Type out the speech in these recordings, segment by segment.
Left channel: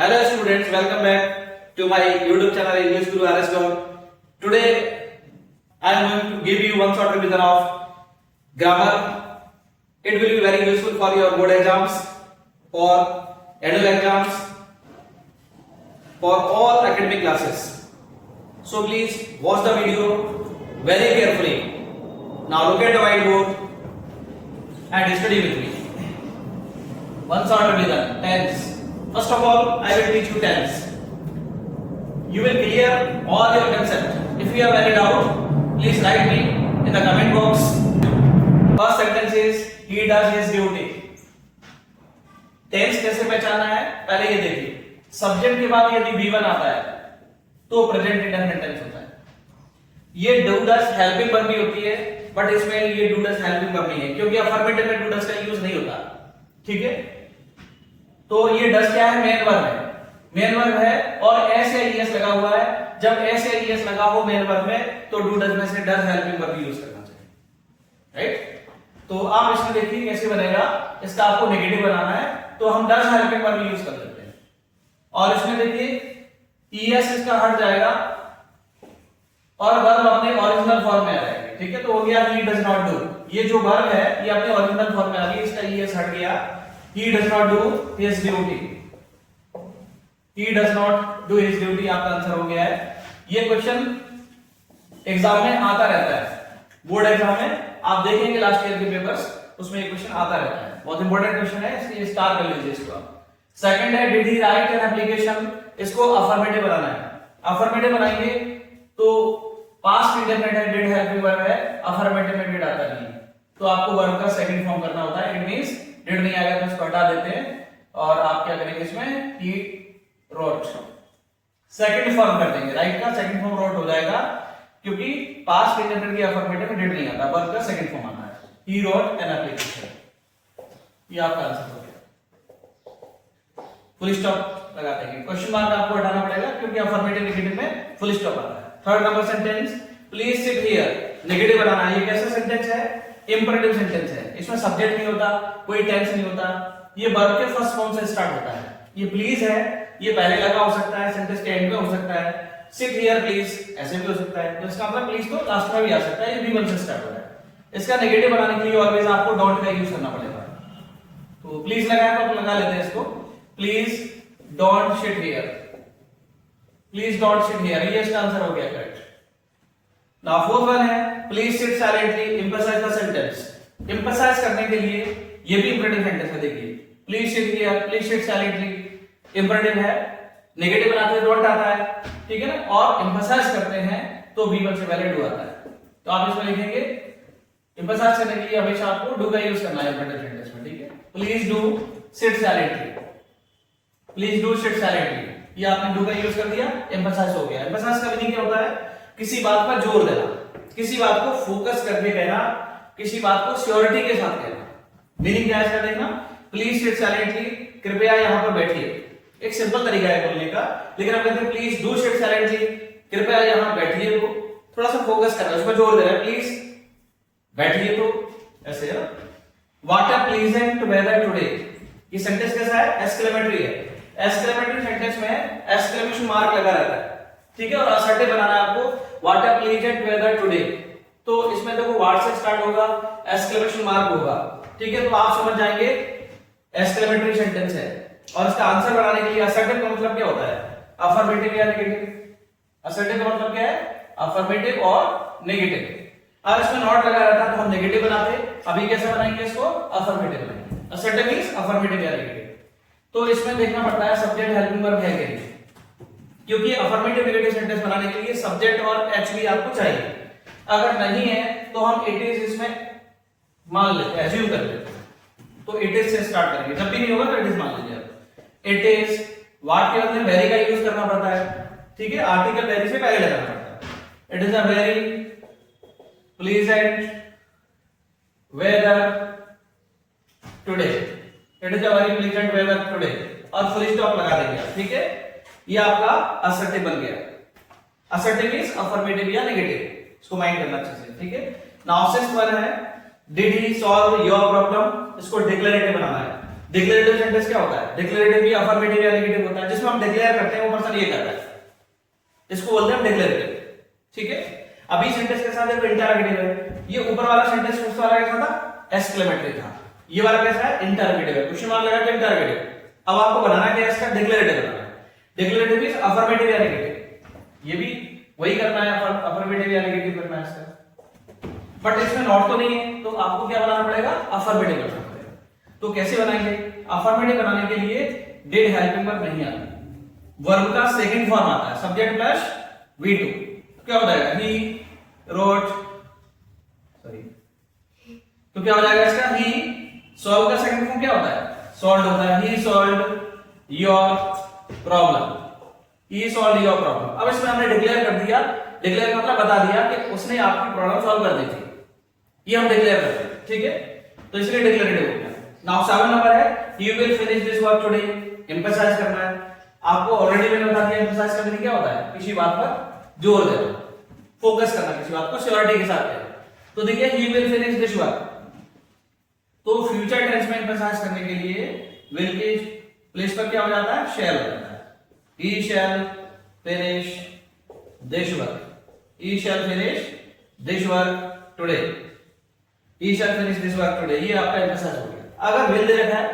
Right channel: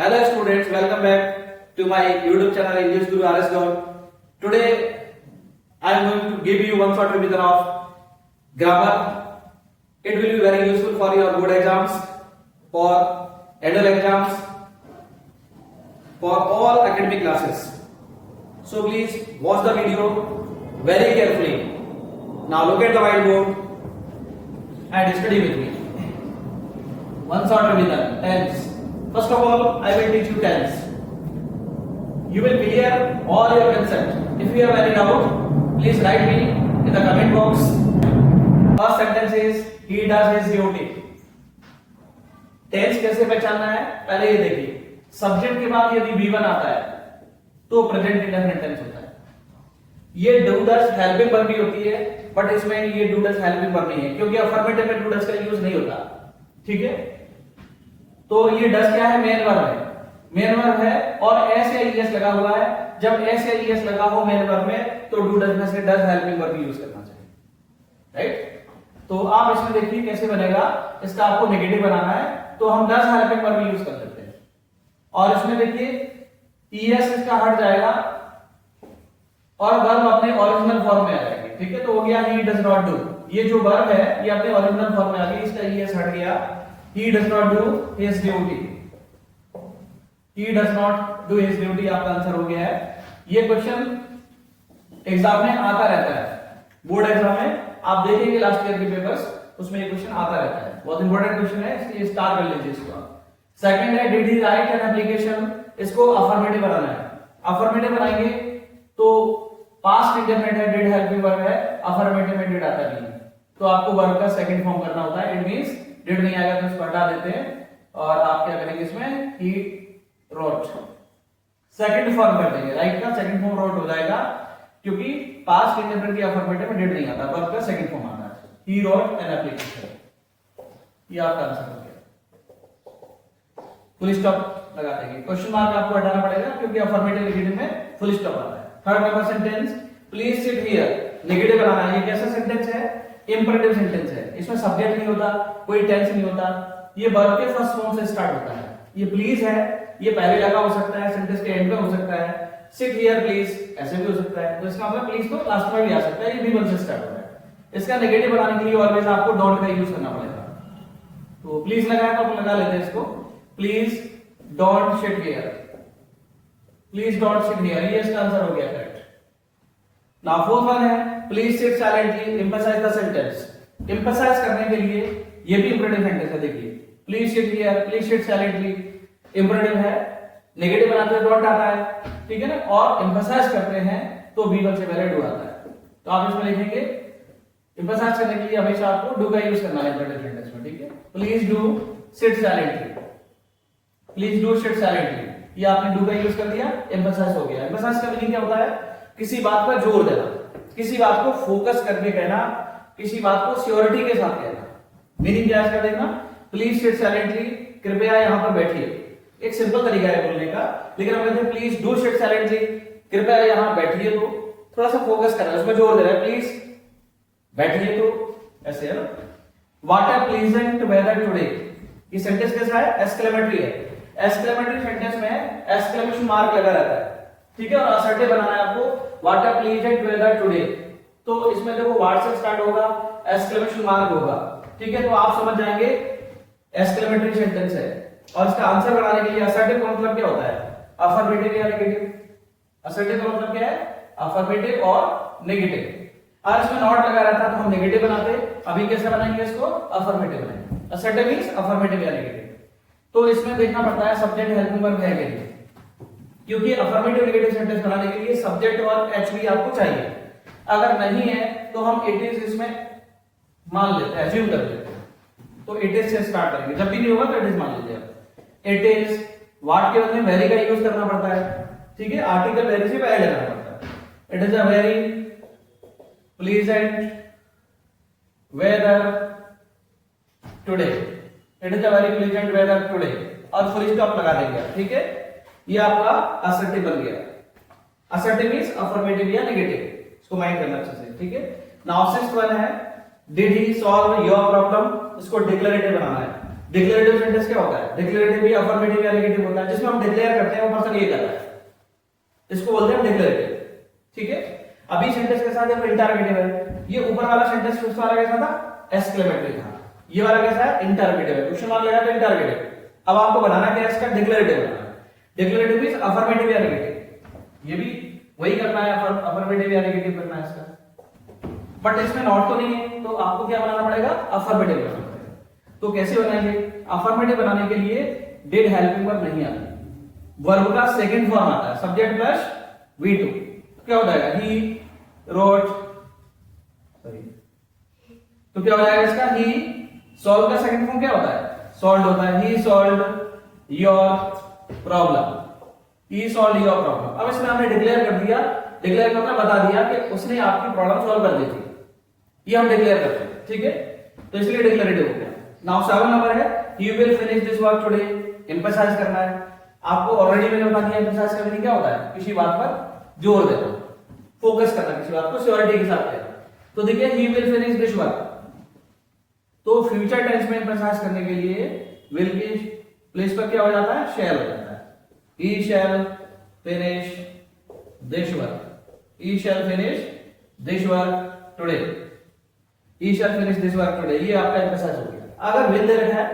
Hello students, welcome back to my YouTube channel English Guru RS God. Today I am going to give you one short revision of grammar. It will be very useful for your board exams, for annual exams, for all academic classes. So please watch the video very carefully. Now look at the whiteboard and study with me. One short revision. Tense. First of all, I will teach you tense. You will clear all your concept. If you have any doubt, please write me in the comment box. First sentence is he does his duty. Tense कैसे पहचानना है पहले ये देखिए. Subject के बाद यदि V1 आता है तो प्रेजेंट इंडेफिनिट टेंस होता है. ये डू डज हेल्पिंग वर्ब भी होती है, बट इसमें ये डू डज हेल्पिंग वर्ब नहीं है क्योंकि अफर्मेटिव में डू डज का यूज नहीं होता. ठीक है, तो ये डज क्या है? मेन वर्ब है. मेन वर्ब है और एस या ईएस लगा हुआ है. जब एस या ईएस लगा हो मेन वर्ब में तो डू डज में से डज हेल्पिंग वर्ब यूज करना चाहिए. राइट, तो आप इसमें देखिए कैसे बनेगा. इसका आपको नेगेटिव बनाना है तो हम डज हेल्पिंग वर्ब यूज कर लेते हैं. और इसमें देखिए ईएस इसका हट जाएगा और वर्ब अपने ओरिजिनल फॉर्म में आ जाएगी. ठीक है, तो हो गया ही डज नॉट डू. ये जो वर्ब है ये अपने ओरिजिनल फॉर्म में आ गई, इसका ईएस हट गया. He does not do his duty. He does not do his duty. आपका आंसर हो गया है. ये क्वेश्चन एग्जाम में आता रहता है. बोर्ड एग्जाम में आप देखेंगे लास्ट ईयर के पेपर्स, उसमें ये क्वेश्चन आता रहता है. बहुत इंपॉर्टेंट क्वेश्चन है, इसलिए स्टार कर लीजिए इसको आप. सेकंड है did he right an application. इसको अफर्मेटिव बनाना है. अफर्मेटिव बनाएंगे तो पास्ट इंडेफिनिट है, डिड हेल्पिंग वर्ब है, अफर्मेटिव में डिड आता नहीं है तो आपको वर्ब का सेकंड फॉर्म करना होता है. इट मींस डिड नहीं आएगा तो इसको हटा देते हैं और आप क्या करेंगे इसमें ही रोट सेकंड फॉर्म कर देंगे. राइट का सेकंड फॉर्म रोट हो जाएगा क्योंकि पास्ट इंडेफिनिट की अफर्मेटिव में डिड नहीं आता, वर्ब का सेकंड फॉर्म आता है. He wrote an application. ये आपका आंसर हो गया. फुल स्टॉप लगा देंगे. क्वेश्चन मार्क आपको हटाना पड़ेगा क्योंकि अफर्मेटिव नेगेटिव में फुल स्टॉप आता है. Third number sentence please sit here. Negative बनाना है. ये कैसा सेंटेंस है? इंपरेटिव सेंटेंस है. इसमें सब्जेक्ट नहीं होता, कोई टेंस नहीं होता. ये वर्ब के फर्स्ट फॉर्म से स्टार्ट होता है. ये प्लीज है, ये पहले लगा हो सकता है, सेंटेंस के एंड पे हो सकता है. सिट हियर प्लीज ऐसे भी हो सकता है, तो इसका मतलब प्लीज तो लास्ट में भी आ सकता है. ये V1 से स्टार्ट होता है. इसका नेगेटिव बनाने के लिए ऑलवेज आपको डोंट का यूज करना पड़ेगा. तो प्लीज लगाया तो अपन लगा लेते हैं इसको. Please don't sit here. Please don't sit here. ये इसका आंसर हो गया करेक्ट. नाउ फोर्थ वन है please sit silently emphasize the sentence. Emphasize करने के लिए ये भी इंपरेटिव सेंटेंस है. देखिए please sit here, please sit silently imperative है. नेगेटिव बनाते हुए डोंट आता है. ठीक है ना, और एम्फसाइज करते हैं तो V1 से पहले डू आता है. तो आप इसमें लिखेंगे एम्फसाइज करने के लिए हमेशा आपको डू का यूज करना है इंपरेटिव सेंटेंस में. ठीक है, please do sit silently. Please do sit silently. ये आपने डू का यूज कर दिया, एम्फसाइज हो गया. एम्फसाइज का मीनिंग क्या होता है? किसी बात पर जोर देना, किसी बात को फोकस करके कहना, किसी बात को श्योरिटी के साथ कहना. मीनिंग क्या है इसका देखना. प्लीज सिट साइलेंटली, कृपया यहां पर बैठिए. एक सिंपल तरीका है बोलने का, लेकिन हम कहते हैं प्लीज डू सिट साइलेंटली, कृपया यहां बैठिए. तो थोड़ा सा फोकस करना है, उसमें जोर दे रहा है. प्लीज बैठिए तो ऐसे है. What a pleasant weather today. ये सेंटेंस कैसा है? एक्सक्लेमेटरी है. एक्सक्लेमेटरी सेंटेंस में एक्सक्लेमेशन मार्क लगा रहता है. ठीक है, और असर्टिव बनाना है आपको. What a pleasant weather today, तो इसमें देखो व्हाट से स्टार्ट होगा, एक्सक्लेमेशन मार्क होगा. ठीक है, तो आप समझ जाएंगे एक्सक्लेमेटरी सेंटेंस है. और इसका आंसर बनाने के लिए असर्टिव का मतलब क्या होता है? अफर्मेटिव या नेगेटिव. असर्टिव का मतलब क्या है? अफर्मेटिव और नेगेटिव. अगर इसमें नॉट लगा रहता तो हम नेगेटिव बनाते. अभी कैसे बनाएंगे इसको? अफर्मेटिव बनाएंगे. असर्टिव मींस अफर्मेटिव या नेगेटिव. तो इसमें देखना पड़ता है सब्जेक्ट हेल्पिंग वर्ब है कि नहीं, क्योंकि अफर्मेटिव नेगेटिव सेंटेंस बनाने के लिए सब्जेक्ट और एच भी आपको चाहिए. अगर नहीं है तो हम इट इज इसमें मान लेते हैं, एज्यूम कर लेते हैं. तो इट इज से स्टार्ट करेंगे. जब भी नहीं होगा तो इट इज मान लीजिए. It is. व्हाट के बदले वेरी का यूज करना पड़ता है. ठीक है, आर्टिकल वेरी से पहले लगाना पड़ता है. It is a very pleasant weather today. It is a very pleasant weather today और फुल स्टॉप लगा देंगे. ठीक है, ये आपका असर्टिव बन गया. असर्टिव मींस अफर्मेटिव या नेगेटिव. इसको माइंड करना अच्छे से. ठीक है, नाउ सिक्स्थ वन है did he solve your problem. इसको डिक्लेरेटिव बनाना है. डिक्लेरेटिव सेंटेंस क्या होता है? डिक्लेरेटिव भी अफर्मेटिव या नेगेटिव होता है, जिसमें हम डिक्लेयर करते हैं वो पर्सन ये कर रहा है, इसको बोलते हैं डिक्लेरेटिव। ठीक है, अभी सेंटेंस के साथ एक इंटरोगेटिव है। ये ऊपर वाला सेंटेंस उस वाला कैसा था? एक्सक्लेमेटरी था। ये वाला कैसा है? इंटरोगेटिव है। क्वेश्चन मार्क लगा तो इंटरोगेटिव। अब आपको बनाना क्या है? इसका डिक्लेरेटिव बनाना है। डिक्लेरेटिव इज अफर्मेटिव या नेगेटिव, ये भी वही करना है, अफर्मेटिव या नेगेटिव करना है इसका। बट इसमें नॉट तो नहीं है, तो आपको क्या बनाना पड़ेगा? अफर्मेटिव बनाना पड़ेगा। तो कैसे बनाएंगे? अफर्मेटिव बनाने के लिए डिड हेल्पिंग वर्ब नहीं आता, वर्ब का सेकंड फॉर्म आता है, सब्जेक्ट प्लस V2। क्या हो जाएगा? ही रोट, सॉरी, तो क्या हो जाएगा इसका? ही सॉल्व का सेकंड फॉर्म क्या होता है? सॉल्व होता है। He solve your problem, he solve your problem. अब इसमें हमने डिक्लेयर कर दिया, डिक्लेयर मतलब बता दिया कि उसने आपकी प्रॉब्लम सॉल्व कर दी थी, ये हम डिक्लेयर करते हैं। ठीक है, तो इसलिए डिक्लेरेटिव हो गया। नाउ 7 नंबर है, he will finish this work today. Emphasize करना है, आपको ऑलरेडी मैंने बता दिया एम्फसाइज करने की क्या होता है? किसी बात पर जोर देना, फोकस करना, किसी बात को श्योरिटी के साथ करना। तो देखिए ही विल फिनिश दिस वर्क, तो फ्यूचर टेंस में एम्फसाइज करने के लिए विल की प्लेस पर क्या हो जाता है? शैल हो जाता है। He shall finish this work, he shall finish this work today, he shall finish this work today। ये आपका एम्फसाइज हो गया। अगर will दे रखा है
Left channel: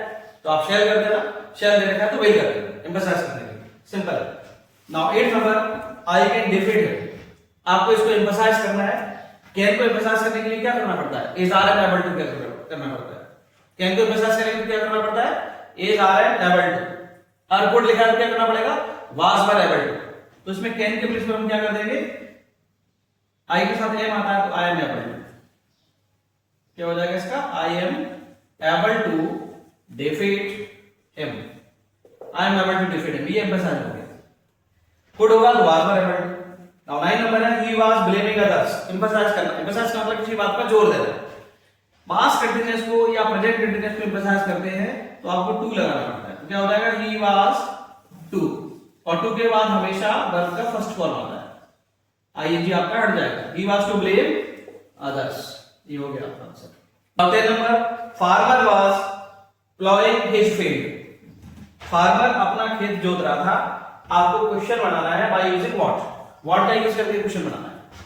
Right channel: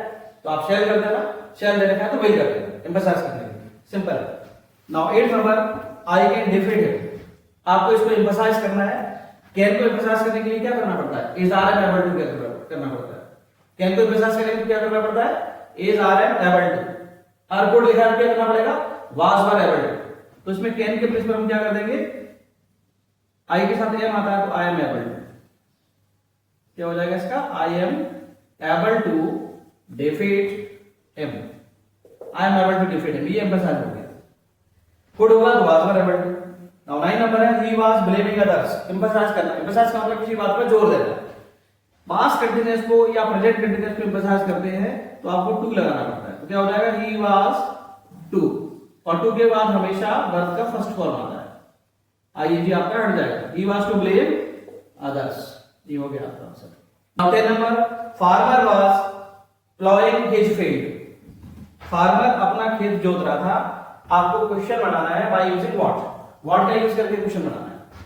तो आप shall कर देना, shall दे रखा है तो will कर देना, एम्फसाइज करने के लिए, simple. Now 8 number, I can defeat him। आपको इसको एम्फसाइज करना है। can को एम्फसाइज करने के लिए क्या करना पड़ता है? is are am able to करना पड़ता है। can को एम्फसाइज करने के लिए क्या करना पड़ता है? is are am able to। और कोड लिखा है क्या करना पड़ेगा? was were able to। तो इसमें can के प्लेस पर हम क्या कर देंगे? आई के साथ एम आता है तो आई एम एबल, क्या हो जाएगा इसका? I am able to defeat him, I am able to defeat him, ये एम्फसाइज हो गया। गुड होगा was were able to. Now 9 नंबर है, he was blaming others. Emphasise करना, एम्फसाइज का मतलब किसी बात पर जोर देना। पास्ट कंटीन्यूअस को या प्रेजेंट कंटीन्यूअस को एम्फसाइज करते हैं तो आपको टू लगाना पड़ता है। तो क्या हो जाएगा? ही वाज टू, और टू के बाद हमेशा वर्ब का फर्स्ट फॉर्म आता है, आईएनजी आपका हट जाएगा। he was to blame others, ये हो गया आपका answer. Now 10 number, farmer was plowing his field। Farmer अपना खेत जोत रहा था। आपको क्वेश्चन बनाना है बाय यूजिंग व्हाट का यूज करके क्वेश्चन बनाना है।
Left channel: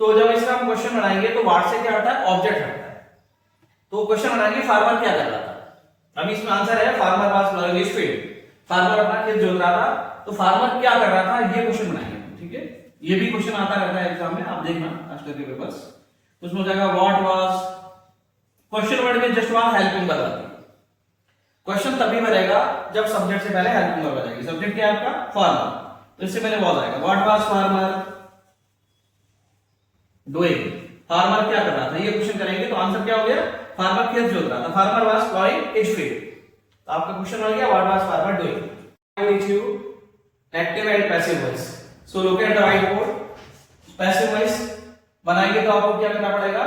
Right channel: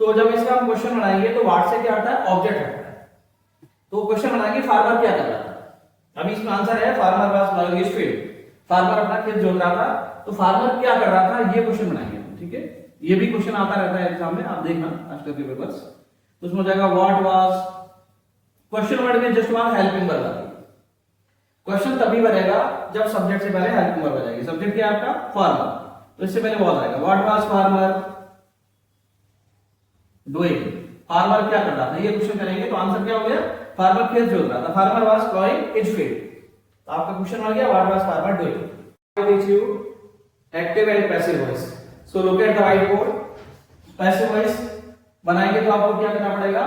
तो जब इसका हम क्वेश्चन बनाएंगे तो व्हाट से क्या आता है? ऑब्जेक्ट आता है। तो क्वेश्चन बनाएंगे फार्मर क्या कर रहा था। अभी इसमें आंसर है farmer was plowing his field, farmer अपना खेत जोत रहा था, तो फार्मर क्या कर रहा था ये क्वेश्चन बनाएंगे। ठीक है, ये भी क्वेश्चन आता रहता है एग्जाम में, आप देखना आजकल के पेपर्स। तो उसमें हो जाएगा व्हाट वाज, क्वेश्चन वर्ड में जस्ट वहां हेल्पिंग वर्ब आती है। क्वेश्चन तभी बनेगा जब सब्जेक्ट से पहले हेल्पिंग वर्ब आ जाएगी। सब्जेक्ट क्या है आपका? फार्मर, तो इससे पहले वाज आएगा। What was farmer doing, farmer क्या कर रहा था, ये क्वेश्चन करेंगे तो आंसर क्या हो गया? फार्मर खेत जोत रहा था, farmer was ploughing his field. तो आपका क्वेश्चन आ गया what was farmer doing. I teach you active and passive voice. So look at the white board. Passive voice बनाएंगे तो आपको क्या करना पड़ेगा?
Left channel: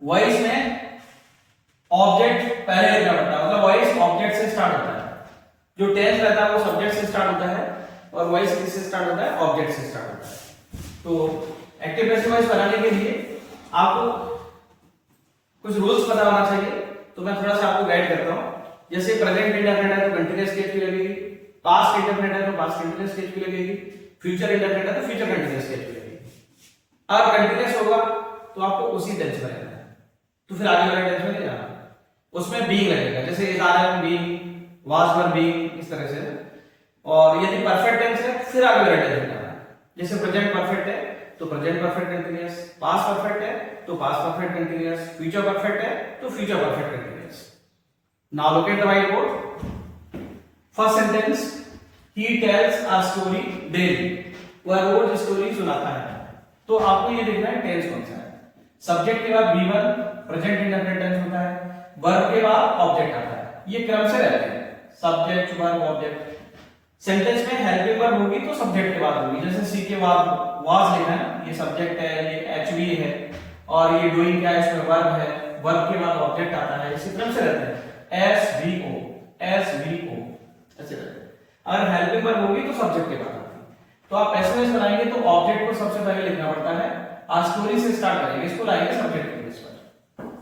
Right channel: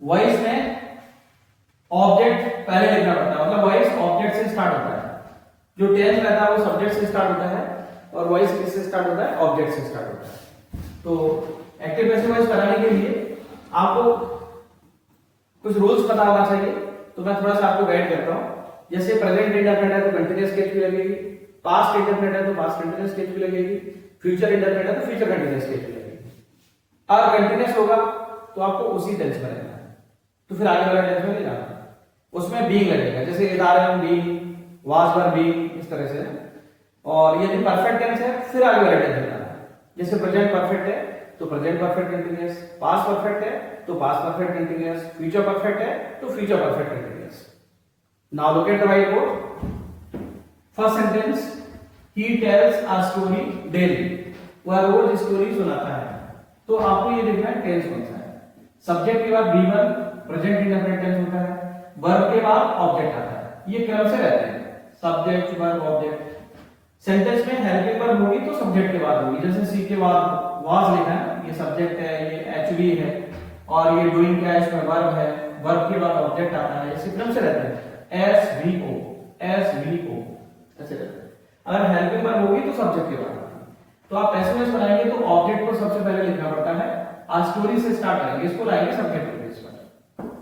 वॉइस में ऑब्जेक्ट पहले लिखना पड़ता है, मतलब वॉइस ऑब्जेक्ट से स्टार्ट होता है। जो टेंस रहता है वो सब्जेक्ट से स्टार्ट होता है और वॉइस किससे स्टार्ट होता है? ऑब्जेक्ट से स्टार्ट होता है। तो एक्टिव पैसिव वॉइस बनाने के लिए आपको कुछ रूल्स पता होना चाहिए, तो मैं थोड़ा सा आपको गाइड करता हूं। जैसे प्रेजेंट इंडेफिनिट है तो कंटीन्यूअस केस भी लगेगी, पास्ट इंडेफिनिट है तो पास्ट कंटीन्यूअस केस भी लगेगी, फ्यूचर इंडेफिनिट है तो फ्यूचर कंटीन्यूअस केस भी लगेगी। और कंटीन्यूअस होगा तो आपको उसी टेंस में रहना है, तो फिर आगे वाला टेंस में नहीं जाना है। उसमें बीइंग लगेगा, जैसे is R am being, was were being, इस तरह से। और यदि परफेक्ट टेंस है फिर आगे वाला टेंस में जाना है। जैसे प्रेजेंट परफेक्ट है तो present perfect continuous, past perfect है तो past perfect continuous, future perfect है तो future perfect continuous. Now look at the white board. First sentence, he tells a story daily, वह रोज स्टोरी सुनाता है। तो आपको ये देखना है टेंस कौन सा है। सब्जेक्ट के बाद V1 प्रेजेंट इंडेफिनिट टेंस होता है, वर्ब के बाद ऑब्जेक्ट आता है, ये क्रम से रहते हैं, सब्जेक्ट वर्ब ऑब्जेक्ट। सेंटेंस में हेल्पिंग वर्ब होगी तो सब्जेक्ट के बाद होगी, जैसे सी के बाद वाज लिखा है, ये सब्जेक्ट है, ये एचवी है, और ये डूइंग क्या है, इसमें वर्ब है, वर्ब के बाद ऑब्जेक्ट आता है, इसी क्रम से रहते हैं। एसवीओ एसवीओ ऐसे रहते हैं। अगर हेल्पिंग वर्ब होगी तो सब्जेक्ट के बाद आती है। तो आप एसएमएस बनाएंगे तो ऑब्जेक्ट को सबसे पहले लिखना पड़ता है, आज स्टोरी से स्टार्ट करेंगे, इसको लाएंगे सब्जेक्ट के बेस पर,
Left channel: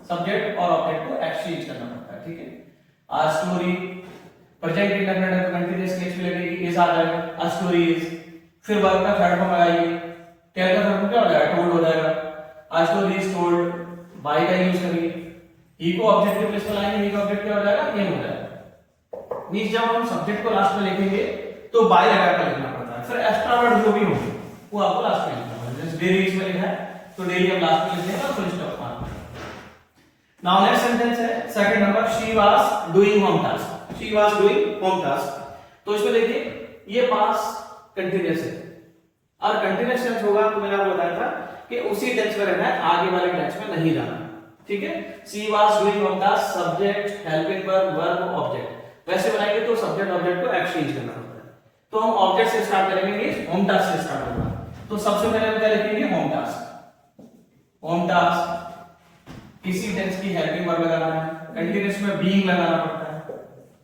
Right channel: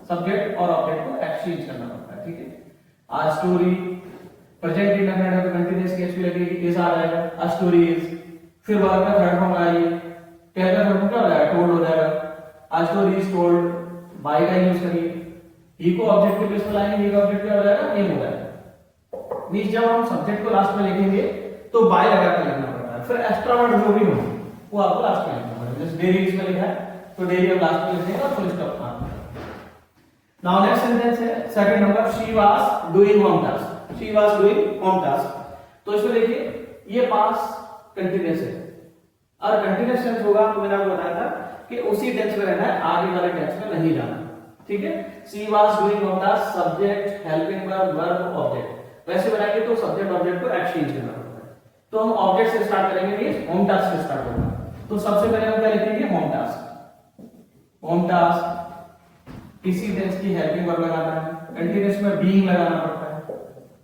सब्जेक्ट और ऑब्जेक्ट को एक्सचेंज करना पड़ता है। ठीक है, a story, present indefinite continuous case भी लगेगी, इज आ जाएगा, आ स्टोरी इज। फिर वर्ब का थर्ड फॉर्म आएगी, टेल का थर्ड फॉर्म क्या हो जाएगा, टोल्ड हो जाएगा, a story is told, by का यूज करेंगे, ही को ऑब्जेक्ट के प्लेस पर लाएंगे, ही का ऑब्जेक्ट क्या हो जाएगा, एम हो जाएगा। मींस जब हम सब्जेक्ट को लास्ट में लिखेंगे तो बाय लगा कर लिखना पड़ता है, फिर एक्स्ट्रा वर्ड जो भी होंगे वो आपको लास्ट में लिखना पड़ेगा। जैसे डेली इसमें लिखा है तो डेली हम लास्ट में लिखेंगे, फुल स्टॉप मारना। नाउ नेक्स्ट सेंटेंस है second number, she was doing home task, she was doing home task. तो इसमें देखिए ये पास कंटीन्यूअस है, और कंटीन्यूअस टेंस होगा तो मैंने आपको बताया था कि उसी टेंस में रहना है, आगे वाले टेंस में नहीं जाना, ठीक है। She was doing home task, subject, helping verb, verb, object. वैसे बनाएंगे तो सब्जेक्ट ऑब्जेक्ट को एक्सचेंज करना पड़ता है, तो हम ऑब्जेक्ट से स्टार्ट करेंगे, ये होम टास्क से स्टार्ट होगा। तो सबसे पहले हम क्या लिखेंगे, होम टास्क। होम टास्क किसी टेंस की हेल्पिंग वर्ब लगाना है, कंटीन्यूअस में बीइंग लगाना पड़ता है,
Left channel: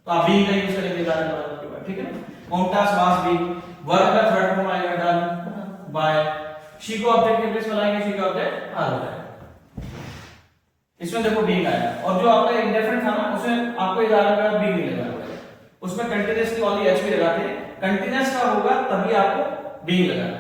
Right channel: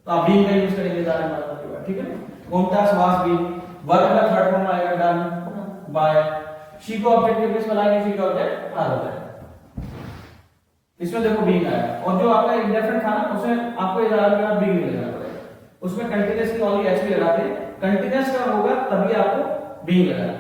तो आप बीइंग का यूज करेंगे ज़्यादा मतलब, ठीक है। Home task was being, verb का थर्ड फॉर्म आएगा डन बाय, शी को ऑब्जेक्ट के प्लेस में लाएंगे, शी का ऑब्जेक्ट आर हो जाएगा। इसमें देखो बीइंग आया, और जो आपका इंडेफिनिट था ना उसमें आपको इजारा का बीइंग लगाना पड़ेगा, उसमें कंटीन्यूअस की ओनली एच भी लगाते हैं, कंटीन्यूअस का होगा तभी आपको बीइंग लगाना है।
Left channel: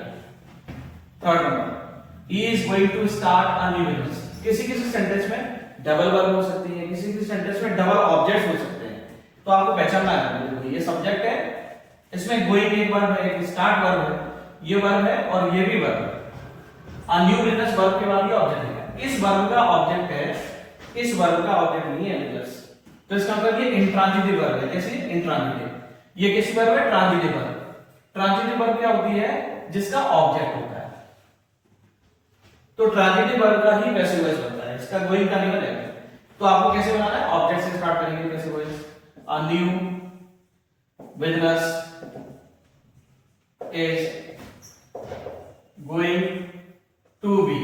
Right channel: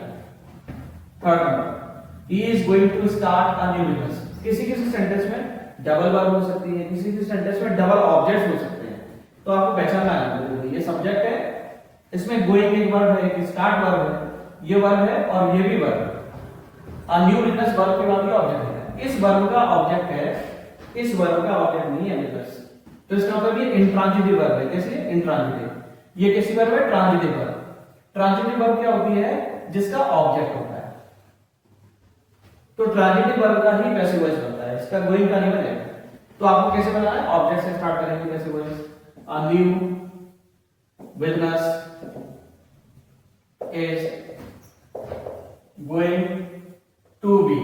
Third number, he is going to start a new business. किसी किसी सेंटेंस में डबल वर्ब हो सकती है, किसी किसी सेंटेंस में डबल ऑब्जेक्ट हो सकते हैं, तो आपको पहचानना है ये सब्जेक्ट है, इसमें गोइंग एक वर्ब है, एक स्टार्ट वर्ब है, ये वर्ब है और ये भी वर्ब है। अ न्यू बिजनेस वर्ब के बाद ये ऑब्जेक्ट है, इस वर्ब का ऑब्जेक्ट है, इस वर्ब का ऑब्जेक्ट नहीं है बिजनेस, तो इसका मतलब ये इंट्रांजिटिव वर्ब है। कैसे इंट्रांजिटिव, ये कैसी वर्ब है, ट्रांजिटिव वर्ब। ट्रांजिटिव वर्ब क्या होती है, जिसका ऑब्जेक्ट होता है, तो ट्रांजिटिव वर्ब का ही पैसिव वॉइस बनता है, इसका गोइंग का नहीं बनेगा। तो आपको कैसे बनाना है, ऑब्जेक्ट से स्टार्ट करेंगे passive voice, a new business is going to be.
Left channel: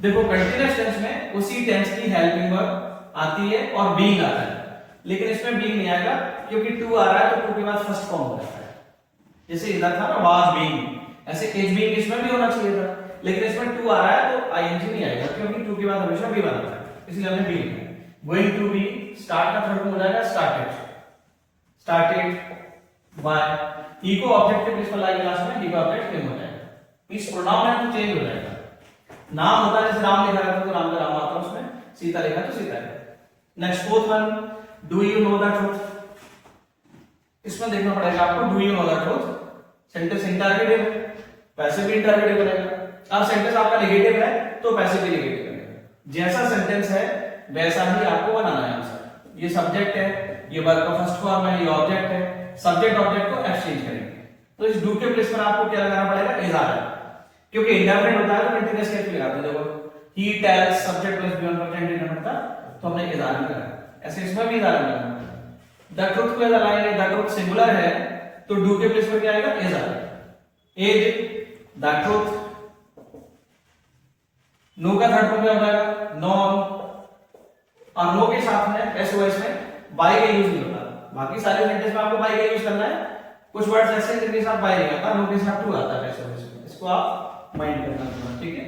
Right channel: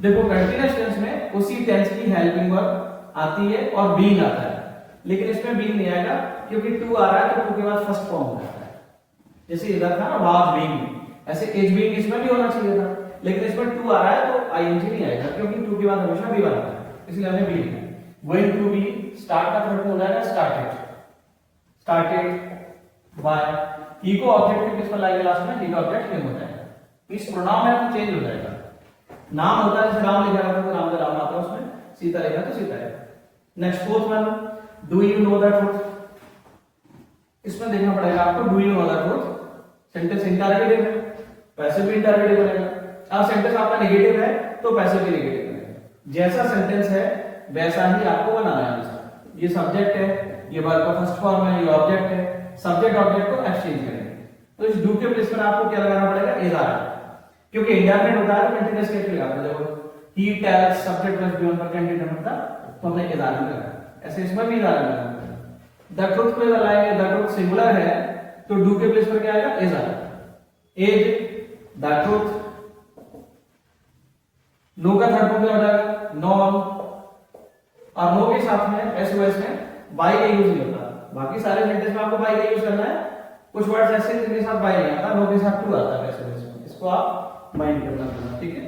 देखो कंटीन्यूअस टेंस में उसी टेंस की हेल्पिंग वर्ब आती है और बीइंग आता है, लेकिन इसमें बीइंग नहीं आएगा क्योंकि टू आ रहा है, तो टू के बाद फर्स्ट फॉर्म हो जाता है। जैसे इधर था ना वाज बीइंग, ऐसे इज बीइंग इसमें भी होना चाहिए था, लेकिन इसमें टू आ रहा है तो आईएनजी नहीं आएगा, क्योंकि टू के बाद हमेशा बी आता है, इसलिए हमने बी लिखा है। गोइंग टू बी, स्टार्ट का थर्ड हो जाएगा स्टार्टेड, स्टार्टेड बाय, ही को ऑब्जेक्ट के प्लेस पर लाएंगे लास्ट में, ही का ऑब्जेक्ट हिम हो जाएगा। इस प्रोनाउन है तो चेंज हो जाएगा, नाम होता है जैसे राम लिखा रहता है तो नाम का राम आता है उसमें, सीता लिखा है तो सीता है। Next fourth one, do you know the truth. इसमें देखना पड़ेगा आपको, do you know the truth sentence interrogative है, पैसिव भी इंटररोगेटिव बनेगा। अब सेंटेंस आपका नेगेटिव है तो पैसिव भी नेगेटिव बनेगा, जैसा सेंटेंस है वैसा ही आपको बनाना है आंसर। ये सब्जेक्ट है, ये वर्ब का फर्स्ट फॉर्म है, ये ऑब्जेक्ट है, सब्जेक्ट ऑब्जेक्ट को एक्सचेंज करेंगे, तो इस डू के प्लेस पर आपको क्या लगाना पड़ेगा, इज आर, क्योंकि इंडेफिनिट होता है तो कंटीन्यूअस केस में लगाते हैं। देखो he tells subject plus B1 पर कंटीन्यूअस होता तो हमने इज आर लगाया, ऐसे इसमें भी इज आर लगाना। द ट्रूथ को इधर लाएंगे, द ट्रूथ सिंगुलर है तो डू के प्लेस पर क्या आएगा, is are. As the truth, know का थर्ड फॉर्म क्या हो जाएगा, नॉन, और नो के साथ में एसओएस में बाय का यूज नहीं होता, बाकी सारे सेंटेंस में आपको बाय का यूज करना है। कुछ वर्ड्स ऐसे जिनके साथ बाय नहीं आता, नो के साथ टू आता है एसओएस में, इसको आप माइंड करना, ठीक है।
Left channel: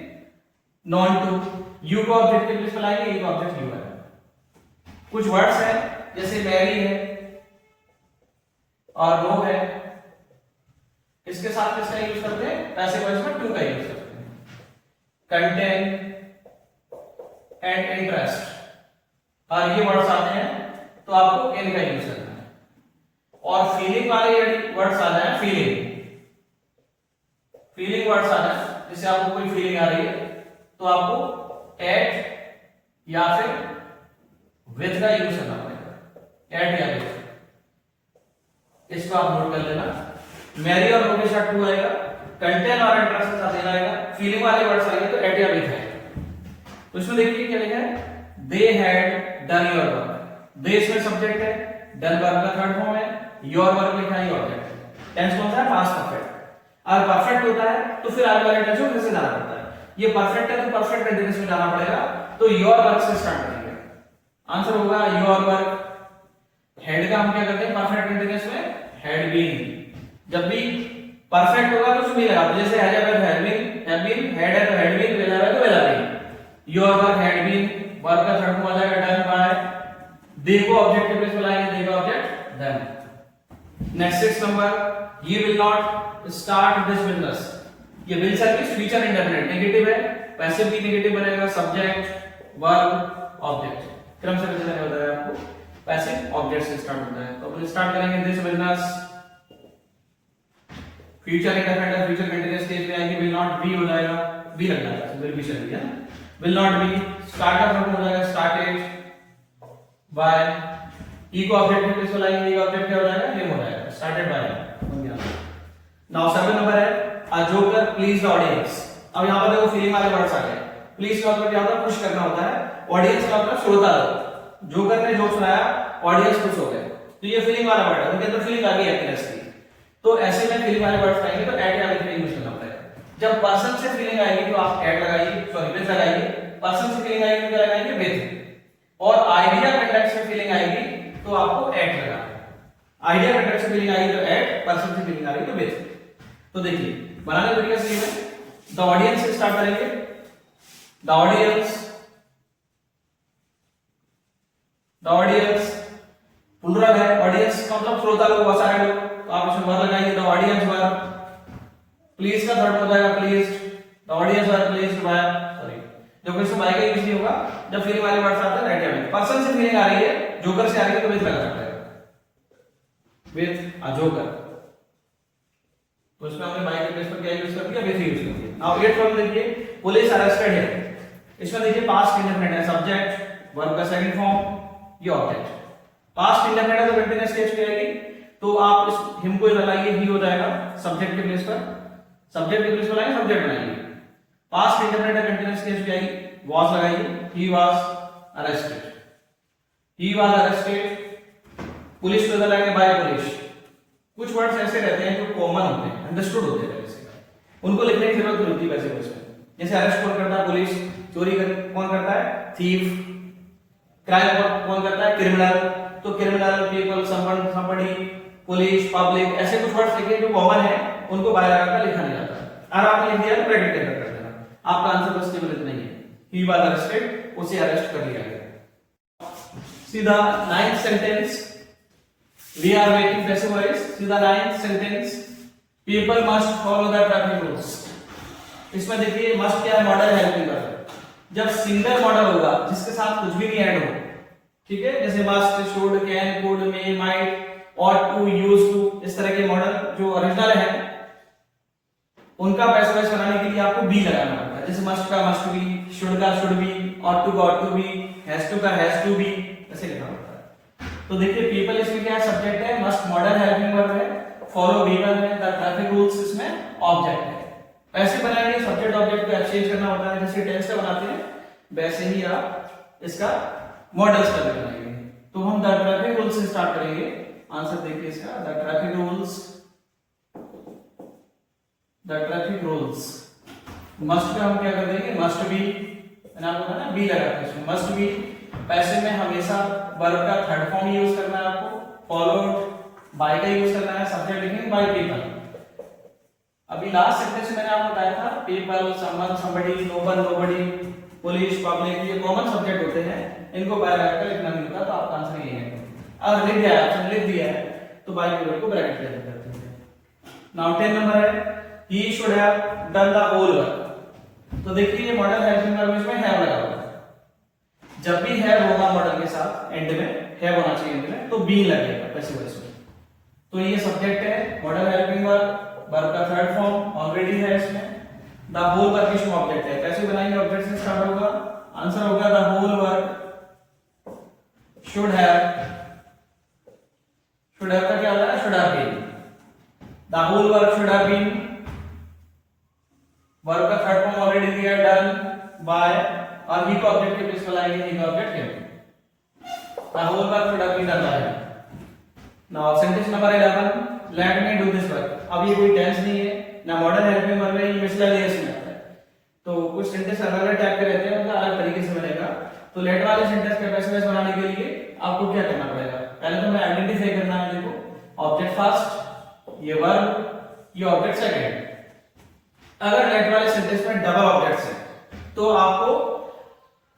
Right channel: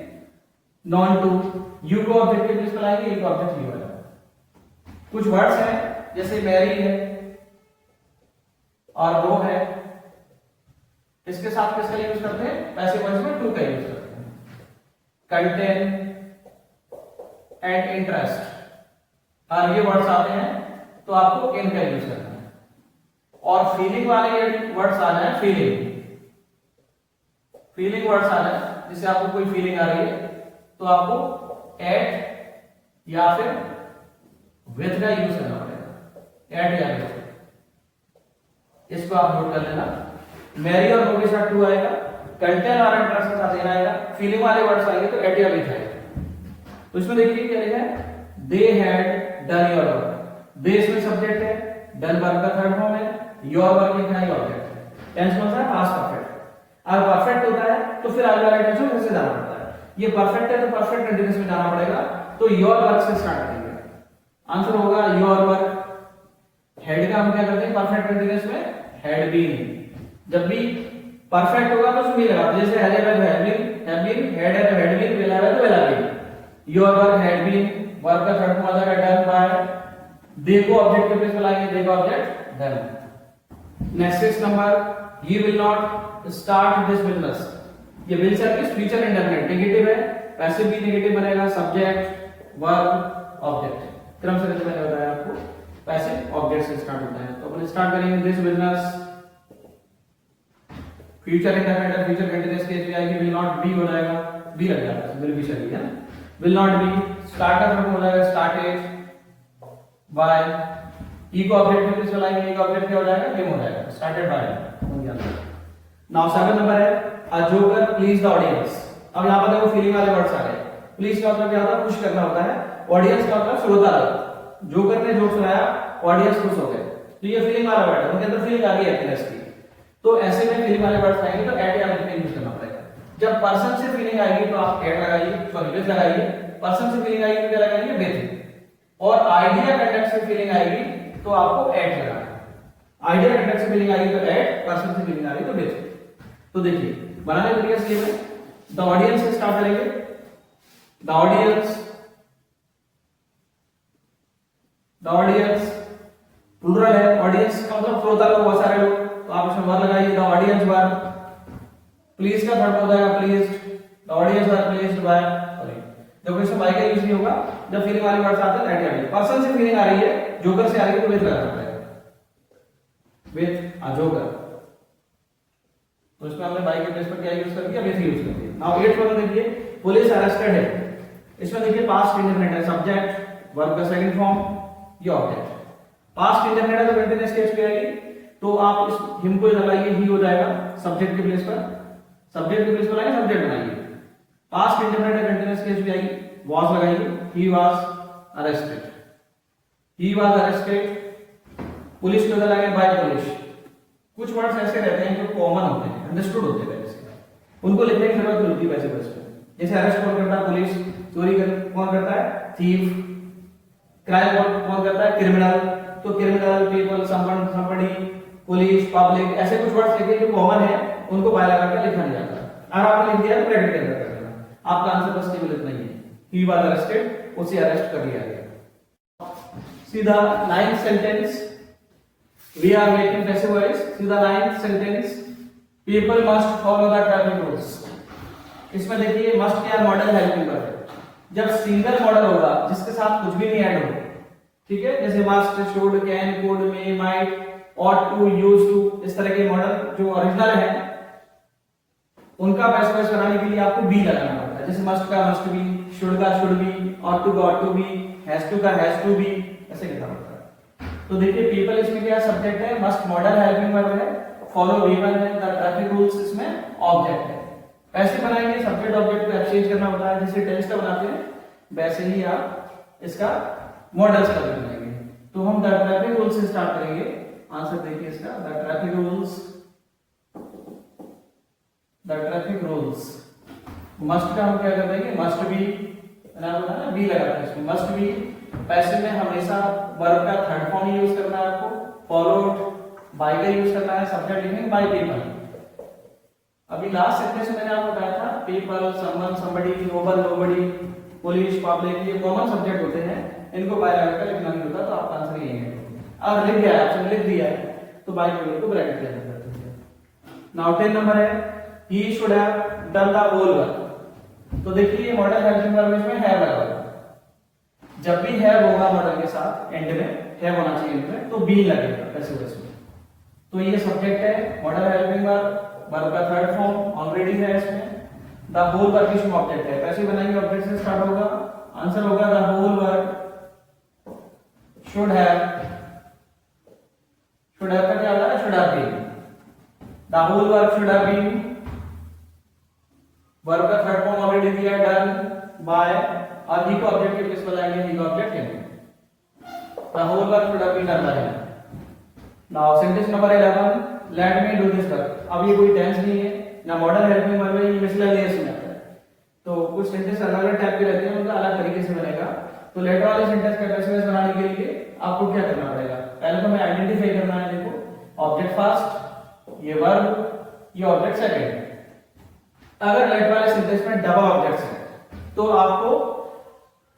नॉन टू, यू को ऑब्जेक्ट के प्लेस पर लाएंगे, यू का ऑब्जेक्ट यू है। कुछ वर्ड्स हैं जैसे मैरी है और नो है, इसके साथ किसका यूज करते हैं, पैसिव वॉइस में टू का यूज करते हैं। कंटेन एंड इंटरेस्ट, और ये वर्ड्स आते हैं तो आपको इन का यूज करना है। और फीलिंग वाले वर्ड्स आ जाए, फीलिंग वर्ड्स आ जाए, जैसे आपको कोई फीलिंग आ रही है तो आपको एट या फिर विद का यूज करना पड़ेगा, एट या विद, इसको आप नोट कर लेना। मैरी और नो के साथ टू आएगा, कंटेन और इंटरेस्ट के साथ देना आएगा, फीलिंग वाले वर्ड्स आएंगे तो एट या विद आएगा। तो इसमें देखिए क्या लिखा है, they had done your work, they इसमें सब्जेक्ट है, डन वर्ब का थर्ड फॉर्म है, योर वर्क लिखा है ऑब्जेक्ट है। टेंस में होता है पास्ट परफेक्ट, अगर परफेक्ट होता है तो फिर आगे वाले टेंस में कैसे जाना पड़ता है, ये परफेक्ट है तो परफेक्ट कंटीन्यूअस में जाना पड़ेगा, तो योर वर्क से स्टार्ट करेंगे, आंसर होगा योर वर्क। हेड का हम क्या करते हैं, परफेक्ट कंटीन्यूअस में हैड बीन, जब भी परफेक्ट होगा तो उसमें लगाते, जैसे हैड बीन, हैड है तो हैड बीन, विल हैव तो will have been. Your work had been, work का थर्ड फॉर्म आ जाएगा डन बाय, दे को ऑब्जेक्ट के प्लेस पे लाएंगे, दे का ऑब्जेक्ट डन। नेक्स्ट नंबर, ये will not start this business. ये will service future indefinite negative है, पैसिव भी नेगेटिव बनेगा, सब्जेक्ट वर्ब ऑब्जेक्ट क्रम से कैसे होता है आपको, पैसिव ऑब्जेक्ट से स्टार्ट होता है। तो अपन स्टार्ट करेंगे दिस बिजनेस, फ्यूचर इंडेफिनिट है, फ्यूचर कंटीन्यूअस स्टेज में आएगी, विल नॉट बी हो जाएगा, बी लग जाता है, विल बी चल गया ना, will not be starter form हो जाएगा स्टार्टेड बाय, ई को ऑब्जेक्ट के प्लेस पे लाएंगे, ई का ऑब्जेक्ट क्या हो जाएगा, नेम हो जाएगा, स्टार्टेड बाय हो गया। नाउ 7 नंबर है a joker please the audience. अब यहां पर देखो फीलिंग वाले वर्ड्स आ गए। प्लीज का मतलब क्या होता है, खुश करना होता है, ऑडियंस का मतलब श्रोता, जोकर ने जोक सुनाया, ऑडियंस खुश हो गए, तो ये फीलिंग वाला वर्ड है, उनके अंदर फीलिंग आ गई हैप्पीनेस की। तो ऐसे में फीलिंग वाले वर्ड्स आएंगे तो एट या विथ यूज करना पड़ेगा। जब पर्सन से फीलिंग आएगी तो आप एट लगाइए, सॉरी विथ लगाइए, पर्सन से फीलिंग आएगी तो क्या लगाएंगे, विथ, और आइडिया कंटेक्स्ट से फीलिंग आएगी तो आपको एट लगाना है। आइडिया कंटेक्स्ट से फीलिंग आएगी तो एट, पर्सन से फीलिंग आ रही तो विथ। तो देखिए बनाने का तरीका सीधे द ऑडियंस से स्टार्ट करेंगे, the audience, the audience plural है, ऑडियंस का मतलब श्रोता लोग, बहुत सारे लोग, तो आप इसमें वर लगाइए, द ऑडियंस वर। प्लीज का थर्ड हो जाएगा pleased, the audience were pleased by, sorry जब इसमें बाय का यूज नहीं होगा, जब फीलिंग वाले वर्ड्स आते हैं राइट या विथ। पर्सन से फीलिंग आ रही है, जोकर से आ रही है तो विथ लगाना पड़ेगा, विथ अ जोकर। तो इसमें हमने बाय के प्लेस पर क्या यूज कर दिया, विथ यूज कर दिया। नाउ 8 फॉर्म देखिए, पुलिस अरेस्टेड है, इसमें देखिए पास्ट इंडेफिनिट है, सब्जेक्ट वर्ब का सेकंड फॉर्म, ये ऑब्जेक्ट। पास्ट इंडेफिनिट है तो कंटीन्यूअस स्टेज पे आएगी, तो आप इस हिम को लगाइए, ही हो जाएगा सब्जेक्ट के प्लेस पर, सब्जेक्ट के प्लेस पर लाएंगे, सब्जेक्ट बनाइए। पास्ट इंडेफिनिट है कंटीन्यूअस स्टेज पे आएगी, वाज लगाइए, he was arrested, he was arrested. Police को लगाएंगे बाय पुलिस। कुछ वर्ड्स ऐसे रहते हैं जो कॉमन होते हैं, अंडरस्टूड होते हैं पहले से, उनको लिखने की जरूरत नहीं होती वैसे वैसे। जैसे अरेस्ट कौन करता है, पुलिस। चोरी कौन करता है, थीफ। क्राइम कौन करता है, क्रिमिनल। तो criminal, people, someone, somebody, police, public, ऐसे कुछ वर्ड्स लिखे जो कॉमन है, उनको बाय लगाकर लिखा नहीं जाता। अगर आपने लिख दिया ब्रैकेट के अंदर कर देना, आपका आंसर बस केवल इतना ही है, ही वाज अरेस्टेड, उसे अरेस्ट कर लिया गया। सीधा 9th sentence, we are waiting passive voice, सीधा 9th sentence, people must follow the traffic rules। इसमें देखिए मस्ट क्या मॉडल हेल्पिंग वर्ब है। जब सिंगल मॉडल होगा जिसके साथ कुछ भी नहीं ऐड हो, ठीक है, जैसे must, should, can, could, may, might, ought to, used to, इस तरह के मॉडल जो ओरिजिनल है उनका पैसिव वॉइस बनाने के लिए आपको बी लगाना पड़ता है। जैसे मस्ट का मस्ट बी, शुड का शुड बी, ought to का ought to be, has to का हैज टू बी, ऐसे लिखना पड़ता है। तो देखिए पीपल इसमें क्या सब्जेक्ट है, मस्ट मॉडल हेल्पिंग वर्ब है, फॉलो वी1 है, द ट्रैफिक रूल्स इसमें ऑब्जेक्ट है। ऐसे बनाएंगे सब्जेक्ट ऑब्जेक्ट का एक्सचेंज करना होता है, जैसे टेंस का बनाते हैं वैसे ही आप इसका मॉडल्स का भी बनाएंगे। तो हम द ट्रैफिक रूल्स से स्टार्ट करेंगे। आंसर देखिए इसका, the traffic rules, the traffic rules. Must का हम क्या कर देंगे, मस्ट बी, मैंने आपको बताया ना बी लगाते हैं इसमें, मस्ट बी। पैसिव में हमेशा वर्ब का थर्ड फॉर्म यूज करना है आपको, फॉलोड बाय का यूज करना है, सब्जेक्ट लिखेंगे बाय पीपल। अभी लास्ट सेंटेंस में मैंने आपको बताया था people, someone, somebody, noble, nobody, police, public, ये कॉमन सब्जेक्ट होते हैं, इनको बाय लगाकर लिखना नहीं होता। तो आपका आंसर ये है। अगर लिख दिया है, लिख दिया है तो बाय पीपल को ब्रैकेट कर देते हैं। नाउ 10 नंबर है, he should have done the whole work। तो देखिए ये मॉडल हेल्पिंग वर्ब इसमें हैव लगा हुआ है। जब भी हैव होगा मॉडल के साथ एंड में हैव होना चाहिए एंड में, तो बी लगेगा पैसिव वॉइस में। तो ये सब्जेक्ट है, मॉडल हेल्पिंग वर्ब, वर्ब का थर्ड फॉर्म ऑलरेडी है इसमें। द होल वर्ब इसमें ऑब्जेक्ट है, पैसिव बनाएंगे ऑब्जेक्ट से स्टार्ट होगा, आंसर होगा the whole verb should have. Should have का क्या होता है, should have been. The whole verb should have been, verb का थर्ड फॉर्म ऑलरेडी दिया, डन बाय, और ही को ऑब्जेक्ट के प्लेस पर लाएंगे, ही का ऑब्जेक्ट है। The whole verb should have been done by. Now sentence number 11, let me do this work. अब ये कोई टेंस नहीं है ना मॉडल हेल्पिंग वर्ब है, ये मिसलेनियस में आता है। तो कुछ सेंटेंस अलग अलग टाइप के रहते हैं, उनका अलग तरीके से बनेगा। तो लेट वाले सेंटेंस का पैसिव वॉइस बनाने के लिए आपको क्या करना पड़ेगा, पहले तो हमें आइडेंटिफाई करना है। देखो ऑब्जेक्ट फर्स्ट, ये वर्ब, ये ऑब्जेक्ट सेकंड। अगर लेट वाले सेंटेंस में डबल ऑब्जेक्ट्स है तो आपको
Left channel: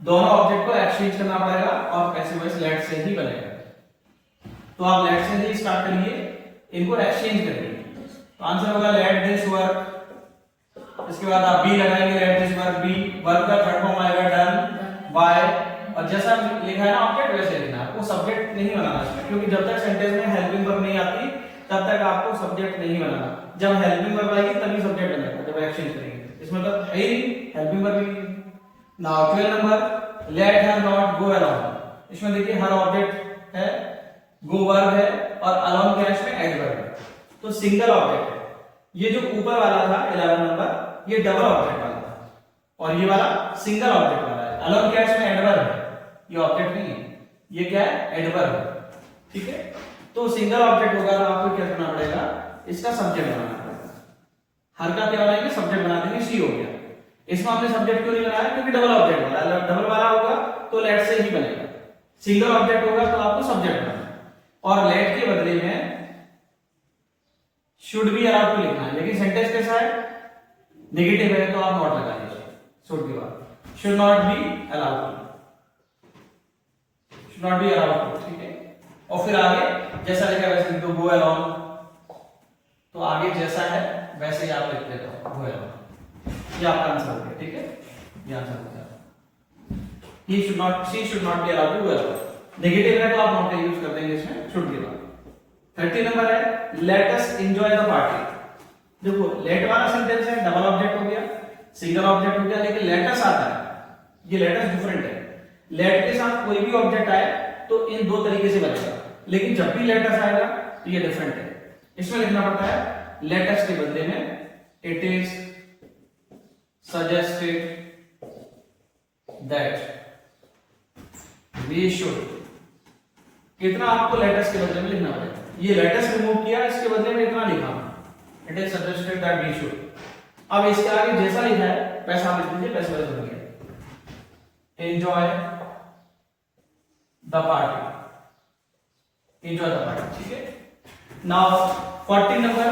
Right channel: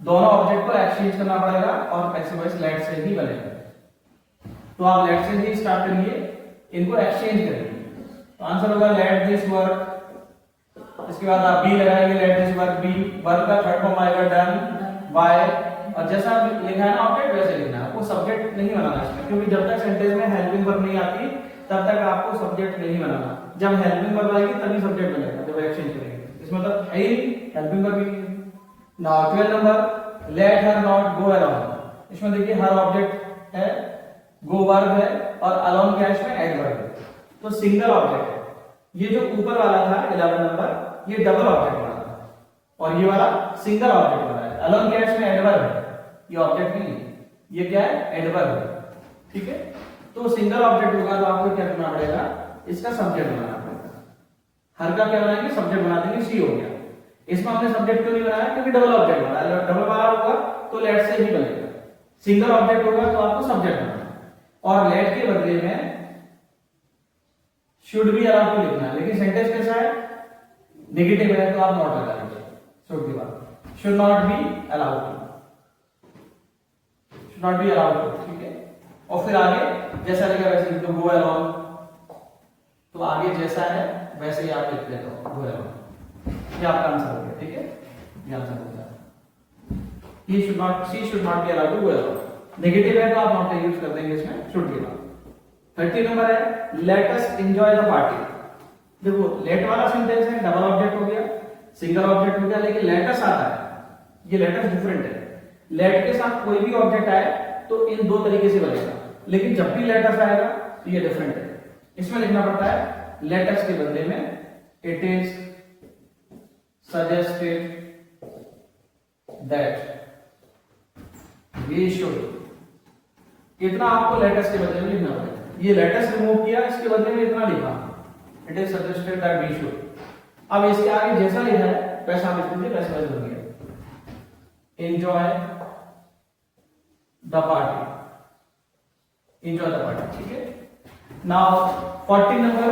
दोनों ऑब्जेक्ट को एक्सचेंज करना पड़ेगा और पैसिव वॉइस लेट से ही बनेगा। तो आप लेट से ही स्टार्ट करिए, इनको एक्सचेंज करिए। तो आंसर होगा लेट दिस वर्क, इसके बाद आप बी लगाएंगे, let this work be, work का थर्ड फॉर्म आएगा डन बाय, और जैसा लिखा है ना ऑब्जेक्ट वैसे लिखना है, आपको सब्जेक्ट नहीं बनाना इसमें, क्योंकि जब तक सेंटेंस में हेल्पिंग वर्ब नहीं आती तब तक आपको सब्जेक्ट नहीं बनाना। जब हेल्पिंग वर्ब आएगी तभी सब्जेक्ट बनेगा, जब एक्सचेंज करेंगे। इसमें तो है ही हेल्पिंग वर्ब ही। Now 12 number, let her not go around. इसमें देखिए हर ऑब्जेक्ट है, गो वर्ब है और अलोन क्या है इसमें एडवर्ब है, तो सिंगल ऑब्जेक्ट है। ये जो ऊपर वाला था 11 नंबर, ये डबल ऑब्जेक्ट वाला था और ये वाला सिंगल ऑब्जेक्ट वाला है। अलोन क्या है इसमें एडवर्ब है, ये ऑब्जेक्ट नहीं है, ये क्या है एडवर्ब है, ठीक है। तो सिंगल ऑब्जेक्ट होगा तो आपको क्या करना पड़ेगा, इसका सब्जेक्ट बनाना पड़ेगा। हर का क्या बनाएंगे, सब्जेक्ट बना देंगे, सी हो गया। इसमें हमने सब्जेक्ट क्यों नहीं बनाया, क्योंकि डबल ऑब्जेक्ट वाला है, डबल वाला होगा तो लेट से ही बनेगा, सिंगल ऑब्जेक्ट होगा तो आपको सब्जेक्ट बनाना है। और लेट के बदले में शुड बी अलाउड टू लिखना है, लेकिन सेंटेंस कैसा है, नेगेटिव है तो आप नॉट लगा दीजिए, शुड के बाद should not be allowed, should not be allowed, ठीक है। और फिर आगे जैसा लिखा वैसे लिखो, गो अलोंग, तो आगे जैसा है वैसे ही आप लिख लेते हो, गो अलोंग। ये आपका आंसर हो गया, ठीक है, ये आंसर हो गया। He should not, she should not be allowed to go along, negative है तो आप नॉट का यूज कर देंगे इसमें शुड के बाद। 30 नंबर है, let us enjoy the party. देखो लेट वाला सेंटेंस है, डबल ऑब्जेक्ट हो गया, सिंगल ऑब्जेक्ट हो गया, लेकिन लेट अस आता है, ये लेट अस डिफरेंट है। लेट के साथ कोई भी ऑब्जेक्ट आए तो इन दो तरीके से बनेगा, लेकिन जब भी लेट अस आएगा तो ये डिफरेंट है। इसमें लिखना पड़ता है लेट अस के बदले में it is suggested that we should, इतना आपको लेट अस के बदले में लिखना पड़ेगा। ये लेट अस रिमूव किया, इसके बदले में इतना लिखा, it is suggested that we should. अब इसके आगे जैसा लिखा है वैसा आप लिख दीजिए, वैसा वैसा हो गया, enjoy the party, enjoy the party, ठीक है। Now 40 number,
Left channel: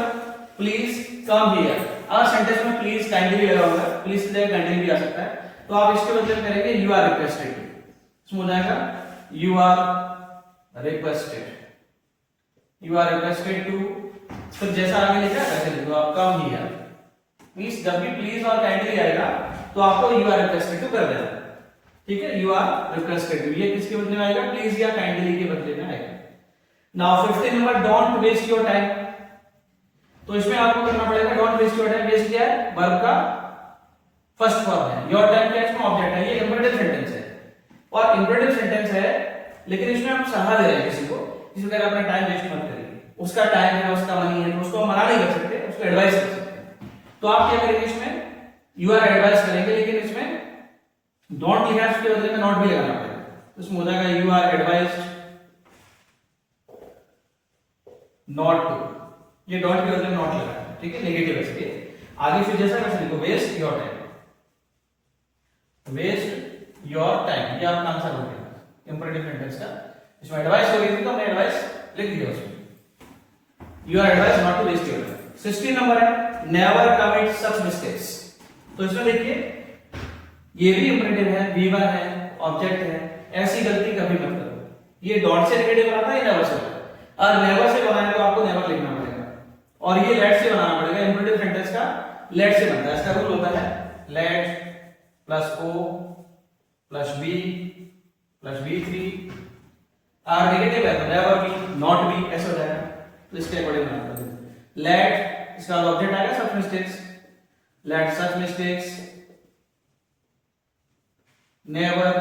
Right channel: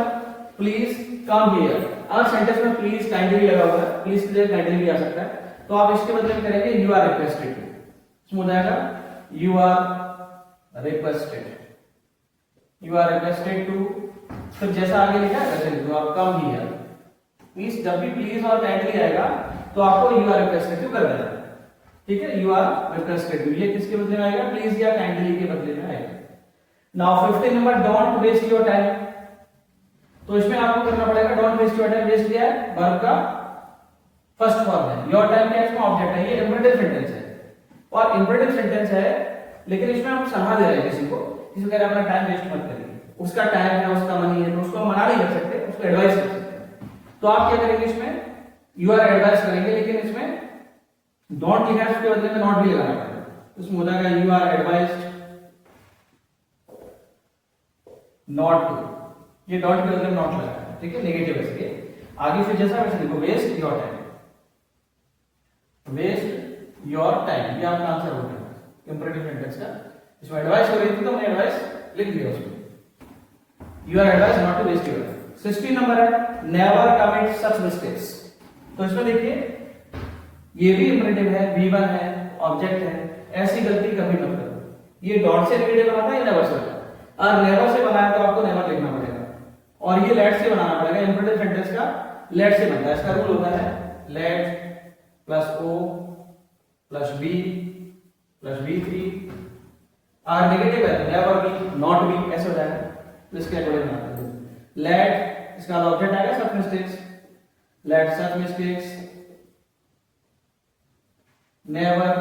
please come here. अगर सेंटेंस में प्लीज काइंडली लगा हुआ है, प्लीज की जगह काइंडली भी आ सकता है, तो आप इसके बदले में करेंगे यू आर रिक्वेस्टेड, इसमें हो जाएगा you are requested, you are requested to, फिर जैसा आगे लिखा है वैसे लिखो आप, कम हियर। मींस जब भी प्लीज और काइंडली आएगा तो आपको यू आर रिक्वेस्टेड टू कर देना है, ठीक है, यू आर रिक्वेस्टेड टू। ये किसके बदले में आएगा, प्लीज या काइंडली के बदले में आएगा। Now 50 number, don't waste your time. तो इसमें आपको करना पड़ेगा don't waste your time, waste क्या है, वर्ब का फर्स्ट फॉर्म है, योर टाइम क्या है, इसमें ऑब्जेक्ट है, ये इंपेरेटिव सेंटेंस है और इंपेरेटिव सेंटेंस है, लेकिन इसमें हम सलाह दे रहे हैं किसी को, किसी तरह अपना टाइम वेस्ट मत करिए। उसका टाइम है, उसका मनी है, तो उसको हम मना नहीं कर सकते, उसको एडवाइस कर सकते हैं। तो आप क्या करेंगे, इसमें यू आर एडवाइस करेंगे, लेकिन इसमें डोंट लिखा है, उसके बदले में नॉट भी लगाना पड़ेगा, उसमें हो जाएगा you are advised not to, ये डॉट के बदले में नॉट लगाना, ठीक है, नेगेटिव है इसके आगे। फिर जैसा वैसे लिखो, waste your time, waste your time, ये आपका आंसर हो गया इंपेरेटिव सेंटेंस का। इसमें एडवाइस हो रही थी तो हमने एडवाइस लिख दिया उसमें, you are advice not to waste your time. 60 number है, नेवर कमिट सच मिस्टेक्स। तो इसमें देखिए ये भी इंपेरेटिव है, V1 है, ऑब्जेक्ट है, ऐसी गलती कभी मत करो। ये डॉट से रिलेटेड बना था, ये नेवर से बना, और नेवर से बनाया तो आपको नेवर लिखना पड़ेगा, और ये लेट से बनाना पड़ेगा। इंपेरेटिव सेंटेंस का लेट से बनता है, इसका रूल होता है let plus O plus B plus V3, और नेगेटिव है तो नेवर बी नॉट बी, ऐसे हो जाएगा। तो इसके अकॉर्डिंग बनाना पड़ेगा। लेट, इसका ऑब्जेक्ट आएगा such mistakes, let such mistakes never,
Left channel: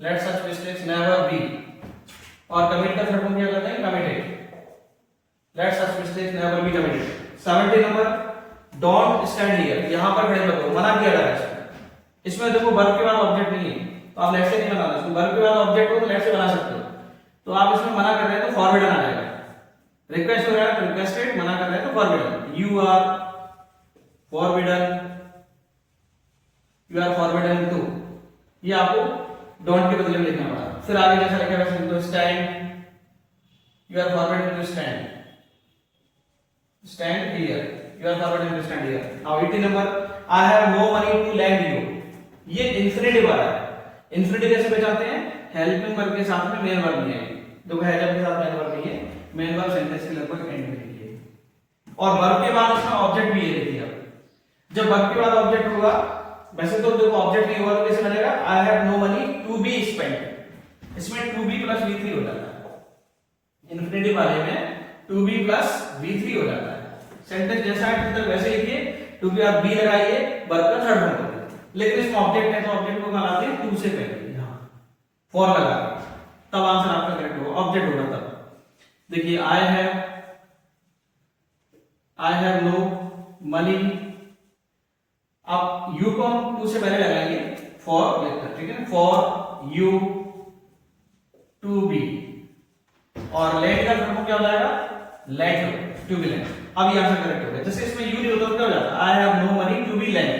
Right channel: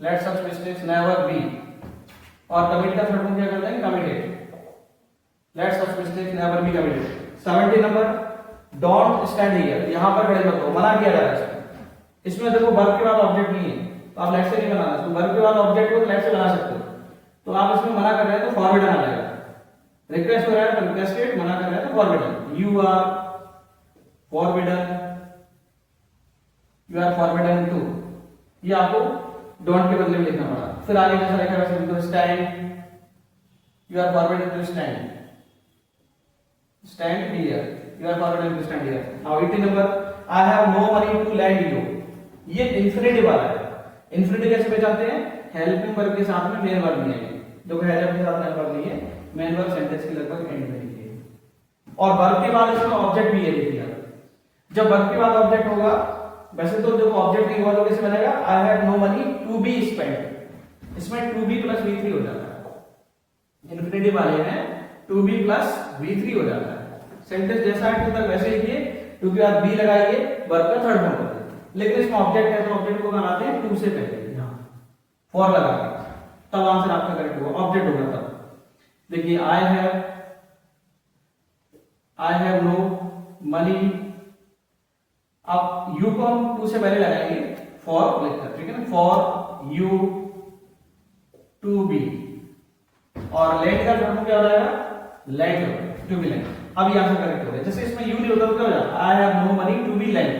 let such mistakes never be, और कमिट का थर्ड फॉर्म क्या करता है, committed, let such mistakes never be committed. 70 number, don't stand here, यहां पर खड़े मत हो, मना किया जा रहा है इसमें। देखो वर्ब के बाद ऑब्जेक्ट नहीं है तो आप लेट से नहीं बनाना, इसको वर्ब के बाद ऑब्जेक्ट हो तो लेट से बना सकते हो। तो आप इसमें मना कर रहे हैं तो फॉरवर्ड आ जाएगा, रिक्वेस्ट हो रहा है तो रिक्वेस्टेड, मना कर रहे हैं तो forward, you are forbidden, you are forbidden to, ये आपको डोंट के बदले में लिखना पड़ा। फिर आगे जैसा लिखा वैसे लिखो, stand, you are forbidden to stand, stand here, you are forbidden to stand here. Now 80 number, I have no money to lend you. ये इंफिनिटिव वाला है। इंफिनिटिव कैसे पहचानते हैं? हेल्पिंग वर्ब के साथ में मेन वर्ब नहीं है, तो हेल्प के साथ मेन वर्ब नहीं है, मेन वर्ब सेंटेंस के लगभग एंड में लिखिए। और वर्ब के बाद इसमें ऑब्जेक्ट भी है, लिखिए आप। जब वर्ब के बाद ऑब्जेक्ट होगा, वैसे तो जब ऑब्जेक्ट नहीं होगा तो कैसे बनेगा? I have no money to be spent, इसमें टू बी प्लस V3 हो जाता है। इंफिनिटिव वाले में टू बी प्लस V3 हो जाता है। सेंटेंस जैसा है तक वैसे लिखिए, टू बी आप बी लगाइए, वर्ब का थर्ड फॉर्म करिए। लेकिन इसमें ऑब्जेक्ट है तो ऑब्जेक्ट को कहाँ आते हैं? टू से पहले यहां फॉर लगा के, तब आंसर आपका करेक्ट होगा, ऑब्जेक्ट होगा तब। देखिए आई हैव नो मनी, आप यू को हम टू से पहले लगाएंगे फॉर लिखकर, ठीक है ना, फॉर यू टू बी, और लेट का फॉर्म क्या हो जाएगा? Let to be let. अब ये आंसर करेक्ट हो गया। जैसे इसमें यू नहीं होता तो क्या हो जाता? I have no money to be let,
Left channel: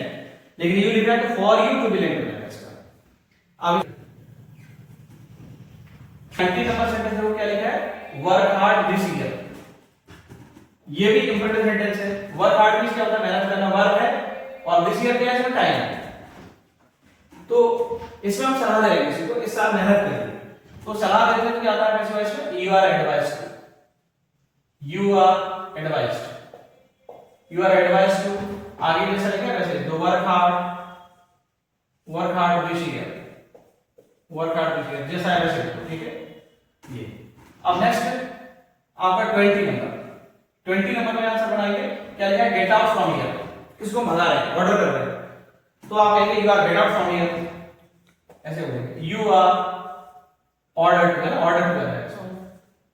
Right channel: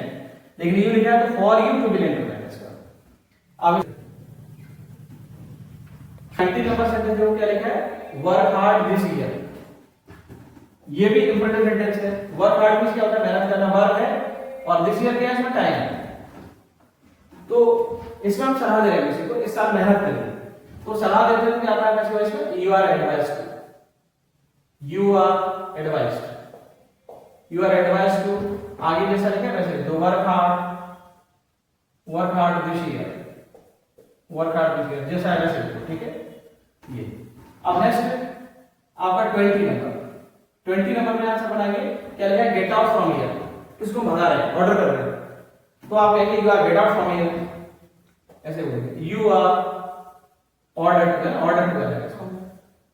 लेकिन यू लिखा है तो for you to be let हो जाएगा इसका। अब 30 नंबर सेंटेंस देखो क्या लिखा है? Work hard this year. ये भी इंपॉर्टेंट सेंटेंस है। वर्क हार्ड मींस क्या होता है? मेहनत करना, वर्क है, और दिस ईयर क्या है? इसमें टाइम है। तो इसमें हम सलाह दे रहे हैं किसी को इस साल मेहनत करिए, तो सलाह देते हैं क्या आता है? कैसे इसमें? You are advised, you are advised, you are advised to, आगे जैसा लिखा है वैसे, तो work hard this year, work hard this year जैसा है वैसे लिखो, ठीक है ये। अब नेक्स्ट आपका 20 नंबर में आंसर बनाएंगे, क्या लिखा है? गेट आउट फ्रॉम हियर, किसको भगा रहे हैं? ऑर्डर कर रहे हैं, तो आप कहेंगे you are get out from here, ऐसे बोलेंगे। यू आर ऑर्डर्ड, है ना, ऑर्डर कर रहा है,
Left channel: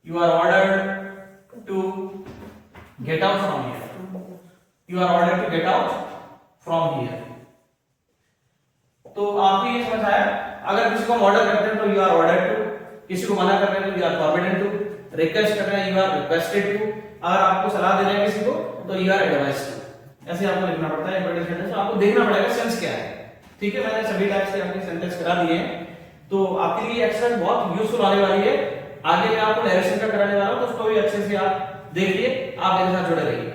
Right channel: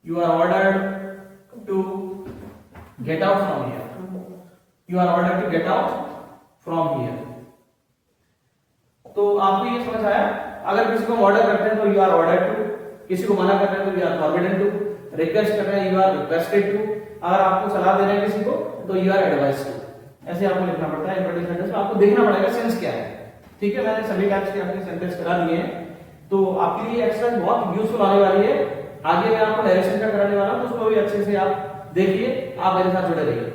you are ordered to get out from here, you are ordered to get out from here. तो आपको ये समझ आया? अगर किसी को ऑर्डर करते हैं तो यू आर ऑर्डर्ड टू, किसी को मना कर रहे हैं तो you are forbidden to, request कर रहे हैं यू आर रिक्वेस्टेड टू, अगर आपको सलाह दे रहे हैं किसी को तो यू आर एडवाइज्ड टू। ऐसे आपको लिखना पड़ता है इंपॉर्टेंट सेंटेंस, आपको देखना पड़ेगा सेंस क्या है, ठीक है। मैंने सभी टाइप्स के आपके सेंटेंस करा दिए हैं, तो आपके लिए एक्सरसाइज बहुत यूजफुल आने वाली है। आगे मैं आपको डायरेक्शन का कराने वाला हूं, तो उसको भी अच्छे से आप देखिए, आप मेरे साथ जुड़े रहिए।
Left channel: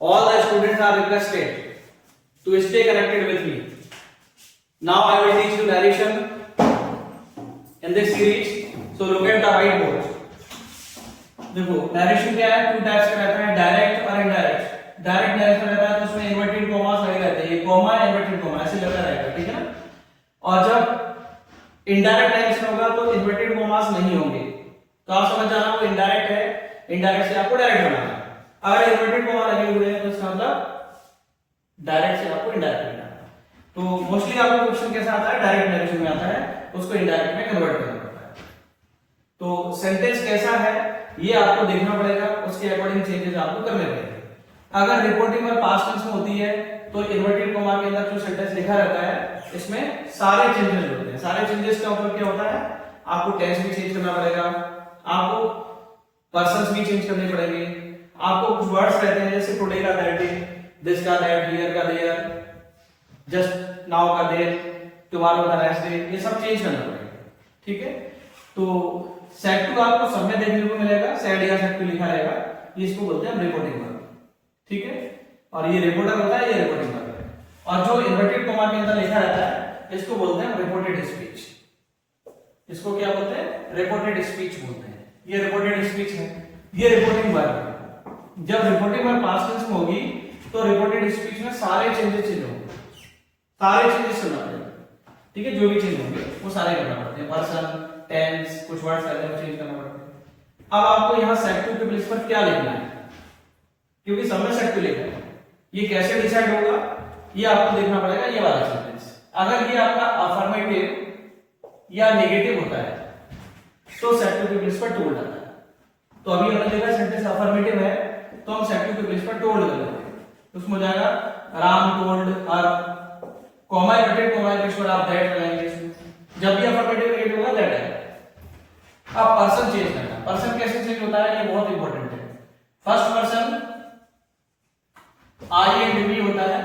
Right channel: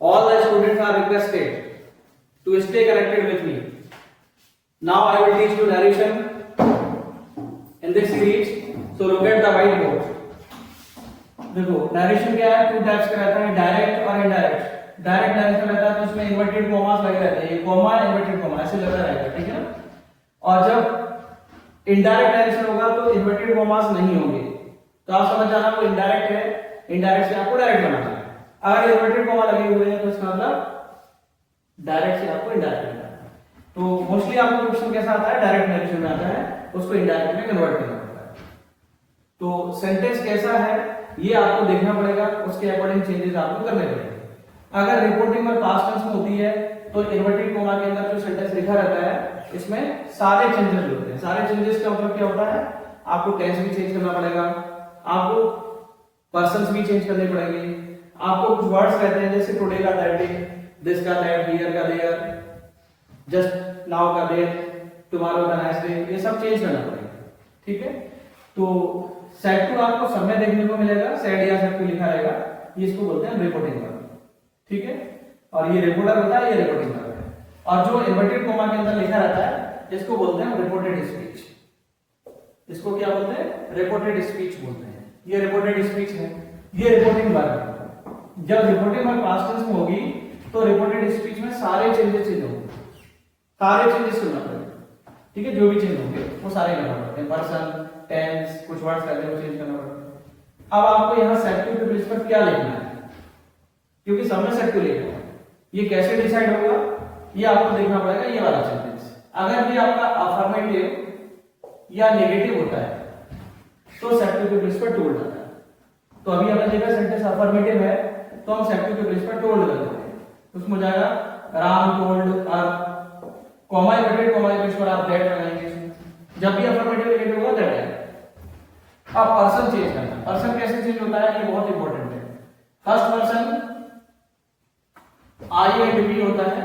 All the students are requested to stay connected with me. Now I will teach you narration in this series, so look at the white board। देखो नरेशन क्या है? टू टाइप्स का रहता है, डायरेक्ट और इनडायरेक्ट। डायरेक्ट नरेशन रहता है तो उसमें इन्वर्टेड कॉमास लगे रहते हैं, ये कॉमा इन्वर्टेड कॉमा ऐसे लगा रहेगा, ठीक है ना। और जब इनडायरेक्ट नरेशन होगा तो इन्वर्टेड कॉमास नहीं होंगे, तो आप समझ जाना वो इनडायरेक्ट है, इनडायरेक्ट से आपको डायरेक्ट बनाना है। अगर इन्वर्टेड कॉमा लगे हुए हैं तो इसका मतलब डायरेक्ट से आपको इनडायरेक्ट बनाना है। तो मोस्टली आपको क्वेश्चन कैसा आता है? डायरेक्ट नरेशन में आता है, उसको इनडायरेक्ट में कन्वर्ट करना पड़ता है। तो सेंटेंस कैसा है ये आपको देखना पड़ेगा, उसके अकॉर्डिंग चेंजेस आपको करने पड़ेंगे। अगर रिपोर्टिंग और पास्ट टेंस में होती है तो इन्वर्टेड कॉमा के अंदर जो सेंटेंस लिखा रहता है इसमें सारे चेंजेस होते हैं। सारे चेंजेस के ऊपर क्या होता है? आपको टेंस भी चेंज करना पड़ेगा, आपको पर्सन्स भी चेंज करने पड़ेंगे, आपको कुछ वर्ड्स रहते हैं जैसे टुडे का दैट डे, दिस का दैट, हियर का देयर, जस्ट नाउ का देयर, टुमारो का नेक्स्ट डे, ये सब चेंज करना पड़ेगा, ठीक है। तो सेट टू आपको सब में देखने को मिलेगा, सेट या सेट टू लिखा रहेगा, ये इसको बोलते हैं रिपोर्टिंग वर्ब, ठीक है। और ये रिपोर्टर होता है, ये रिपोर्टिंग वर्ब है। और जो इन्वर्टेड कॉमा के अंदर लिखा रहता है इसको बोलते हैं रिपोर्टेड स्पीच। इसको क्या बोलते हैं? रिपोर्टेड स्पीच बोलते हैं। ये रिपोर्टेड स्पीच है, ये रिपोर्टिंग वर्ब है। जब रिपोर्टिंग वर्ब पास्ट टेंस में होगी तो रिपोर्टेड स्पीच में सारे चेंजेस होंगे, सारे चेंजेस करना पड़ेगा, ठीक है। जो भी चेंज होंगे वो सारे करना पड़ते हैं, पर्सन, टेंस, कुछ वर्ड्स रहते हैं वो चेंज करना पड़ता है। अब आपको यहाँ सेट टू के प्लेस पर क्या लिखना है, क्योंकि सब में सेट टू लिखना है, ये कैसे डिसाइड होगा ये आपको देखना पड़ेगा। ये वाला सेंटेंस अगर ये आपका अफर्मेटिव या नेगेटिव होता है तो सेट टू के प्लेस पर टू जाता है। तो अभी हमने देखा सेंटेंस अफर्मेटिव है तो हम सेट टू के प्लेस पर टोल्ड कर देंगे, उसमें हो जाएगा राम टोल्ड, और कॉमा इन्वर्टेड कॉमा के प्लेस पर आप दैट लगाएंगे। जब भी अफर्मेटिव नेगेटिव होगा दैट है। अब पर्सन चेंज करना, पर्सन कैसे चेंज होता है ये बहुत इंपॉर्टेंट है। First person I and we होता है,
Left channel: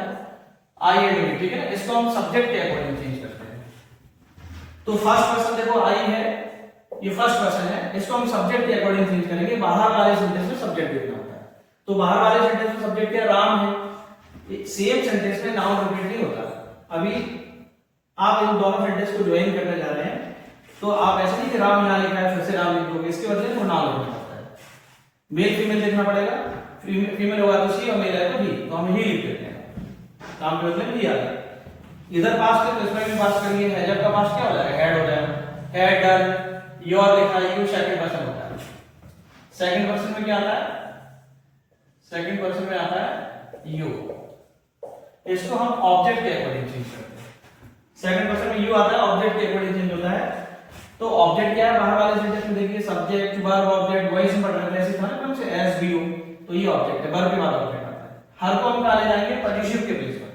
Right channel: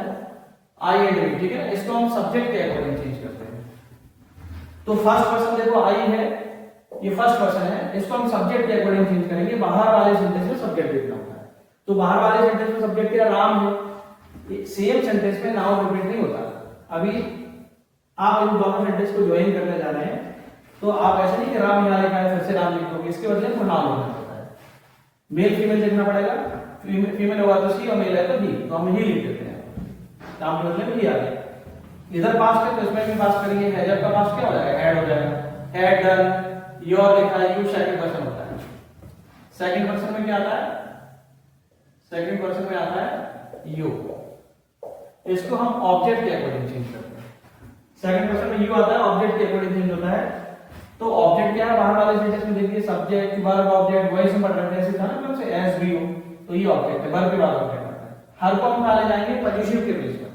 आई एंड बी, ठीक है ना। इसको हम सब्जेक्ट के अकॉर्डिंग चेंज करते हैं। तो फर्स्ट पर्सन देखो आई है, ये फर्स्ट पर्सन है, इसको हम सब्जेक्ट के अकॉर्डिंग चेंज करेंगे। बाहर वाले सेंटेंस में सब्जेक्ट देखना होता है, तो बाहर वाले सेंटेंस में सब्जेक्ट क्या राम है, सेम सेंटेंस में नाउन रिपीट नहीं होता। अभी आप इन दोनों सेंटेंस को ज्वाइन करने जा रहे हैं तो आप ऐसे नहीं कि राम यहाँ लिखा है फिर से राम लिख दोगे, इसके बदले में नाम लिखना पड़ता है। मेल फीमेल लिखना पड़ेगा, फीमेल होगा तो सी और मेल है तो ही, तो हम ही लिख देते हैं, काम के बदले में ही आ रहा है। इधर पास्ट है तो इसमें भी पास्ट करिए, हैज का पास्ट क्या हो जाएगा, हैड हो जाएगा, हैड डन, योर लिखा है, यू सेकंड पर्सन होता है। सेकंड पर्सन में क्या आता है, सेकंड पर्सन में आता है यू, इसको हम ऑब्जेक्ट के अकॉर्डिंग चेंज करते हैं। सेकंड पर्सन में यू आता है, ऑब्जेक्ट के अकॉर्डिंग चेंज होता है। तो ऑब्जेक्ट क्या है, बाहर वाले सेंटेंस में देखिए सब्जेक्ट वर्ब ऑब्जेक्ट वही से पढ़ रहे थे, ऐसे था ना कौन से एस बी यू, तो ये ऑब्जेक्ट है, वर्ब के बाद ऑब्जेक्ट आता है। हर को हम कहां ले जाएंगे, पॉजिटिव के प्लेस पर,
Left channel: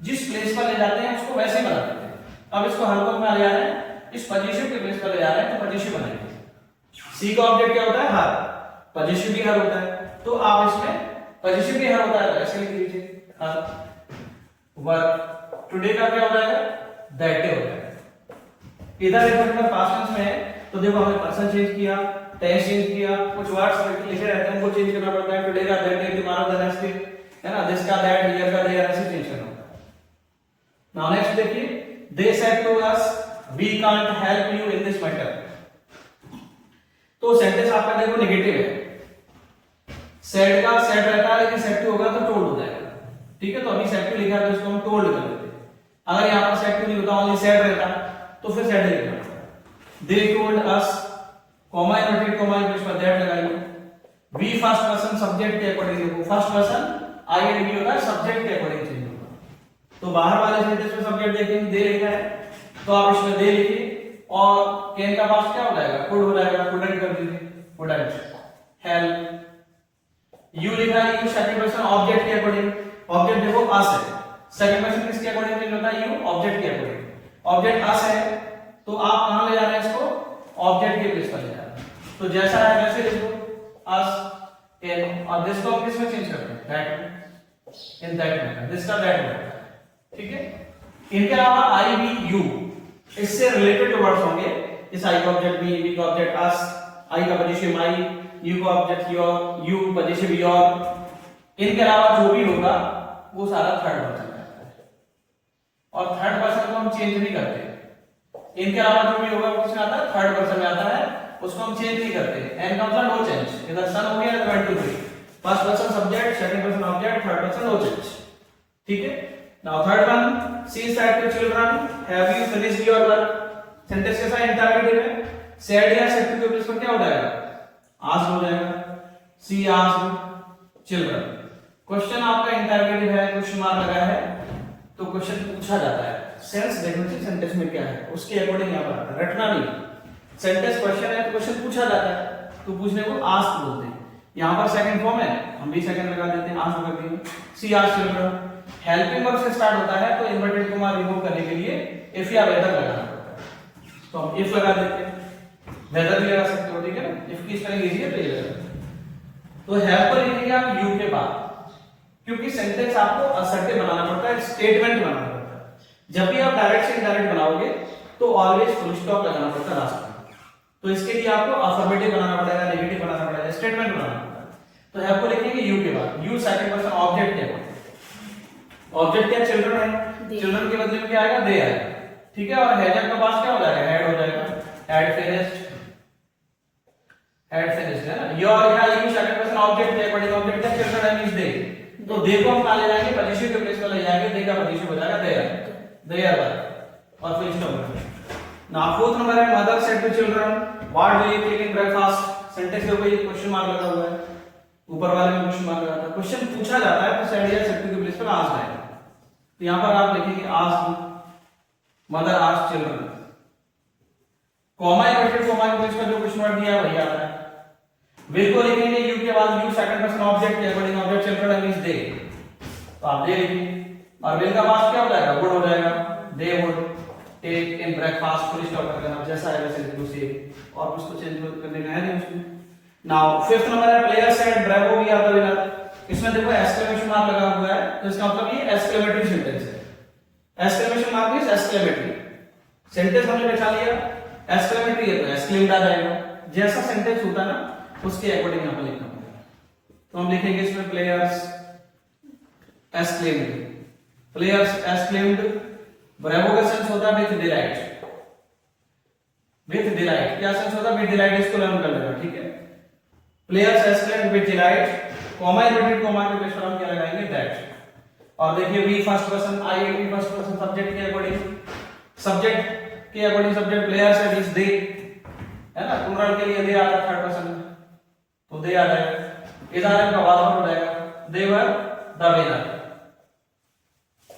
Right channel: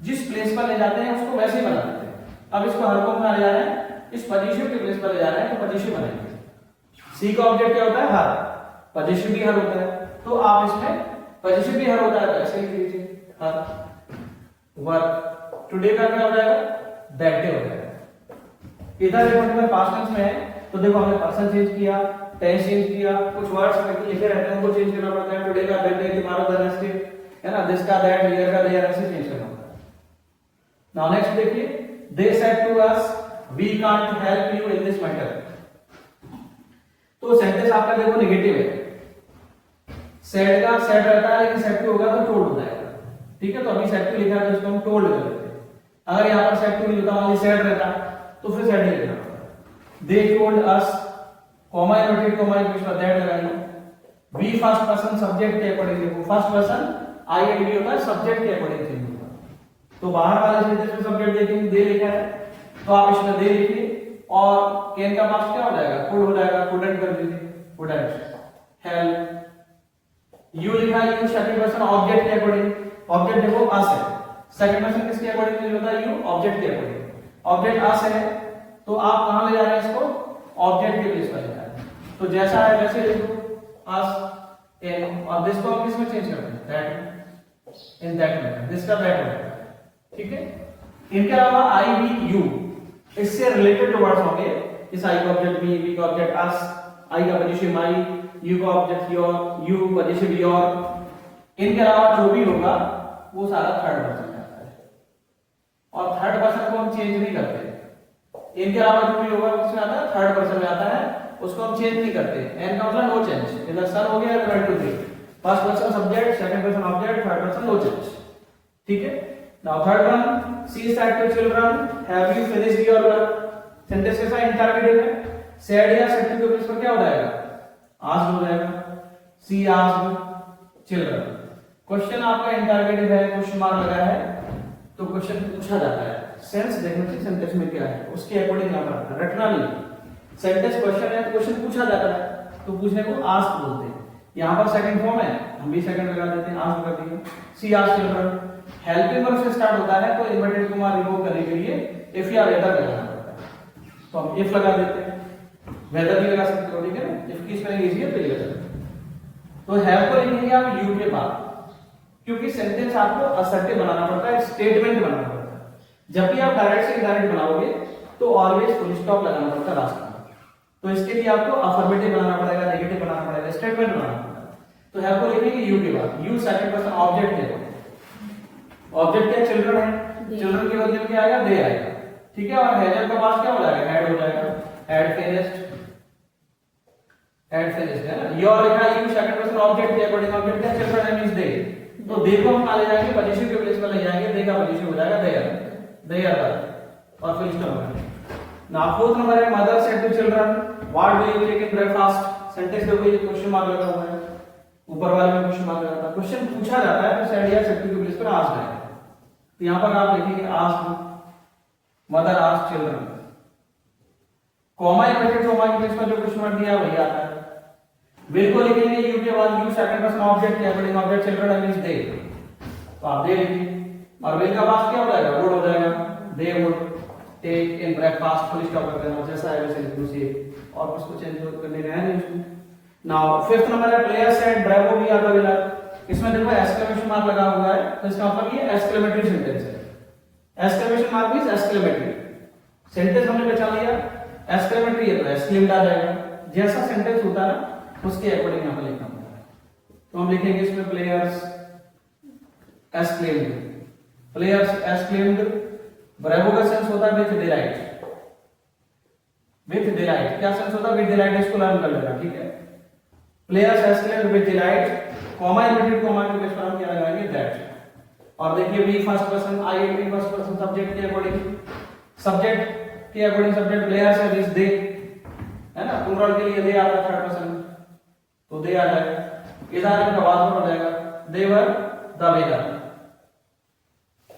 जिस प्लेस पर ले जाते हैं उसको वैसे ही बना देते हैं। अब इसको हर को कहां ले जा रहे हैं, इस पॉजिटिव के प्लेस पर ले जा रहे हैं तो पॉजिटिव बनाएंगे। सी का ऑब्जेक्ट क्या होता है, हर, पॉजिटिव भी हर होता है, तो आप इसमें पॉजिटिव भी हर होता है तो ऐसे लिख लीजिए हर। वर्क टुडे का क्या हो जाएगा, दैट डे हो जाएगा। इधर एक पास्ट टेंस में है तो देखो हमने पर्सन चेंज किया, टेंस चेंज किया, कुछ वर्ड्स लिखे रहते हैं उनको चेंज करना पड़ता है। टुडे का that day, tomorrow the next day, है ना, दिस का दैट, हियर का हियर, ऐसे चेंज करना होता है। नाउ नेक्स्ट देखिए, they said to us we can't help you in this matter. तो सेंटेंस आपका देखो नेगेटिव है, सेड का सेड रहता है, लेकिन सेड टू होगा तो टोल्ड हो जाएगा, ठीक है। तो अभी सेड टू लिखा है तो इसको हम टोल्ड कर देते हैं। अगर यहां पर सेड टू नहीं होता, ओनली सेड रहता तो फिर सेड लिखना पड़ता। They told us, comma inverted comma के बीच में दैट लगाइए। वी फर्स्ट पर्सन सब्जेक्ट के अकॉर्डिंग, देखो first person I and we होता है, सब्जेक्ट के अकॉर्डिंग चेंज होगा। तो बाहर वाले सेंटेंस में सब्जेक्ट देखेंगे दे लिखा है तो आप इसमें दे लिखिए, और कैन का पास्ट क्या हो जाएगा, कुड हो जाएगा, कुडंट कर दीजिए, कुडंट। हेल्प यू लिखा है, यू सेकंड पर्सन ऑब्जेक्ट के अकॉर्डिंग, ऑब्जेक्ट देखो अस है, सेकंड पर्सन किसके अकॉर्डिंग चेंज होता है, यू ऑब्जेक्ट के अकॉर्डिंग। ऑब्जेक्ट अस है तो आप कहां ले जा रहे हैं इसको, ऑब्जेक्ट के प्लेस पर ले जा रहे हैं। तो जैसा है वैसे लिखो, अस इन, अब दिस को हम किस में चेंज करते हैं, that, in that manner, this का दैट हो जाएगा, ठीक है। इनके अलावा आई वी यू, इससे रिलेटेड वर्ड्स होंगे, इस आई का ऑब्जेक्ट मी, वी का ऑब्जेक्ट अस, आई का पॉजिटिव माई, यू का object your, you positive your. इनके अलावा जो भी होगा वो सारा थर्ड पर्सन आता है, और थर्ड पर्सन को हम चेंज नहीं करते। इनके अलावा जो भी होगा वो किसमें आता है, थर्ड पर्सन में आता है, उसको हम चेंज नहीं करते। एन का मतलब नो चेंज, इधर सन हो गया तो went to be, first person subject, second person object, third person no change, ठीक है। Now third one, she said to children have you finished your work. Sentence कैसा है, इंटरोगेटिव है, सेड या सेड टू के प्लेस पर क्या हो जाएगा, आस्क्ड हो जाएगा। सी आस्क्ड चिल्ड्रन, क्वेश्चन आपका इंटरोगेटिव है, क्वेश्चन मार्क लगा है तो क्वेश्चन पूछा जाता है। सेंस देखने से सेंटेंस में क्या है उसके अकॉर्डिंग यहां पर आता है, रटना नहीं। सेंटेंस क्वेश्चन है, क्वेश्चन पूछा जाता है तो पूछने को आस्क बोलते हैं। यहां पर सेकंड फॉर्म है, हम भी सेकंड लगा देते हैं, आस्क कर दिए। सी आस्क चिल्ड्रन, हेल्पिंग वर्ब से स्टार्ट होता है तो इन्वर्टेड कॉमा रिमूव करने के लिए इफ या वेदर लगाना पड़ता है, तो हम इफ लगा देते हैं, वेदर भी लगा सकते हो, ठीक है। इफ की स्पेलिंग इजी है तो ये लगा। तो हैव को लिखेंगे आप यू के बाद, क्योंकि सेंटेंस आपको असर्टिव बनाना पड़ता है, स्टेटमेंट बनाना पड़ता है। जब भी आप डायरेक्ट से इनडायरेक्ट बनाओगे तो ऑलवेज फुल स्टॉप लगाना पड़ता है लास्ट में। तो इसके लिए आपको अफर्मेटिव बनाना पड़ेगा, नेगेटिव बनाना पड़ेगा, स्टेटमेंट बनाना पड़ेगा। तो हैव को लिखेंगे यू के बाद, यू सेकंड पर्सन ऑब्जेक्ट है, ऑब्जेक्ट क्या चिल्ड्रन है, चिल्ड्रन के बदले में क्या आएगा, दे आएगा, ठीक है। और हैज का पास्ट क्या हो जाएगा, हैड हो जाएगा, हैड फिनिश्ड, हैड फिनिश्ड है ना। योर या यू सेकंड पर्सन ऑब्जेक्ट के अकॉर्डिंग, ऑब्जेक्ट क्या चिल्ड्रन है, मींस दे, तो दे को हम कहां ले जाएंगे, पॉजिटिव के प्लेस पर ले जाएंगे, दे का पॉजिटिव हो जाएगा देयर, देयर वर्क, और फिर स्टॉप। नाउ फोर्थ नंबर है, mother said to children what do you take in breakfast. Sentence के ऊपर क्वेश्चन मार्क लगा हुआ है, ऊपर वाले में क्वेश्चन मार्क लगा था, क्वेश्चन पूछा जाता है तो सेड या सेड टू के प्लेस पर आस्क्ड आएगा। तो यहां पर आप लिखेंगे asked, mother asked children, comma inverted comma के प्लेस पर जो क्वेश्चन मार्क दिया वही आता है। विल को लिखेंगे यू के बाद, यू सेकंड पर्सन ऑब्जेक्ट के according, object children means they, तो आप दे लिखिए। और विल का पास्ट क्या हो जाएगा, वुड हो जाएगा, they would take in breakfast, full stop कर देना, जैसा है वैसे लिखो से, और कुछ तो चेंज करने का है नहीं उसमें। नाउ फिफ्थ नंबर है, player said bravo we are the winner. इसमें देखो एक्सक्लेमेशन मार्क लगा हुआ है, तो इसका मतलब ये एक्सक्लेमेटरी सेंटेंस है। Exclamation mark means exclamatory, sentence हमने पहचान लिया, एक्सक्लेमेटरी है तो एक्सक्लेम्ड आ जाएगा, जैसा सेंटेंस होता है ना उसके अकॉर्डिंग यहां पर लिखना होगा। तो हम लिखेंगे इसमें players exclaimed, players exclaimed bravo का सेंस होता है विथ डिलाइट, विथ डिलाइट। क्या सेंस होता है? With delight. इसको लर्न कर लेना, ठीक है। Players exclaim with delight, comma inverted comma के प्लेस पर हम क्या लगाएंगे? दैट। और देखिए we first person, I we first person subject के अकॉर्डिंग, सब्जेक्ट के अकॉर्डिंग सब्जेक्ट प्लेयर्स है मींस दे, है ना। प्लूरल के लिए दे आता है थर्ड पर्सन में, तो दे आ जाएगा। इधर का वास्तव हो जाएगा they were the weather,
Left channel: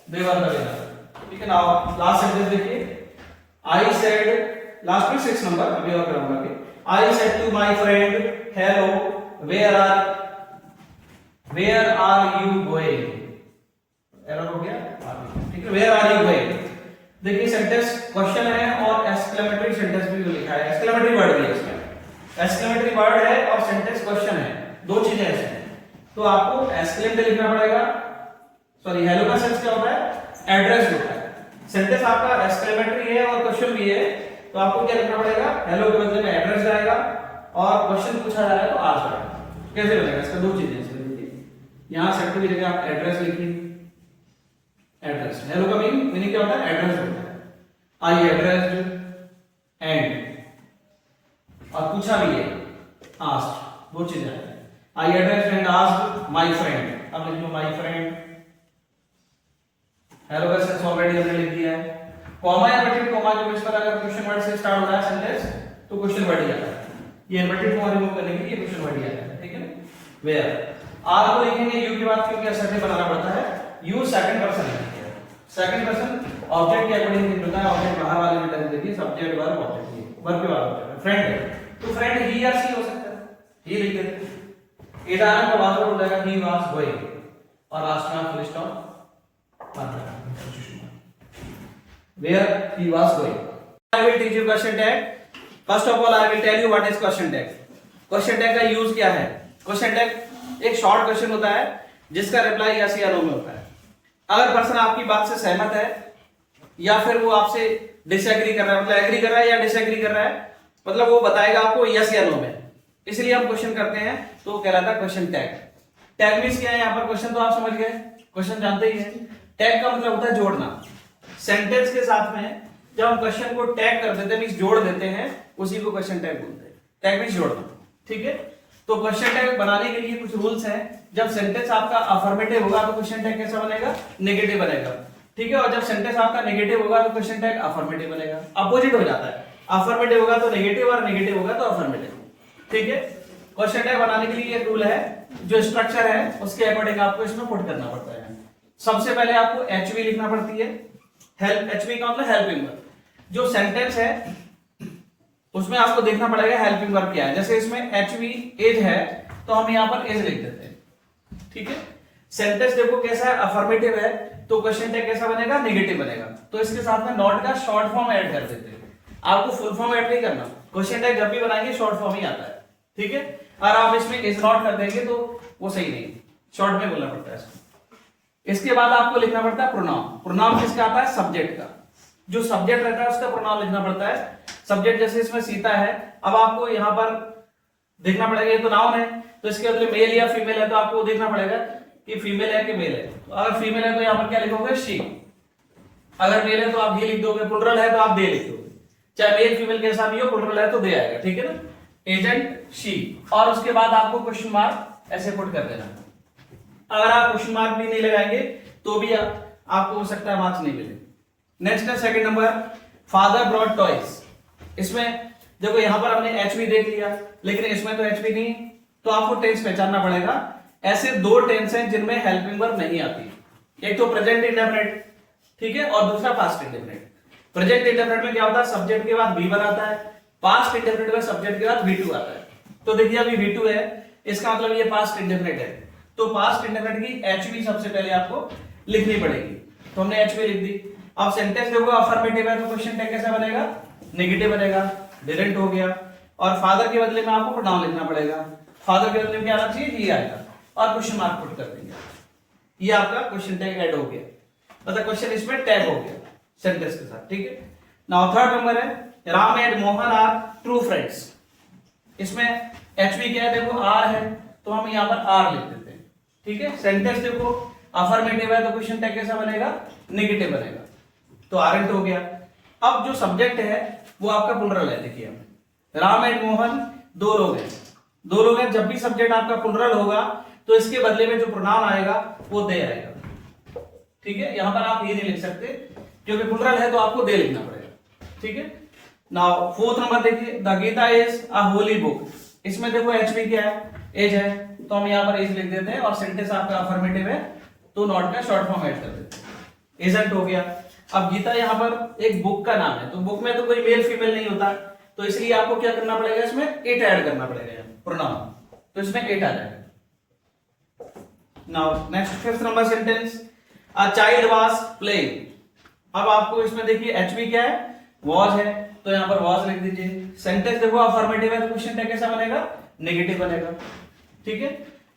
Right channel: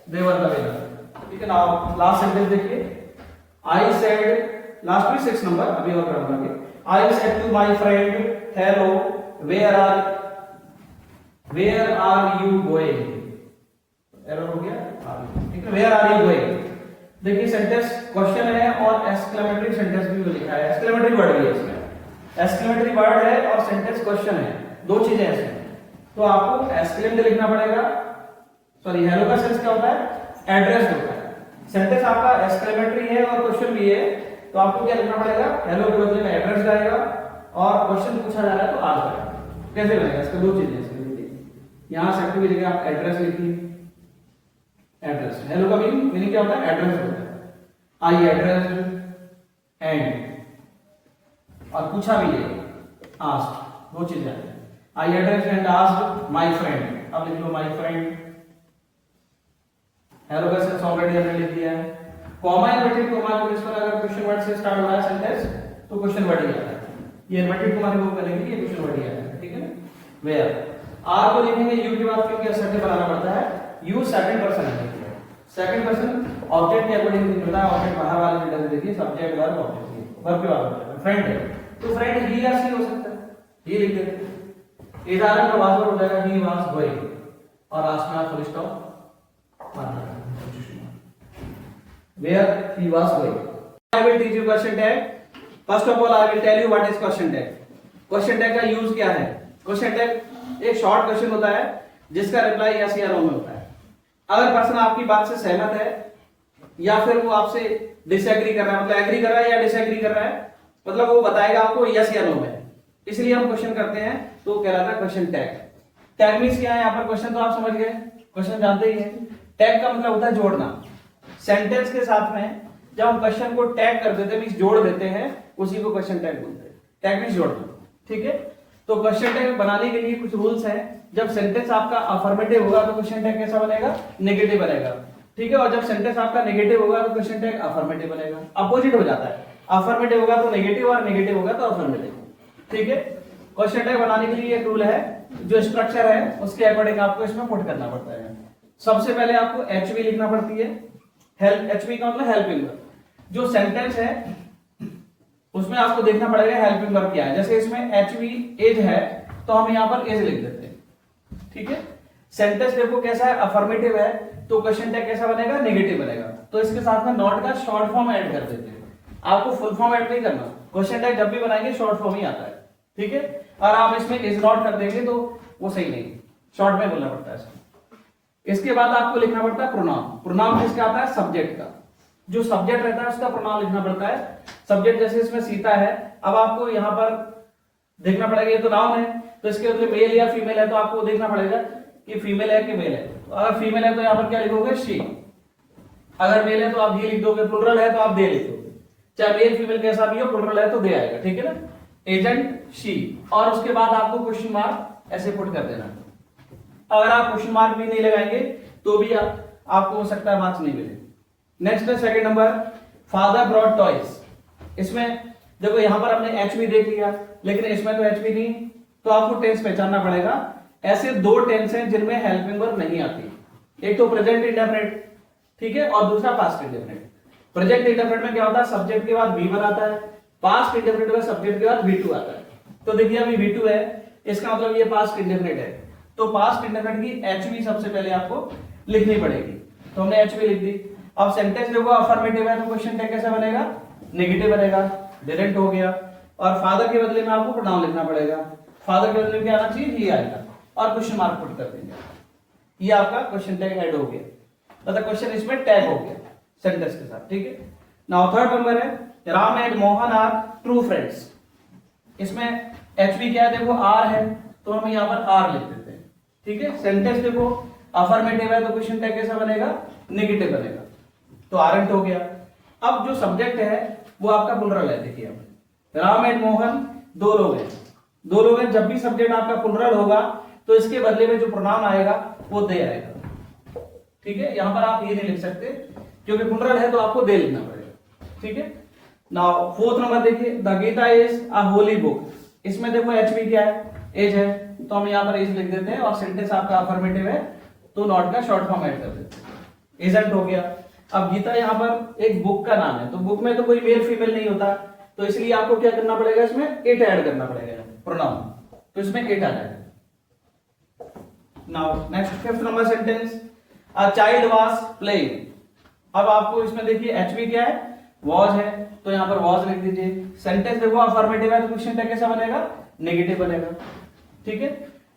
they were the weather, ठीक है। नाउ लास्ट सेंटेंस देखिए, आई सेड, लास्ट में 6 नंबर अभी और कराऊंगा। I said to my friend hello where are you going, error हो गया, ठीक है। वेयर आर यू गोइंग, देखिए सेंटेंस क्वेश्चन है और एक्सक्लेमेटरी सेंटेंस भी लिखा है, एक्सक्लेमेटरी वर्ड भी है इसमें, एक्सक्लेमेटरी वर्ड है और सेंटेंस क्वेश्चन है, दो चीजें हैं इसमें। तो आपको एक्सक्लेम लिखना पड़ेगा, सॉरी हेलो का सेंस क्या होता है? एड्रेस होता है। सेंटेंस आपका एक्सक्लेमेटरी है और क्वेश्चन भी है, तो आपको क्या लिखना पड़ेगा? हेलो के बदले में एड्रेस जाएगा और क्वेश्चन पूछा जा रहा है तो आंसर आएगा। कैसे बनेगा? इसका दो चीजें इसमें देखिए, यहां सेक्टर की जगह आप एड्रेस लिखिए, एड्रेस, हेलो का मीनिंग क्या होता है? एड्रेस होता है। आई एड्रेस्ड एंड, और पूछा भी है आस्क्ड, दो चीजें आती हैं। I addressed and asked my friend, अब लिख लो माय फ्रेंड, हेलो का सेंस ऑलरेडी हमने लिख दिया है। कॉमा इनवर्टेड कॉमा जो इस पर अगर क्वेश्चन वर्ड से स्टार्ट होता है सेंटेंस तो क्वेश्चन वर्ड ही आता है, ये इनवर्टेड कॉमा रिमूव करने के लिए क्वेश्चन वर्ड ही आता है, ठीक है ना। वेयर आर को लिखेंगे यू के बाद, क्योंकि असर्टिव बनाना पड़ता है, यू सेकंड पर्सन है, सेकंड पर्सन ऑब्जेक्ट के अकॉर्डिंग लिखना है। ऑब्जेक्ट बाहर वाले में लग देखिए, सब्जेक्ट वर्ब ऑब्जेक्ट, वर्ब पे वाला होता है। फ्रेंड है तो फ्रेंड ही या सी हो सकता है, ही लिख देते हैं। इधर का वास्तव हो जाएगा ही वाज गोइंग, और लास्ट में आप फुल स्टॉप मारना है। Where he was going. I will teach you question tag. First of all, I will tell you what is question tag. Question tag का यूज क्या है? Question tag एक short question होता है जिसका रिप्लाई यस या नो में होता है। अगर पर्सन आपकी बात से सहमत है या फिर वो आपसे डिसएग्री कर रहा है, मतलब एग्री कर रहा है या डिसएग्री कर रहा है, मतलब वो बताएगा आपको यस या नो में, इसलिए हम क्वेश्चन करते हैं, तो वो कहलाता है क्वेश्चन टैग। टैग मींस क्या है? यहाँ पर क्वेश्चन तो आप समझ गए, क्वेश्चन जानते ही हैं। टैग का मतलब होता है जोड़ना, सेंटेंस के साथ में जब हम क्वेश्चन को टैग कर देते हैं मींस जोड़ देते हैं, उसी को क्वेश्चन टैग बोलते हैं। टैग मींस जोड़ना, ठीक है। तो क्वेश्चन टैग बनाने के लिए कुछ रूल्स हैं। जब सेंटेंस आपका अफर्मेटिव होगा तो क्वेश्चन टैग कैसा बनेगा? नेगेटिव बनेगा, ठीक है। और जब सेंटेंस आपका नेगेटिव होगा तो क्वेश्चन टैग अफर्मेटिव बनेगा, अपोजिट हो जाता है। अफर्मेटिव होगा तो नेगेटिव और नेगेटिव होगा तो अफर्मेटिव, ठीक है। क्वेश्चन टैग बनाने के लिए एक रूल है, जो स्ट्रक्चर है उसके अकॉर्डिंग आपको इसमें पुट करना पड़ता है। सबसे पहले आपको एचवी लिखना पड़ती है, हेल्प, एचवी का मतलब हेल्पिंग वर्ब। जो सेंटेंस है उसमें आपको देखना पड़ेगा हेल्पिंग वर्ब क्या है। जैसे इसमें एचवी एज है तो हम यहाँ पर एज लिख देते हैं, ठीक है। सेंटेंस देखो कैसा है, अफर्मेटिव है, तो क्वेश्चन टैग कैसा बनेगा? नेगेटिव बनेगा। तो इसके साथ में नॉट का शॉर्ट फॉर्म ऐड कर देते हैं, आपको फुल फॉर्म ऐड नहीं करना। क्वेश्चन टैग जब भी बनाएंगे शॉर्ट फॉर्म ही आता है, ठीक है। और आप इसमें इज नॉट कर देंगे तो वो सही नहीं, शॉर्ट में बोलना पड़ता है। इसके बाद आपको लिखना पड़ता है प्रोनाउन। प्रोनाउन किसका आता है? सब्जेक्ट का। जो सब्जेक्ट रहता है उसका प्रोनाउन लिखना पड़ता है। सब्जेक्ट जैसे इसमें सीता है, अब आपको यहाँ पर देखना पड़ेगा ये तो नाउन है, तो इसके बदले मेल या फीमेल है तो आपको देखना पड़ेगा कि फीमेल है कि मेल है। तो अगर फीमेल है तो यहाँ पर क्या लिखोगे? शी। अगर मेल है तो आप ही लिख दोगे, प्लुरल है तो आप दे लिख दोगे। चाहे मेल फीमेल कैसा भी हो, प्लुरल है तो दे आएगा, ठीक है ना। एजेंट शी, और उसके बाद आपको क्वेश्चन मार्क ऐसे पुट कर देना। अगर आप क्वेश्चन मार्क भी नहीं लगाएंगे तो भी आपको हो सकता है मार्क्स नहीं मिले। नेक्स्ट है second number, father brought toys. इसमें देखो यहाँ पर हमने एचवी देख लिया, लेकिन इसमें तो एचवी नहीं, तो आपको टेंस पहचानना पड़ेगा। ऐसे दो टेंस हैं जिनमें हेल्पिंग वर्ब नहीं आती, एक तो प्रेजेंट इंडेफिनिट, ठीक है, और दूसरा पास्ट इंडेफिनिट। प्रेजेंट इंडेफिनिट में क्या होता है? सब्जेक्ट के बाद V1 आता है, पास्ट इंडेफिनिट में सब्जेक्ट के बाद V2 आता है। तो देखिए अभी V2 है, इसका मतलब ये पास्ट इंडेफिनिट है, तो पास्ट इंडेफिनिट की एचवी सबसे पहले आपको लिखनी पड़ेगी। तो हमने एचवी लिख दी। अब सेंटेंस देखो अफर्मेटिव है तो क्वेश्चन टैग कैसा बनेगा? नेगेटिव बनेगा, डिडंट हो गया। और फादर के बदले में आपको प्रोनाउन लिखना पड़ेगा। फादर के बदले में क्या आना चाहिए? ही आएगा, और क्वेश्चन मार्क पुट कर देंगे। ये आपका क्वेश्चन टैग ऐड हो गया, मतलब क्वेश्चन इसमें टैग हो गया सेंटेंस के साथ, ठीक है। नाउ थर्ड नंबर है, Ram and Mohan are true friends. इसमें एचवी क्या है? देखो आर है तो हम यहाँ पर आर लिख देते हैं, ठीक है। सेंटेंस देखो अफर्मेटिव है तो क्वेश्चन टैग कैसा बनेगा? नेगेटिव बनेगा। तो आरंट हो गया। अब जो सब्जेक्ट है वो आपका प्लुरल है। देखिए राम एंड मोहन दो लोग हैं, दो लोग हैं। जब भी सब्जेक्ट आपका प्लुरल होगा तो इसके बदले में जो प्रोनाउन आएगा वो दे आएगा। ठीक है, यहां पर आप ये नहीं लिख सकते क्योंकि प्लुरल है तो आपको दे लिखना पड़ेगा। ठीक है, नाउ फोर्थ नंबर देखिए, the Gita is a holy book. इसमें देखो एचवी क्या है, एज है, तो हम यहां पर एज लिख देते हैं और सेंटेंस आपका अफर्मेटिव है तो नॉट का शॉर्ट फॉर्म ऐड कर देते हैं, इजंट हो गया। अब गीता यहाँ पर एक बुक का नाम है, तो बुक में तो कोई मेल फीमेल नहीं होता, तो इसलिए आपको क्या करना पड़ेगा, इसमें इट ऐड करना पड़ेगा प्रोनाउन, तो इसमें इट आ जाएगा। Now next fifth number sentence, a child was playing. अब आपको इसमें देखिए एचवी क्या है, वॉज है, तो यहाँ पर वॉज लिख दीजिए। सेंटेंस देखो अफर्मेटिव है तो क्वेश्चन टैग कैसा बनेगा, नेगेटिव बनेगा। ठीक है,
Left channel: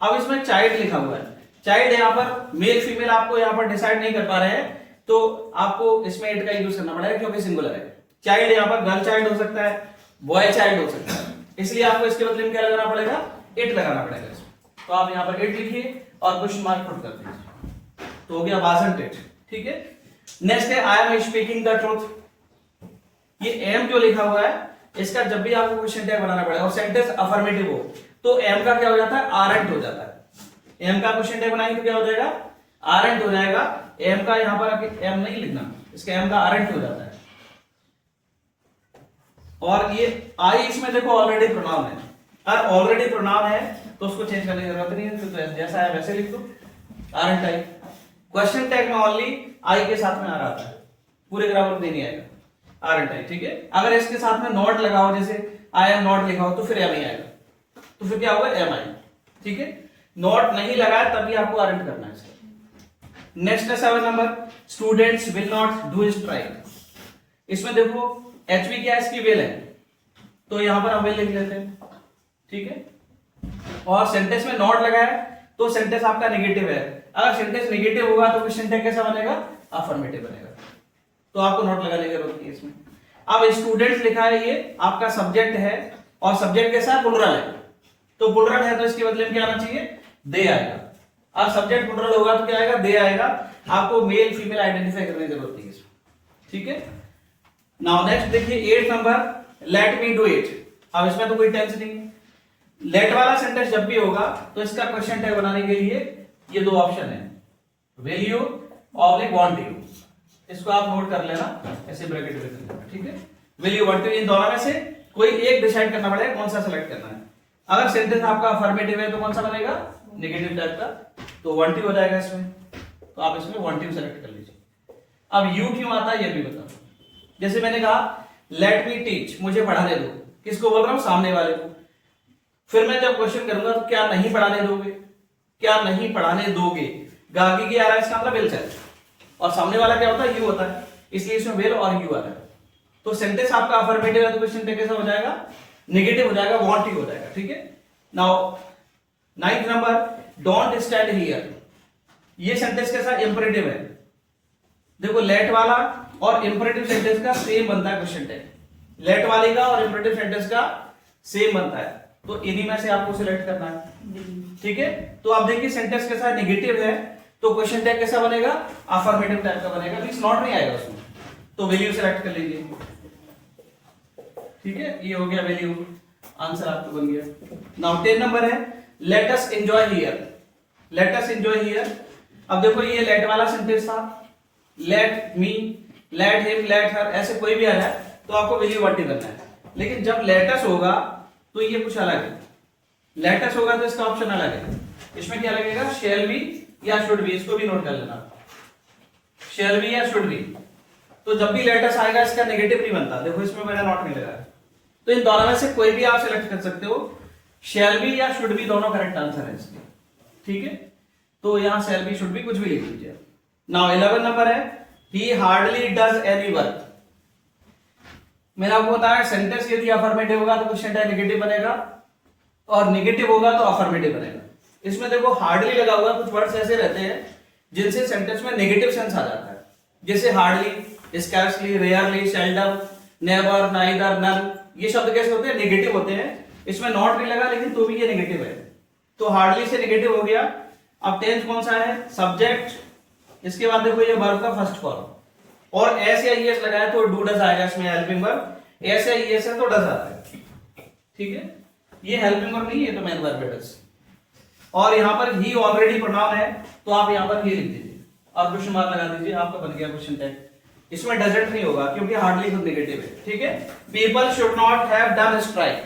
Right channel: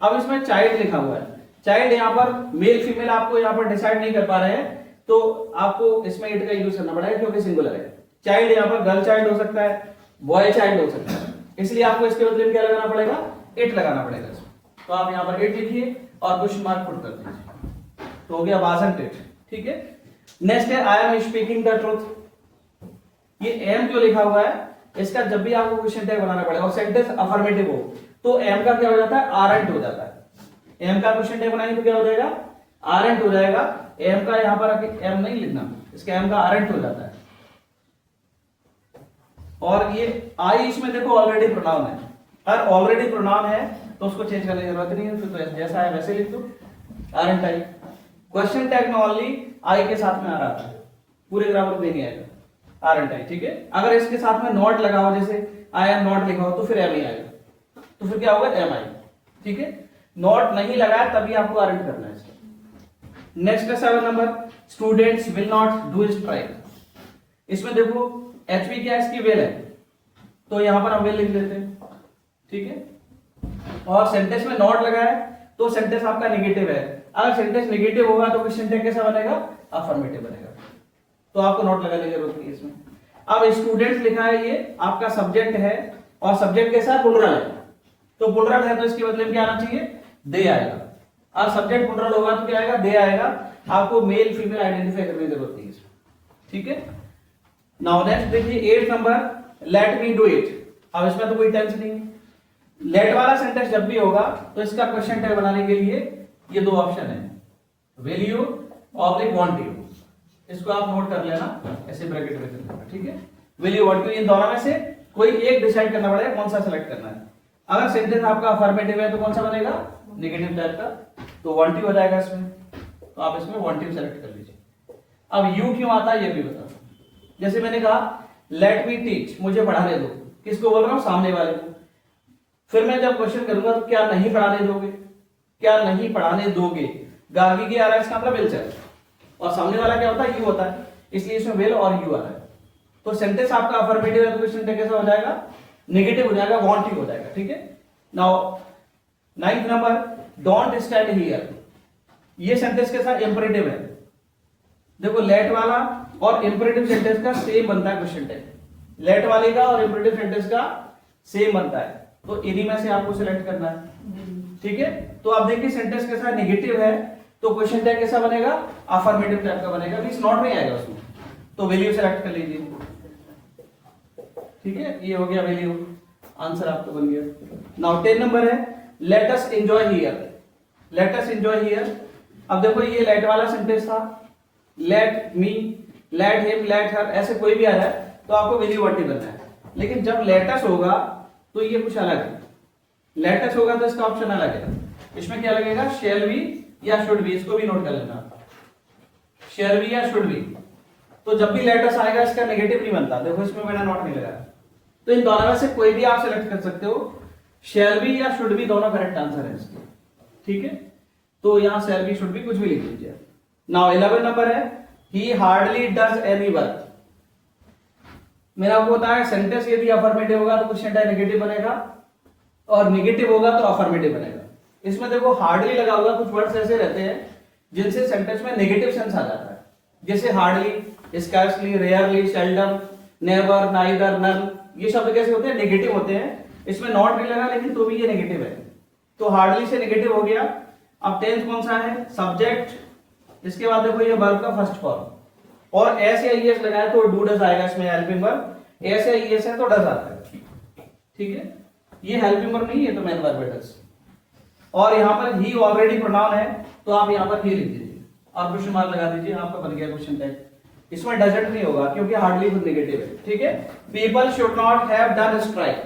अब इसमें चाइल्ड लिखा हुआ है, चाइल्ड यहाँ पर मेल फीमेल आपको यहाँ पर डिसाइड नहीं कर पा रहे हैं तो आपको इसमें इट का यूज करना पड़ेगा क्योंकि सिंगुलर है। चाइल्ड यहाँ पर गर्ल चाइल्ड हो सकता है, बॉय चाइल्ड हो सकता है, इसलिए आपको इसके बदले में क्या लगाना पड़ेगा, इट लगाना पड़ेगा इसमें। तो आप यहाँ पर इट लिखिए और क्वेश्चन मार्क पुट कर दीजिए, तो हो गया वाजंट इट। ठीक है, नेक्स्ट है I am speaking the truth. ये एम जो लिखा हुआ है इसका जब भी आपको क्वेश्चन टैग बनाना पड़ेगा और सेंटेंस अफर्मेटिव हो तो एम का क्या हो जाता है, आरंट हो जाता है। एम का क्वेश्चन टैग बनाएंगे तो क्या हो जाएगा, आरंट हो जाएगा। एम का यहां पर आके एम नहीं लिखना, इसका एम का आरंट हो जाता है। और ये आई इसमें देखो ऑलरेडी प्रोनाउन है, अगर ऑलरेडी प्रोनाउन है तो उसको चेंज करने की जरूरत नहीं है, तो जैसा है वैसे लिख दो, आरंट आई। क्वेश्चन टैग में ओनली आई के साथ में आ रहा है, पूरे ग्रामर में नहीं आएगा, आरंट आई। ठीक है, अगर इसके साथ में नॉट लगा हो, जैसे आई एम नॉट लिखा हो तो फिर एम ही आएगा, तो फिर क्या होगा, एम आई। ठीक है, नॉट नहीं लगाया तभी आपको आरंट करना है इसका। नेक्स्ट है 7 number, students will not do strike. इसमें देखो एचवी क्या है, इसकी वेल है, तो यहां पर हम वेल लिख लेते हैं। ठीक है, और सेंटेंस में नॉट लगा है तो सेंटेंस आपका नेगेटिव है। अगर सेंटेंस नेगेटिव होगा तो क्वेश्चन टैग कैसा बनेगा, अफर्मेटिव बनेगा, तो आपको नॉट लगाने की जरूरत नहीं है इसमें। अब स्टूडेंट्स लिखा है, ये आपका सब्जेक्ट है और सब्जेक्ट कैसा है, प्लुरल है, तो प्लुरल है तो इसके बदले में क्या आना चाहिए, दे आएगा। अब सब्जेक्ट प्लुरल होगा तो क्या आएगा, दे आएगा। आपको मेल फीमेल आइडेंटिफाई करने की जरूरत नहीं है इसमें। ठीक है, नाउ नेक्स्ट देखिए 8 number, late me do it. अब इसमें तो कोई टेंस नहीं है, लेट वाला सेंटेंस जब भी होगा तो इसका क्वेश्चन टैग बनाने के लिए ये दो ऑप्शन है, विल यू और वांट यू। इसको आप नोट कर लेना, ऐसे ब्रैकेट में कर लेना। ठीक है, विल यू वांट यू, इन दोनों में से कोई एक डिसाइड करना पड़ेगा कौन सा सेलेक्ट करना है। अगर सेंटेंस आपका अफर्मेटिव है तो कौन सा बनेगा, नेगेटिव टाइप का, तो वांट यू हो जाएगा इसमें, तो आप इसमें वांट यू सेलेक्ट कर लीजिए। अब यू क्यों आता है ये भी बता। जैसे मैंने कहा लेट मी टीच, मुझे पढ़ाने दो, किसको बोल रहा हूं, सामने वाले को। फिर मैं जब क्वेश्चन करूंगा तो क्या नहीं पढ़ाने दोगे, क्या नहीं पढ़ाने दोगे, गागी आ रहा है, इसका मतलब विल से, और सामने वाला क्या होता है, यू होता है, इसलिए इसमें विल और यू आ रहा है। तो सेंटेंस आपका अफर्मेटिव है तो क्वेश्चन टैग कैसा हो जाएगा, नेगेटिव हो जाएगा, वांट यू हो जाएगा। ठीक है, now 9th number, don't stand here. ये सेंटेंस कैसा, इंपरेटिव है। देखो लेट वाला और इंपरेटिव सेंटेंस का सेम बनता है क्वेश्चन टैग, लेट वाले का और इंपरेटिव सेंटेंस का सेम बनता है, तो इन्हीं में से आपको सिलेक्ट करना है। ठीक है, तो आप देखिए सेंटेंस कैसा है, नेगेटिव है, तो क्वेश्चन टैग कैसा बनेगा, अफर्मेटिव टाइप का बनेगा, मींस नॉट नहीं आएगा उसमें, तो वैल्यू सेलेक्ट कर लीजिए। ठीक है, ये हो गया वैल्यू, आंसर आपको बन गया। नाउ 10 नंबर है, let us enjoy here. Let us enjoy here. अब देखो ये लेट वाला सेंटेंस था, let me, let him, let her, ऐसे कोई भी आ जाए तो आपको वैल्यू वांट करना है। लेकिन जब लेट अस होगा तो ये कुछ अलग है, लेट अस होगा तो इसका ऑप्शन अलग है। इसमें क्या लगेगा, शैल बी या शुड बी, इसको भी नोट कर लेना, शैल बी या शुड बी। तो जब भी लेट अस आएगा इसका नेगेटिव नहीं बनता, देखो इसमें मैंने नोट नहीं लगाया, तो इन दोनों में से कोई भी आप सिलेक्ट कर सकते हो, शैल बी या शुड बी दोनों करेक्ट आंसर है इसके। ठीक है, तो यहां शैल बी शुड बी कुछ भी लिख लीजिए। नाउ 11 नंबर है, ही हार्डली डज एनी वर्क। मैंने आपको बताया सेंटेंस यदि अफर्मेटिव होगा तो क्वेश्चन टैग नेगेटिव बनेगा और नेगेटिव होगा तो अफर्मेटिव बनेगा। इसमें देखो हार्डली लगा हुआ, कुछ वर्ड्स ऐसे रहते हैं जिनसे सेंटेंस में नेगेटिव सेंस आ जाता है, जैसे hardly, scarcely, rarely, seldom, never, neither, none. ये शब्द कैसे होते हैं, नेगेटिव होते हैं। इसमें नॉट नहीं लगा लेकिन तो भी ये नेगेटिव है, तो हार्डली से नेगेटिव हो गया। अब टेंस कौन सा है, सब्जेक्ट, इसके बाद देखो ये वर्ब का फर्स्ट फॉर्म, और एस या ईएस लगाया तो डू डज आएगा इसमें हेल्पिंग वर्ब, एस या ईएस है तो डज आता है, ठीक है। ये हेल्पिंग वर्ब नहीं है तो मेन वर्ब है डज। और यहां पर ही ऑलरेडी प्रोनाउन है तो आप यहां पर ही लिख दीजिए और क्वेश्चन मार्क लगा दीजिए, आपका बन गया क्वेश्चन टैग। इसमें डजंट नहीं होगा क्योंकि हार्डली तो नेगेटिव है, ठीक है। People should not have done strike,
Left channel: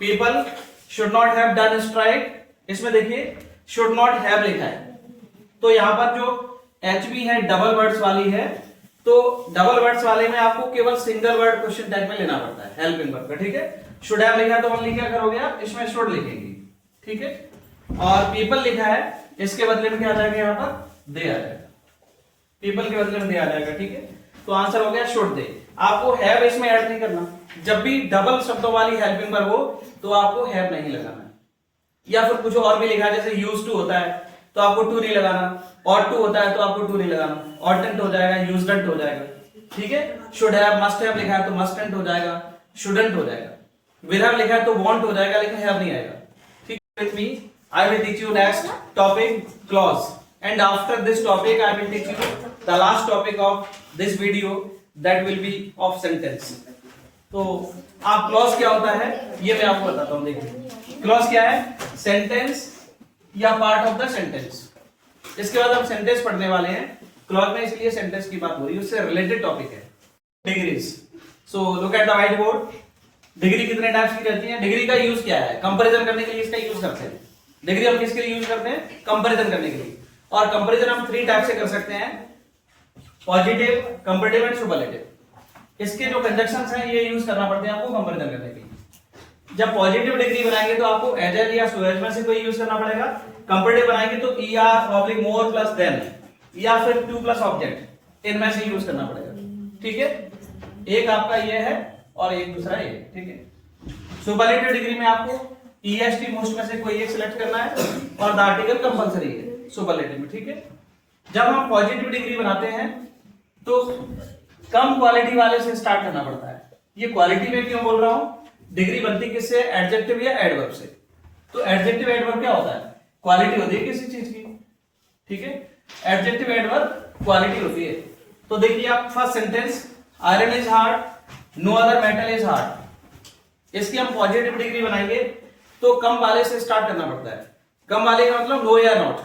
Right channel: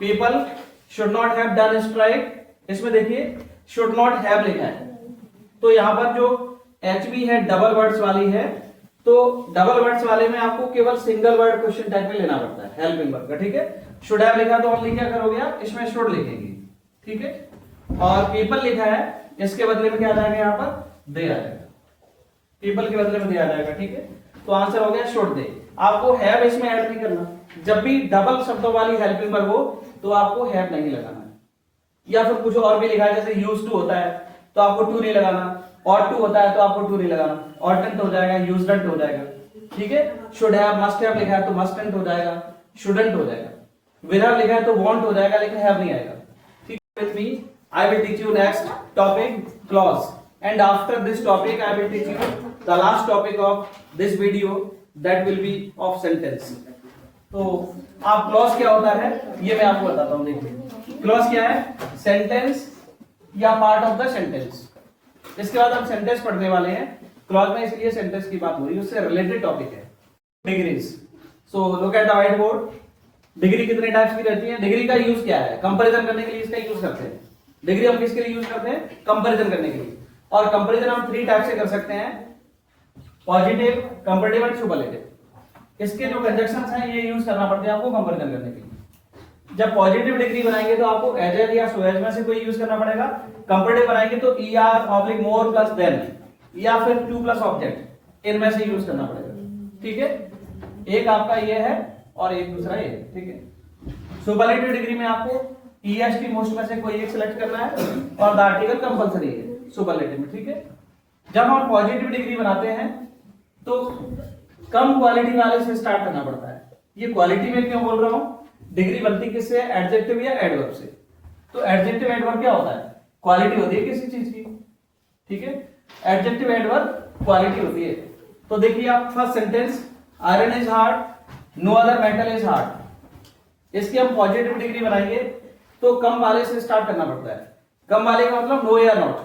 people should not have done strike, इसमें देखिए शुड नॉट हैव लिखा है, तो यहां पर जो एचबी है डबल वर्ड्स वाली है, तो डबल वर्ड्स वाले में आपको केवल सिंगल वर्ड क्वेश्चन टैग में लेना पड़ता है हेल्पिंग वर्ब का, ठीक है। शुड हैव लिखा तो ओनली क्या करोगे आप, इसमें शुड लिखेंगे, ठीक है। और पीपल लिखा है, इसके बदले में क्या आ जाएगा यहाँ पर दे आ जाएगा, पीपल के बदले में दे आ जाएगा, ठीक है। तो आंसर हो गया शुड दे। आपको हैव इसमें ऐड नहीं करना, जब भी डबल शब्दों वाली हेल्पिंग वर्ब हो तो आपको हैव नहीं लगाना, या फिर कुछ और भी लिखा है जैसे यूज्ड टू होता है तो आपको टू नहीं लगाना, और टू होता है तो आपको टू नहीं लगाना, ऑर्टेंट हो जाएगा, यूज्ड हो जाएगा, ठीक है। शुड हैव मस्ट हैव लिखा है तो मस्टेंट हो जाएगा, शुडंट हो जाएगा, विल हैव लिखा है तो वॉन्ट हो जाएगा, लेकिन हैव नहीं आएगा, ठीक है। With me I will teach you next topic clause, and after this topic I will teach you the last topic of this video, that will be of sentence। तो आप clause क्या होता है ये मैं आपको बताता हूँ। देखिए clause क्या है, sentence या part of the sentence। इसके बाद हम sentence पढ़ने वाले हैं, clause में इसलिए sentence की बात हो रही है, उससे related topic है degrees। So look at the white board। Degree कितने टाइप्स की रहती है, डिग्री का यूज क्या है, कंपैरिजन करने के लिए इसका यूज करते हैं। डिग्री हम किसके लिए यूज करते हैं, कंपैरिजन करने के लिए। और कंपैरिजन हम 3 टाइप से कर सकते हैं, पॉजिटिव, कंपैरेटिव एंड सुपरलेटिव। इसके जो कंजक्शंस हैं ये यूज करना पड़ते हैं आपको कंपैरिजन करने के लिए। जब पॉजिटिव डिग्री बनाएंगे तो आपको एज या सो एज में से कोई यूज करना पड़ेगा, कंपैरेटिव बनाएंगे तो er मोर प्लस देन या फिर टू प्लस ऑब्जेक्ट, इनमें से यूज करना पड़ेगा, ठीक है। एक आपका ये है और एक दूसरा ये, ठीक है। सुपरलेटिव डिग्री में आपको EST मोस्ट में से कोई एक सिलेक्ट करना है और द आर्टिकल कंपलसरी है सुपरलेटिव में, ठीक है। जब हम पॉजिटिव डिग्री बनाते हैं तो कम क्वालिटी वाले से स्टार्ट करना पड़ता है। ये क्वालिटी में क्यों बोल रहा हूं, डिग्री बनती किससे, एडजेक्टिव या एडवर्ब से। तो एडजेक्टिव एडवर्ब क्या होता है, क्वालिटी होती है किसी चीज की, ठीक है। एडजेक्टिव एडवर्ब क्वालिटी होती है। तो देखिए आप first sentence, iron is hard, no other metal is hard. इसकी हम पॉजिटिव डिग्री बनाएंगे तो कम वाले से स्टार्ट करना पड़ता है। कम वाले का मतलब नो या नॉट,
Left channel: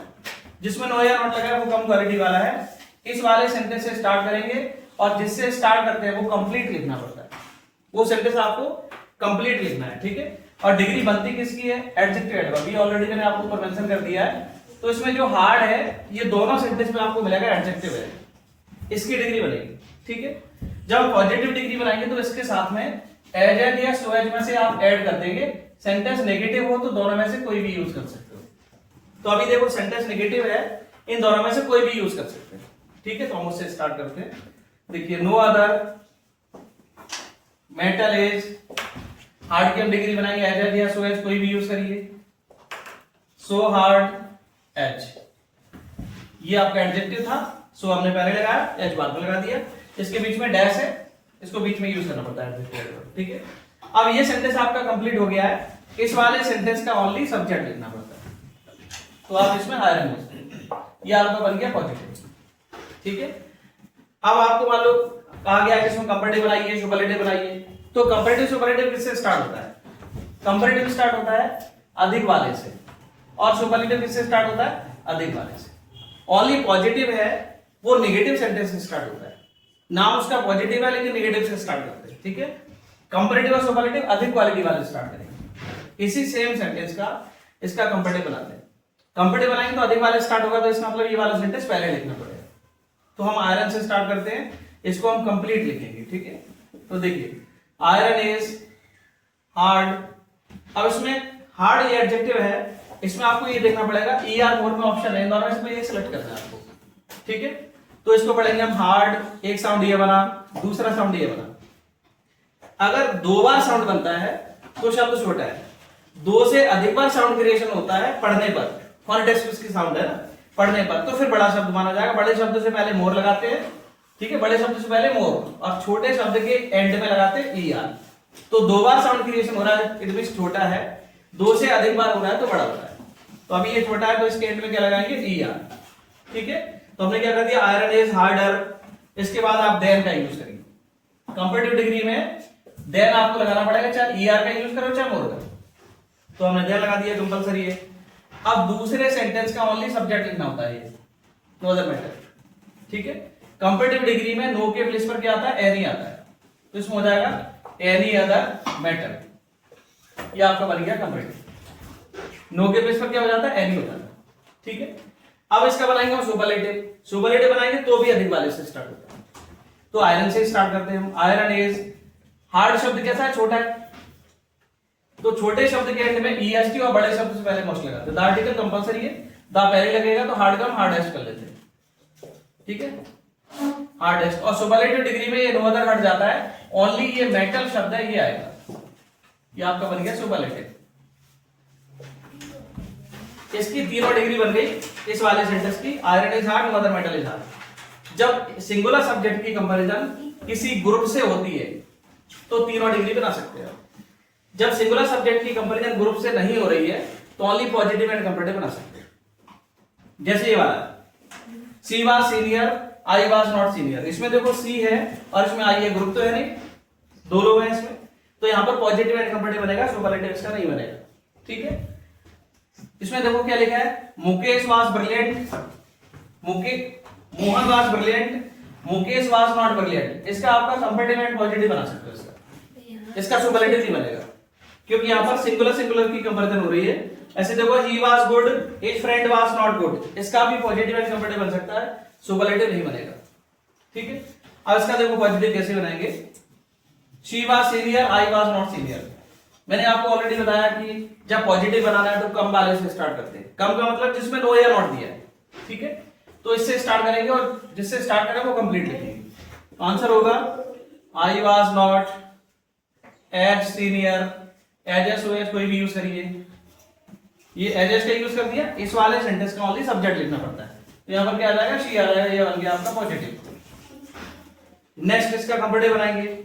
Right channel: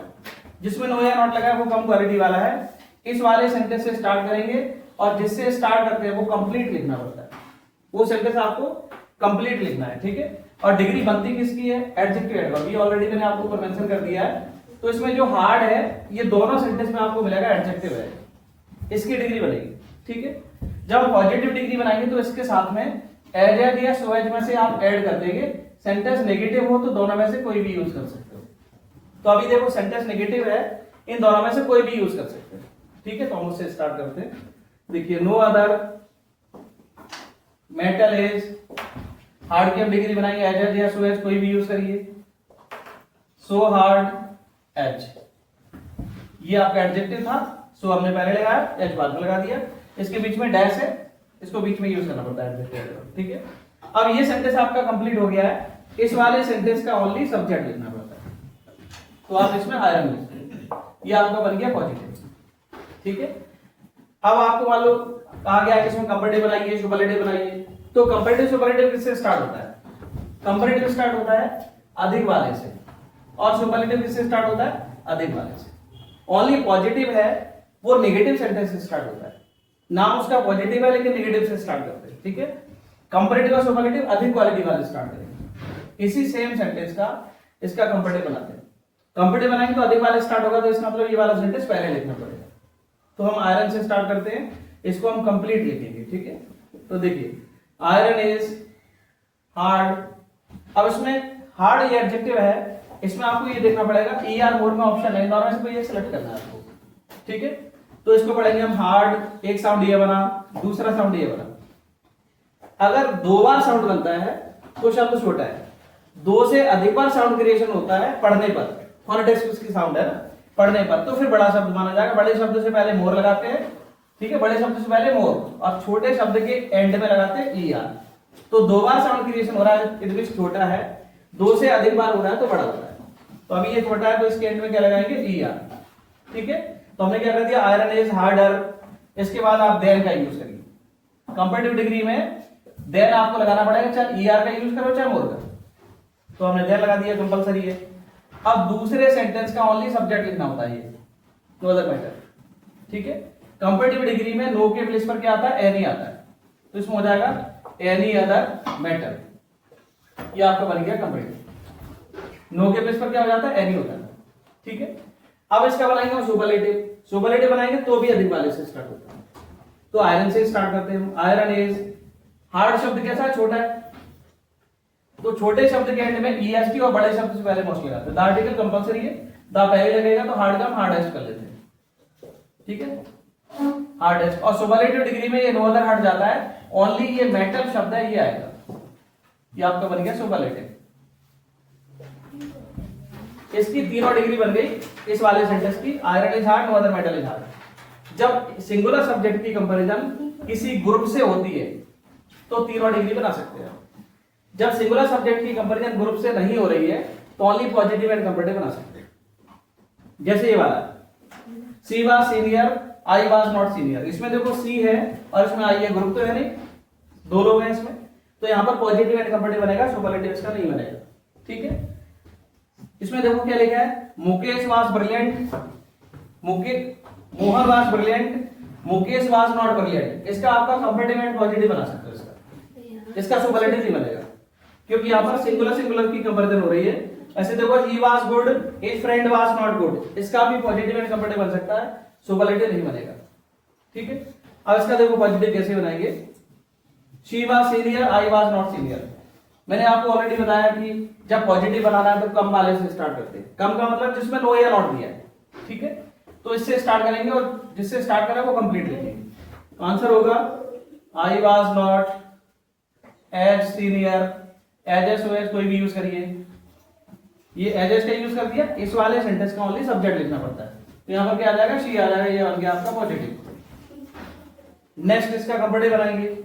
जिसमें नो या नॉट लगा है वो कम क्वालिटी वाला है। इस वाले सेंटेंस से स्टार्ट करेंगे और जिससे स्टार्ट करते हैं वो कंप्लीट लिखना पड़ता है, वो सेंटेंस आपको कंप्लीट लिखना है, ठीक है। और डिग्री बनती किसकी है, एडजेक्टिव एडवर्ब, ये ऑलरेडी मैंने आपको ऊपर मेंशन कर दिया है। तो इसमें जो हार्ड है ये दोनों सेंटेंस में आपको मिलेगा एडजेक्टिव है, इसकी डिग्री बनेगी, ठीक है। जब पॉजिटिव डिग्री बनाएंगे तो इसके साथ में एज या सो एज में से आप ऐड कर देंगे। सेंटेंस नेगेटिव हो तो दोनों में से कोई भी यूज कर सकते हो। तो अभी देखो सेंटेंस नेगेटिव है, इन दोनों में से कोई भी यूज कर सकते हैं, ठीक है। तो हम उससे स्टार्ट करते हैं। देखिए no other metal is hard की हम डिग्री बनाएंगे एज या सो एज, कोई भी यूज करिए। सो हार्ड एज, ये आपका एडजेक्टिव था, सो हमने पहले लगाया, एज बाद में लगा दिया। इसके बीच में डैश है, इसको बीच में यूज करना पड़ता है, ठीक है। अब ये सेंटेंस आपका कंप्लीट हो गया है, इस वाले सेंटेंस का ओनली सब्जेक्ट लिखना पड़ता है। तो आप इसमें आयरन यूज करेंगे, ये आपका बन गया पॉजिटिव, ठीक है। अब आपको मान लो कहा गया कि इसमें कंपैरेटिव बनाइए, सुपरलेटिव बनाइए। तो कंपैरेटिव सुपरलेटिव किससे स्टार्ट होता है, कंपैरेटिव स्टार्ट होता है अधिक वाले से, और सुपरलेटिव किससे स्टार्ट होता है, अधिक वाले से। ओनली पॉजिटिव है वो नेगेटिव सेंटेंस से स्टार्ट होता है, नाम उसका पॉजिटिव है लेकिन नेगेटिव से स्टार्ट करते हैं, ठीक है। कंपैरेटिव और सुपरलेटिव अधिक क्वालिटी वाले स्टार्ट करेंगे। इसी सेम सेंटेंस का इसका कंपैरेटिव बनाते हैं। कंपैरेटिव बनाएंगे तो अधिक वाले स्टार्ट होगा, तो इसका मतलब ये वाला सेंटेंस पहले लिखना पड़ेगा। तो हम आयरन से स्टार्ट करते हैं, इसको हम कंप्लीट लिखेंगे, ठीक है। तो देखिए आयरन इज हार्ड। अब इसमें हार्ड ये एडजेक्टिव है, इसमें आपको ये देखना पड़ेगा ER मोर में ऑप्शन है, दोनों में से ये सिलेक्ट करना है आपको, ठीक है। तो इसको पढ़ेंगे हम हार्ड, एक साउंड ये बना, दूसरा साउंड ये बना। अगर 2 बार साउंड बनता है तो शब्द छोटा है, 2 से अधिक बार साउंड क्रिएशन होता है पढ़ने पर, फोनेटिक्स उसकी साउंड है ना, पढ़ने पर तो फिर बड़ा शब्द माना जाएगा। बड़े शब्द से पहले मोर लगाते हैं, ठीक है, बड़े शब्द से पहले मोर, और छोटे शब्द के एंड में लगाते हैं ER। तो 2 बार साउंड क्रिएशन हो रहा है, इट मींस छोटा है, 2 से अधिक बार हो रहा है तो बड़ा होता है। तो अभी ये छोटा है तो इसके एंड में क्या लगाएंगे ER, ठीक है। तो हमने क्या कर दिया, आयरन इज हार्डर, इसके बाद आप देन का यूज करेंगे। कंपैरेटिव डिग्री में देन आपको लगाना पड़ेगा, चाहे ईआर का यूज करो चाहे मोर का। तो हमने देन लगा दिया, कंपलसरी है। अब दूसरे सेंटेंस का ओनली सब्जेक्ट लिखना होता है, ये नो अदर मैटर, ठीक है। कंपैरेटिव डिग्री में नो के प्लेस पर क्या आता है, एनी आता है, तो इसमें हो जाएगा एनी अदर मैटर, ये आपका बन गया कंपैरेटिव। नो के प्लेस पर क्या हो जाता है, एनी होता है, ठीक है। अब इसका बनाएंगे हम सुपरलेटिव। सुपरलेटिव बनाएंगे तो भी अधिक वाले से स्टार्ट होता है, तो आयरन से स्टार्ट करते हैं हम। आयरन इज, हार्ड शब्द कैसा है, छोटा है, तो छोटे शब्द के एंड में ईएसटी और बड़े शब्द से पहले मोस्ट लगाते हैं। द आर्टिकल कंपलसरी है, द पहले लगेगा तो हार्ड का हम हार्डेस्ट कर लेते हैं, ठीक है, हार्डेस्ट। और सुपरलेटिव डिग्री में ये नो अदर हट जाता है, ओनली ये मेटल शब्द है ये आएगा, ये आपका बन गया सुपरलेटिव। इसकी तीनों डिग्री बन गई इस वाले सेंटेंस की, iron is hard, no other metal is hard. जब सिंगुलर सब्जेक्ट की कंपैरिजन किसी ग्रुप से होती है तो तीनों डिग्री बना सकते हैं। जब सिंगुलर सब्जेक्ट की कंपैरिजन ग्रुप से नहीं हो रही है तो ओनली पॉजिटिव एंड कंपैरेटिव बना सकते हैं। जैसे ये वाला, she was senior, I was not senior. इसमें देखो सी है और इसमें आई है, ग्रुप तो है नहीं, दो लोग हैं इसमें, तो यहां पर पॉजिटिव एंड कंपैरेटिव बनेगा, सुपरलेटिव इसका नहीं बनेगा, ठीक है। इसमें देखो क्या लिखा है, Mukesh was brilliant, Mohan was brilliant, Mukesh was not brilliant. इसका आपका कंपैरेटिव एंड पॉजिटिव बना सकते हो, इसका सुपरलेटिव नहीं बनेगा क्योंकि यहां पर सिंगुलर सिंगुलर की कंपैरिजन हो रही है। ऐसे देखो, he was good, his friend was not good, इसका भी पॉजिटिव एंड कंपैरेटिव बन सकता है, सुपरलेटिव नहीं बनेगा, ठीक है। अब इसका देखो पॉजिटिव कैसे बनाएंगे, she was senior, I was not senior. मैंने आपको ऑलरेडी बताया कि जब पॉजिटिव बनाना है तो कम वाले से स्टार्ट करते हैं। कम का मतलब जिसमें नो या नॉट दिया है, ठीक है, तो इससे स्टार्ट करेंगे और जिससे स्टार्ट करें वो कंप्लीट लिखेंगे। आंसर होगा I was not as senior, as कोई भी यूज करिए, ये एज का यूज कर दिया। इस वाले सेंटेंस का ओनली सब्जेक्ट लिखना पड़ता है, तो यहां पर क्या आ जाएगा, शी आ जाएगा, ये बन गया आपका पॉजिटिव। नेक्स्ट इसका कंपैरेटिव बनाएंगे।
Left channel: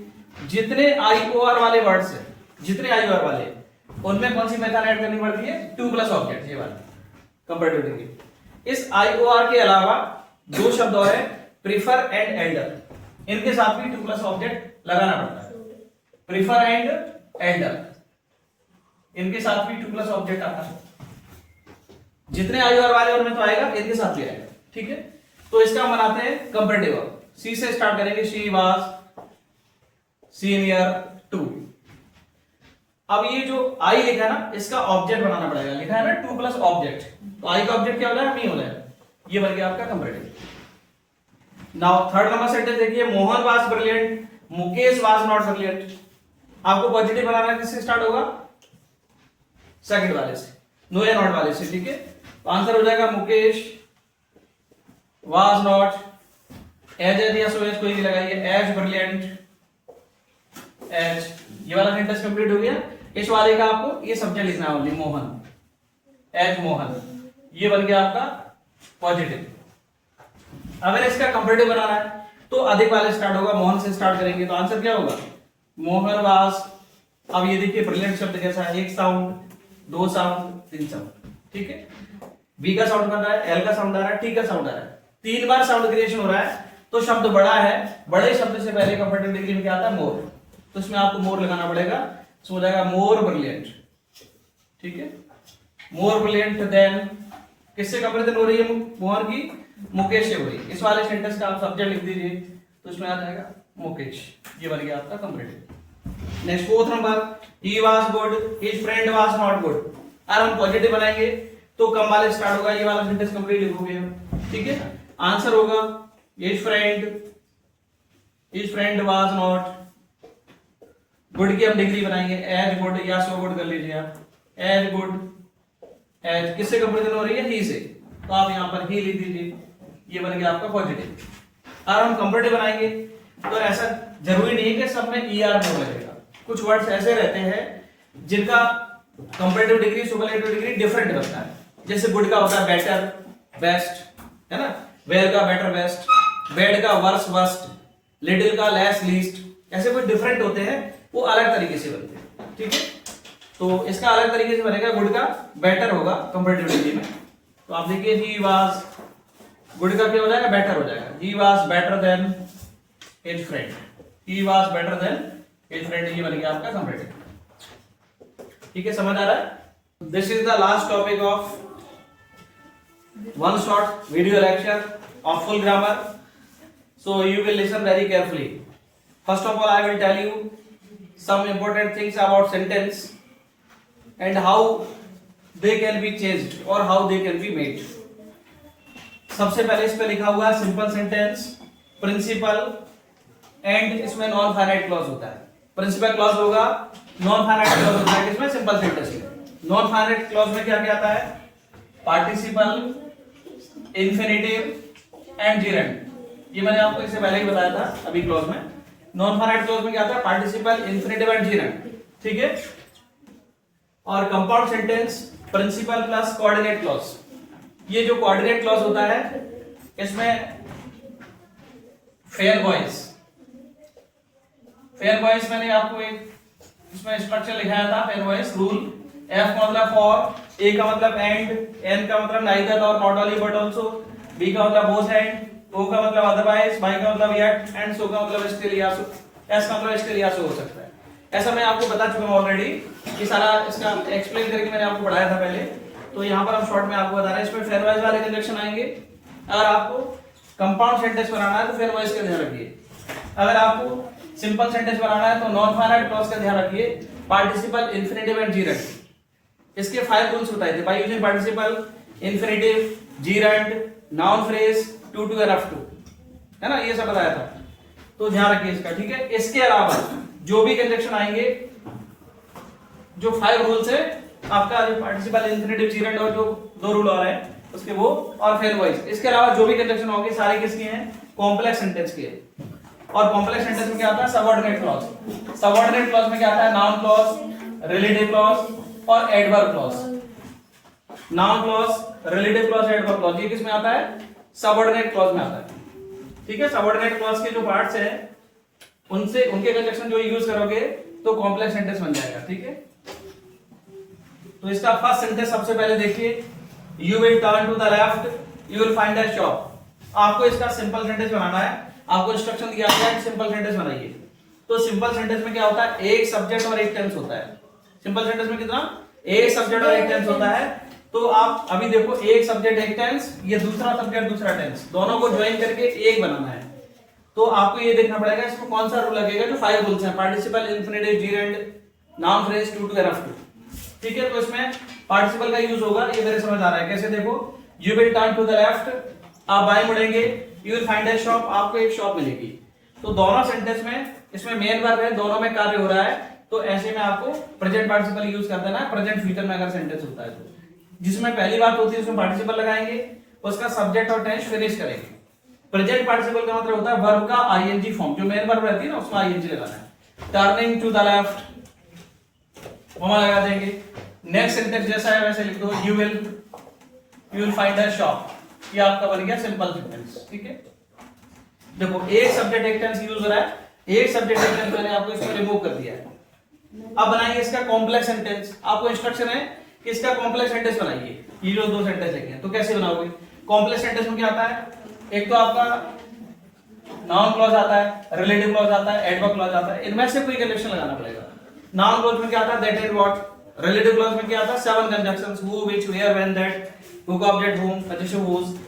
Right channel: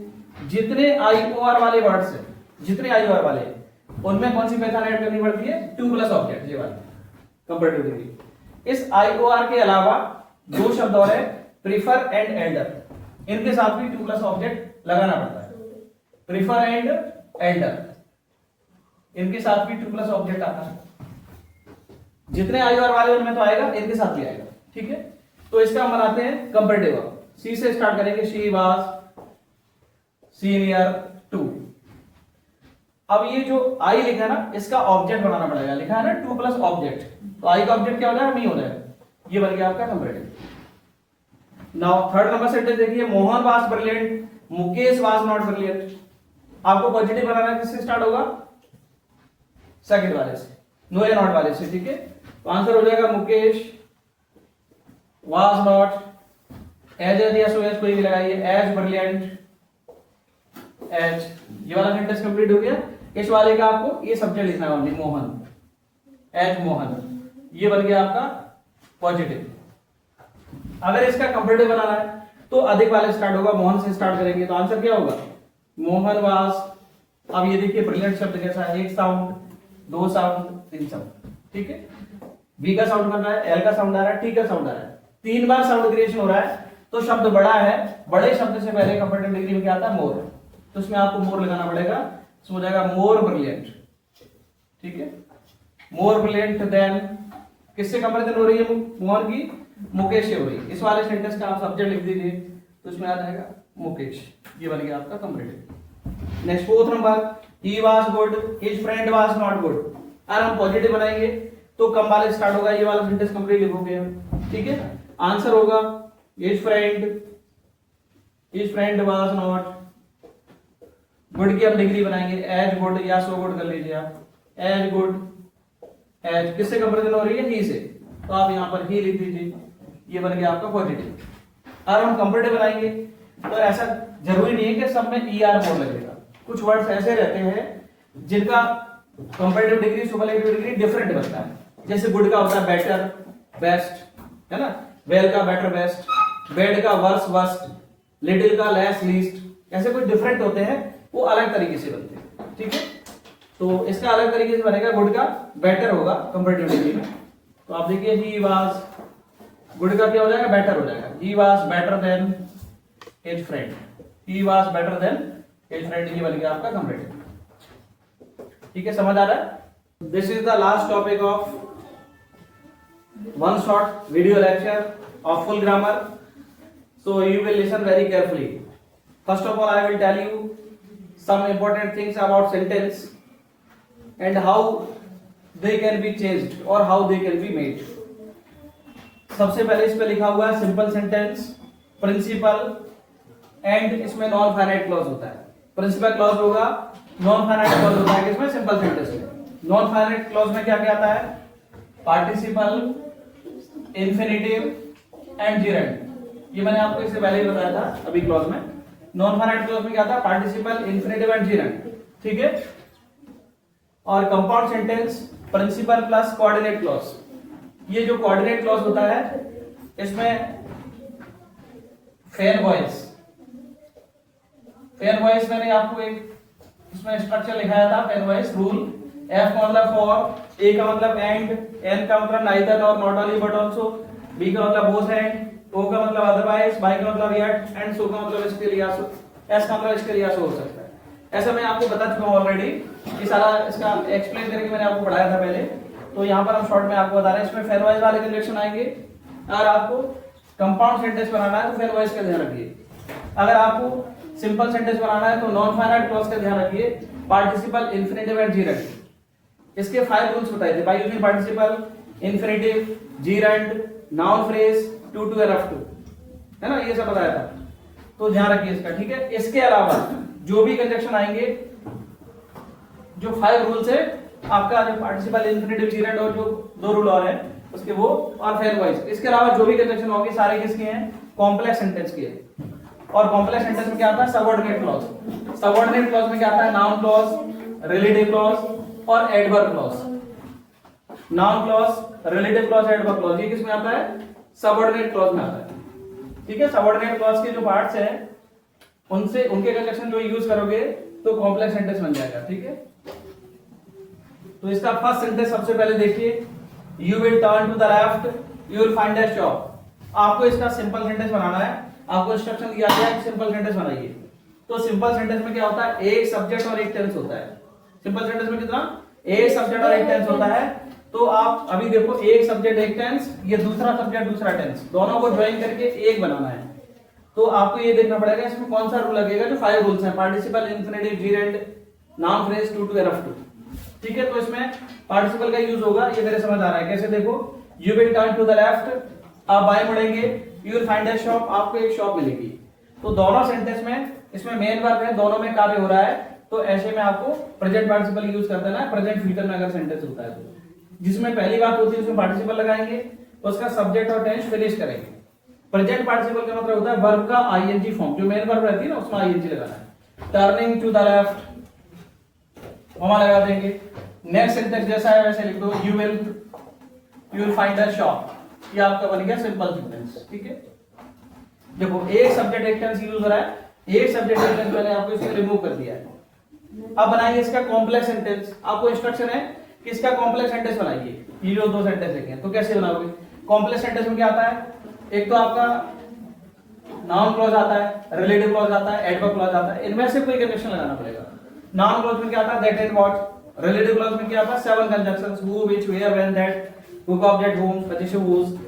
जितने आईओआर वाले वर्ड्स है, जितने आईओआर वाले, उनमें कौन सी मेथड ऐड करनी पड़ती है, टू प्लस ऑब्जेक्ट, ये वाला कंपैरेटिव डिग्री। इस आईओआर के अलावा दो शब्द और है, प्रीफर एंड एल्डर, इनके साथ भी टू प्लस ऑब्जेक्ट लगाना पड़ता है। प्रीफर एंड एल्डर, इनके साथ भी टू प्लस ऑब्जेक्ट आता है। जितने आईओआर वाले उनमें तो आएगा, इनके साथ भी आएगा, ठीक है। तो इसका हम बनाते हैं कंपैरेटिव। सी से स्टार्ट करेंगे, शी वाज सीनियर टू। अब ये जो आई लिखा है ना, इसका ऑब्जेक्ट बनाना पड़ेगा, लिखा है ना टू प्लस ऑब्जेक्ट, तो आई का ऑब्जेक्ट क्या हो जाएगा, मी हो जाएगा, ये बन गया आपका comparative. Now third number sentence देखिए, Mohan was brilliant, Mukesh was not brilliant. आपको पॉजिटिव बनाना है, किससे स्टार्ट होगा, सेकंड वाले से, नो या नॉट वाले से, ठीक है। तो आंसर हो जाएगा मुकेश वाज नॉट एज या सो एज कोई भी लगाइए, एज ब्रिलियंट, एज, ये वाला सेंटेंस कंप्लीट हो गया। इस वाले का आपको ये सब्जेक्ट लिखना है ओनली, मोहन, एज मोहन, ये बन गया आपका पॉजिटिव। अगर इसका कंपैरेटिव बनाना है तो अधिक वाले स्टार्ट होगा, मोहन से स्टार्ट करेंगे, तो आंसर क्या होगा, मोहन वाज। अब ये देखिए ब्रिलियंट शब्द कैसा है, एक साउंड, दो साउंड, तीन साउंड, ठीक है। बी का साउंड बन रहा है, एल का साउंड आ रहा है, टी का साउंड आ रहा है, तीन बार साउंड क्रिएशन हो रहा है, तो शब्द बड़ा है, बड़े शब्द से पहले कंपैरेटिव डिग्री में क्या आता है, मोर, तो इसमें आपको मोर लगाना पड़ेगा, इसमें हो जाएगा मोर ब्रिलियंट, ठीक है। मोर ब्रिलियंट देन, किससे कंपैरिजन हो रही है, मोहन की मुकेश से हो रही है। इस वाले सेंटेंस का आप सब्जेक्ट लिख दीजिए, तो इसमें आ जाएगा मुकेश, ये बन गया आपका comparative. Next fourth number, he was good, his friend was not good. और हम पॉजिटिव बनाएंगे तो कम वाले स्टार्ट होगा, ये वाला सेंटेंस कंप्लीट लिखोगे, ठीक है। आंसर होगा his friend was not good की हम डिग्री बनाएंगे, एज गुड या सो गुड कर लीजिए आप, एज गुड, एज किससे कंपैरिजन हो रही है, ही से, तो आप यहां पर ही लिख दीजिए, ये बन गया आपका पॉजिटिव। और हम कंपैरेटिव बनाएंगे तो ऐसा जरूरी नहीं है कि सब में ईआर मोर लगेगा, कुछ वर्ड्स ऐसे रहते हैं जिनका comparative degree superlative degree different बनता है। जैसे गुड का होता है बेटर, बेस्ट, है ना, वेल का बेटर, बेस्ट, बैड का वर्स, वर्स्ट, लिटिल का लेस, लीस्ट, ऐसे कुछ डिफरेंट होते हैं, वो अलग तरीके से बनते हैं, ठीक है। तो इसका अलग तरीके से बनेगा, गुड का बेटर होगा कंपैरेटिव डिग्री में, तो आप देखिए ही वाज, गुड का क्या हो जाएगा, बेटर हो जाएगा, he was better than his friend, he was better than his friend, ये बन गया आपका कंपैरेटिव। ठीक है, समझ आ रहा है? This is the last topic of one short video lecture of full grammar, so you will listen very carefully. First of all, I will tell you some important things about sentence and how they can be changed or how they can be made. सबसे पहले इस पे लिखा हुआ है simple sentence, principal and इसमें non finite clause होता है। प्रिंसिपल क्लॉज होगा, नॉन फाइनाइट क्लॉज होता है किसमें? सिंपल सेंटेंस में। नॉन फाइनाइट क्लॉज में क्या क्या आता है? Participle, infinitive and जीरेंड। ये मैंने आपको इससे पहले ही बताया था अभी क्लॉज में। नॉन फाइनाइट क्लॉज में क्या था? Participle, infinitive and gerund. ठीक है, और compound sentence principal plus coordinate clause. ये जो कोऑर्डिनेट क्लॉज होता है इसमें फेयर वॉइस, फेयर वॉइस मैंने आपको एक इसमें स्ट्रक्चर लिखाया था, फेयर वॉइस रूल। एफ का मतलब फॉर, ए का मतलब एंड, एन का मतलब नाइदर और not only but also, B का मतलब बोथ एंड, ओ का मतलब अदरवाइज, वाई का मतलब येट एंड सो का मतलब स्टिल या सो, एस का मतलब स्टिल या सो हो सकता है। ऐसा मैं आपको बता चुका हूं ऑलरेडी, ये सारा इसका एक्सप्लेन करके मैंने आपको पढ़ाया था पहले। तो यहाँ पर हम शॉर्ट में आपको बता रहे हैं, इसमें फेयर वॉइस वाले कंजक्शन आएंगे। अगर आपको कंपाउंड सेंटेंस बनाना है तो फेयर वॉइस का ध्यान रखिए। अगर आपको सिंपल सेंटेंस बनाना है तो नॉन फाइनाइट क्लॉज का ध्यान रखिए, पार्टिसिपल, इन्फिनेटिव एंड जीरेंड। इसके 5 रूल्स बताए थे, by using participle, infinitive, gerund, noun phrase, too to and up to, है ना, ये सब बताया था। तो ध्यान रखिए इसका। ठीक है, इसके अलावा जो भी कंजक्शन आएंगे, जो 5 रूल्स है आपका, जो पार्टिसिपल, इन्फिनेटिव, जीरेंड और जो 2 रूल और है उसके वो, और फेयर वॉइस, इसके अलावा जो भी कंजक्शन होंगे सारे किसके हैं? कॉम्प्लेक्स सेंटेंस के। और कॉम्प्लेक्स सेंटेंस में क्या आता है? Subordinate clause. सबऑर्डिनेट क्लॉज में क्या आता है? नाउन क्लॉज, रिलेटिव क्लॉज और adverb clause. Noun clause, relative clause, adverb clause, ये किसमें आता है? सबऑर्डिनेट क्लॉज में आता है। ठीक है, सबऑर्डिनेट क्लॉज के जो पार्ट्स हैं उनसे उनके कंजक्शन जो यूज करोगे तो कॉम्प्लेक्स सेंटेंस बन जाएगा। ठीक है, तो इसका फर्स्ट सेंटेंस सबसे पहले देखिए, you will turn to the left, you will find a shop. आपको इसका सिंपल सेंटेंस बनाना है, आपको इंस्ट्रक्शन दिया गया है सिंपल सेंटेंस बनाइए। तो सिंपल सेंटेंस में क्या होता है? एक सब्जेक्ट और एक टेंस होता है। सिंपल सेंटेंस में कितना? एक सब्जेक्ट और एक टेंस होता है। तो आप अभी देखो, एक सब्जेक्ट एक टेंस, ये दूसरा सब्जेक्ट दूसरा टेंस, दोनों को ज्वाइन करके एक बनाना है। तो आपको ये देखना पड़ेगा इसमें कौन सा रूल लगेगा। जो 5 रूल्स हैं, participle, infinitive, gerund, noun phrase, too to and up to. ठीक है, तो इसमें पार्टिसिपल का यूज होगा, ये मेरे समझ आ रहा है। कैसे? देखो, you will turn to the left, आप बाएं मुड़ेंगे, you will find a shop, आपको एक शॉप मिलेगी। तो दोनों सेंटेंस में इसमें मेन वर्ब है, दोनों में कार्य हो रहा है, तो ऐसे में आपको प्रेजेंट पार्टिसिपल यूज कर देना है। प्रेजेंट फ्यूचर में अगर सेंटेंस होता है तो जिसमें पहली बात होती है उसमें पार्टिसिपल लगाएंगे, उसका सब्जेक्ट और टेंस फिनिश करेंगे। प्रेजेंट पार्टिसिपल का मतलब होता है वर्ब का आईएनजी फॉर्म, जो मेन वर्ब रहती है ना उसमें आईएनजी लगाना है। Turning to the left, comma लगा देंगे। नेक्स्ट सेंटेंस जैसा है वैसे लिख दो, you will find a shop, ये आपका बन गया सिंपल सेंटेंस। ठीक है, देखो एक सब्जेक्ट एक टेंस यूज हो रहा है, एक सब्जेक्ट एक टेंस मैंने आपको इसमें रिमूव कर दिया है। अब बनाइए इसका कॉम्प्लेक्स सेंटेंस। आपको इंस्ट्रक्शन है कि इसका कॉम्प्लेक्स सेंटेंस बनाइए। ये जो 2 सेंटेंस लिखे हैं तो कैसे बनाओगे? कॉम्प्लेक्स सेंटेंस में क्या आता है? एक तो आपका नाउन क्लॉज आता है, रिलेटिव क्लॉज आता है, एडवर्ब क्लॉज आता है, इनमें से कोई कंजक्शन लगाना पड़ेगा। नाउन क्लॉज में क्या आता है? That and what. Relative clause में क्या आता है? 7 conjunctions, who, which, where, when, that, who का ऑब्जेक्ट हुम, पोजीशन हुज।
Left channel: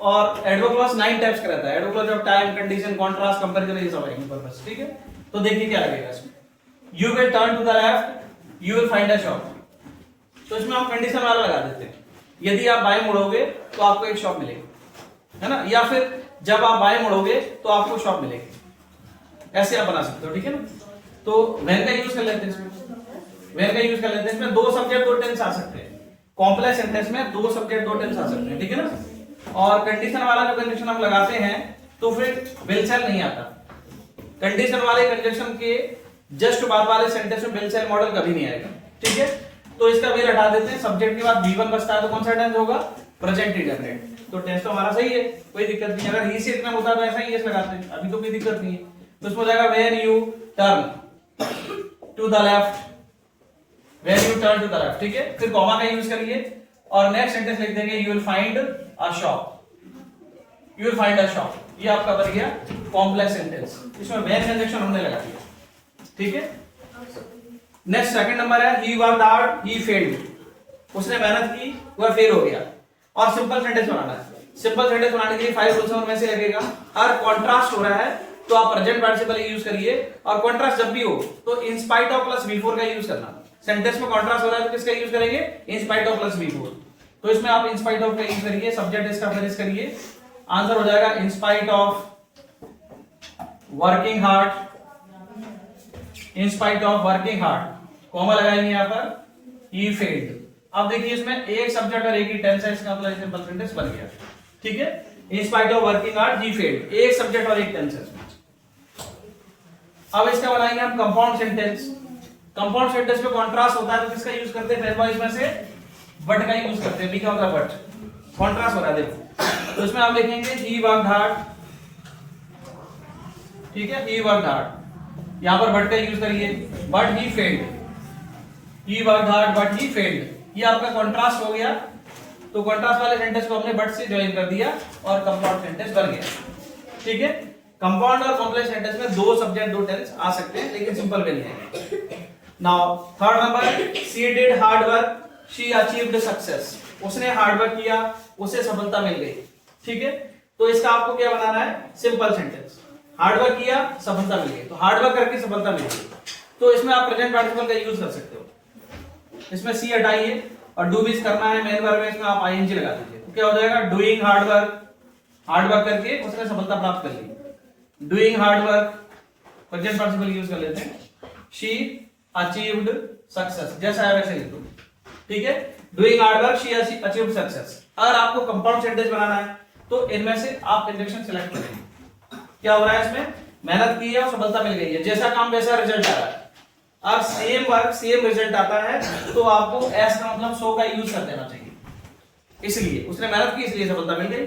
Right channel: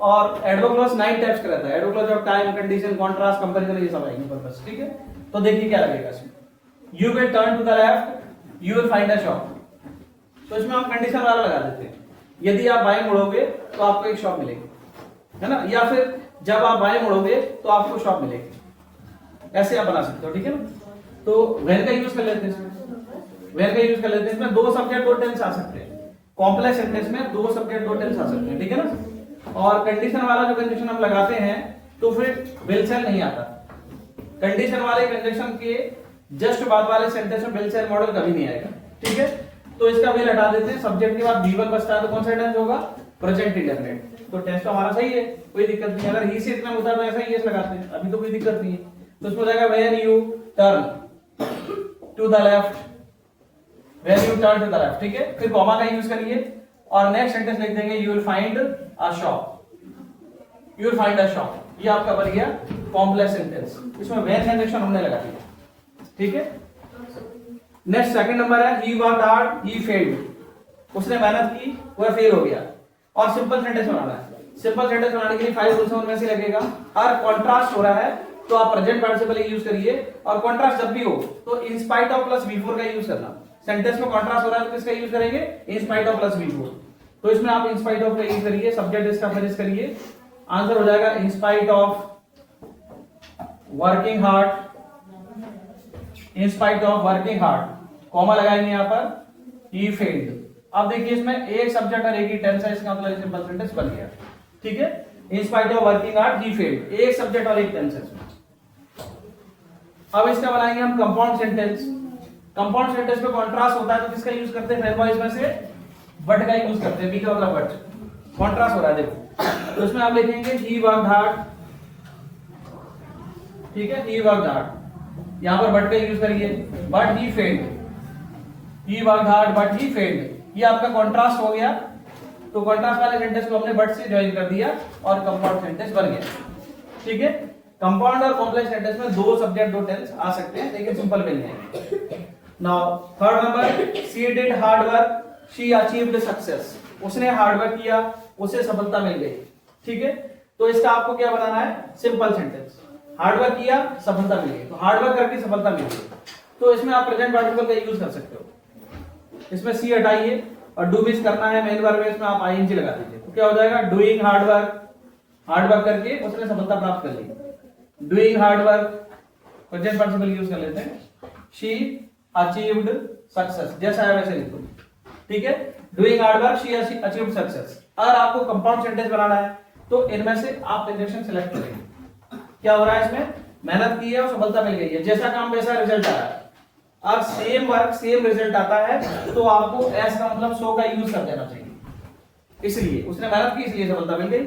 और एडवर्ब क्लॉज 9 टाइप्स का रहता है। Adverb clause of time, condition, contrast, comparison, ये सब आएंगे पर्पस। ठीक है, तो देखिए क्या लगेगा इसमें। You will turn to the left, you will find a shop, तो इसमें हम कंडीशन वाला लगा देते हैं। यदि आप बाएं मुड़ोगे तो आपको एक शॉप मिलेगी, है ना, या फिर जब आप बाएं मुड़ोगे तो आपको शॉप मिलेगी, ऐसे आप बना सकते हो। ठीक है ना, तो व्हेन का यूज कर लेते हैं इसमें, व्हेन का यूज कर लेते हैं। इसमें 2 सब्जेक्ट 2 टेंस आ सकते हैं। कॉम्प्लेक्स सेंटेंस में 2 सब्जेक्ट 2 टेंस आ सकते हैं। ठीक है ना, और कंडीशन वाला जो कंडीशन हम लगाते हैं तो फिर विल सेल नहीं आता। कंडीशन वाले कंजक्शन के जस्ट बाद वाले सेंटेंस में विल सेल मॉडल कभी नहीं आएगा। ठीक है, तो इसका विल हटा देते हैं। सब्जेक्ट के बाद V1 बचता है तो कौन सा टेंस होगा? Present indefinite. तो टेंस तो हमारा सही है, कोई दिक्कत नहीं। अगर ही से इतना होता है तो ऐसा ही लगाते हैं, अभी तो कोई दिक्कत नहीं है। तो उसमें जाएगा when you turn to the left, when you turn to the left. ठीक है, फिर कॉमा का यूज करिए और नेक्स्ट सेंटेंस लिख देंगे, you will find a shop, you will find a shop. ये आपका बन गया कॉम्प्लेक्स सेंटेंस, इसमें वैन कंजक्शन हमने लगा दिया, ठीक है। नेक्स्ट सेकंड नंबर है he worked hard he failed, उसने मेहनत की वह फेल हो गया। और सिंपल सेंटेंस बनाना है, सिंपल सेंटेंस बनाने के लिए 5 रूल्स में से लगेगा। और कॉन्ट्रास्ट हो रहा है तो आप प्रेजेंट पार्टिसिपल यूज करिए, और कॉन्ट्रास्ट जब भी हो तो in spite of plus before का यूज करना। सेंटेंस में कॉन्ट्रास्ट हो रहा है तो किसका यूज करेंगे, in spite of plus before, तो इसमें आप इन स्पाइट ऑफ का यूज करिए, सब्जेक्ट इसका फिनिश करिए, आंसर हो जाएगा in spite of working hard, in spite of working hard, comma लगाएंगे यहां पर ही फेल्ड। अब देखिए इसमें एक सब्जेक्ट और एक ही टेंस है, इसका मतलब सिंपल सेंटेंस बन गया, ठीक है। In spite of working hard he failed, एक सब्जेक्ट और एक टेंस है इसमें। अब इसका बनाएंगे हम कंपाउंड सेंटेंस। कंपाउंड सेंटेंस में कॉन्ट्रास्ट होता है तो किसका यूज करते हैं, पहले इसमें से बट का यूज करते हैं, बी का मतलब बट, कॉन्ट्रास्ट हो रहा है देखो, तो इसमें आप लिखेंगे ही वर्कड हार्ड, ठीक है, ही वर्कड हार्ड, यहां पर बट का यूज करिए, but he failed, he worked hard but he failed, ये आपका कॉन्ट्रास्ट हो गया। तो कॉन्ट्रास्ट वाले सेंटेंस को हमने बट से ज्वाइन कर दिया और कंपाउंड सेंटेंस बन गया, ठीक है। कंपाउंड और कॉम्प्लेक्स सेंटेंस में दो सब्जेक्ट दो टेंस आ सकते हैं, लेकिन सिंपल में नहीं है। Now third number, she did hard work she achieved success, उसने हार्ड वर्क किया उसे सफलता मिल गई, ठीक है। तो इसका आपको क्या बनाना है, सिंपल सेंटेंस, हार्ड वर्क किया सफलता मिल गई, तो हार्ड वर्क करके सफलता मिल गई, तो इसमें आप प्रेजेंट पार्टिसिपल का यूज कर सकते हो। इसमें सी हटाइए और डू मिस करना है मेन वर्ब में, इसमें आप आईएनजी लगा दीजिए, तो क्या हो जाएगा, doing hard work, hard work करके उसने सफलता प्राप्त कर ली, doing hard work present participle use कर लेते हैं, शी अचीव्ड सक्सेस, जैसा है वैसे लिखो, ठीक है। Doing hard work she achieved success. अगर आपको कंपाउंड सेंटेंस बनाना है तो इनमें से आप कंजक्शन सिलेक्ट करेंगे, क्या हो रहा है इसमें, मेहनत की है और सफलता मिल गई है, जैसा काम वैसा रिजल्ट आ रहा है, और सेम वर्क सेम रिजल्ट आता है तो आपको एस का मतलब सो का यूज कर देना चाहिए, इसलिए उसने मेहनत की इसलिए सफलता मिल गई।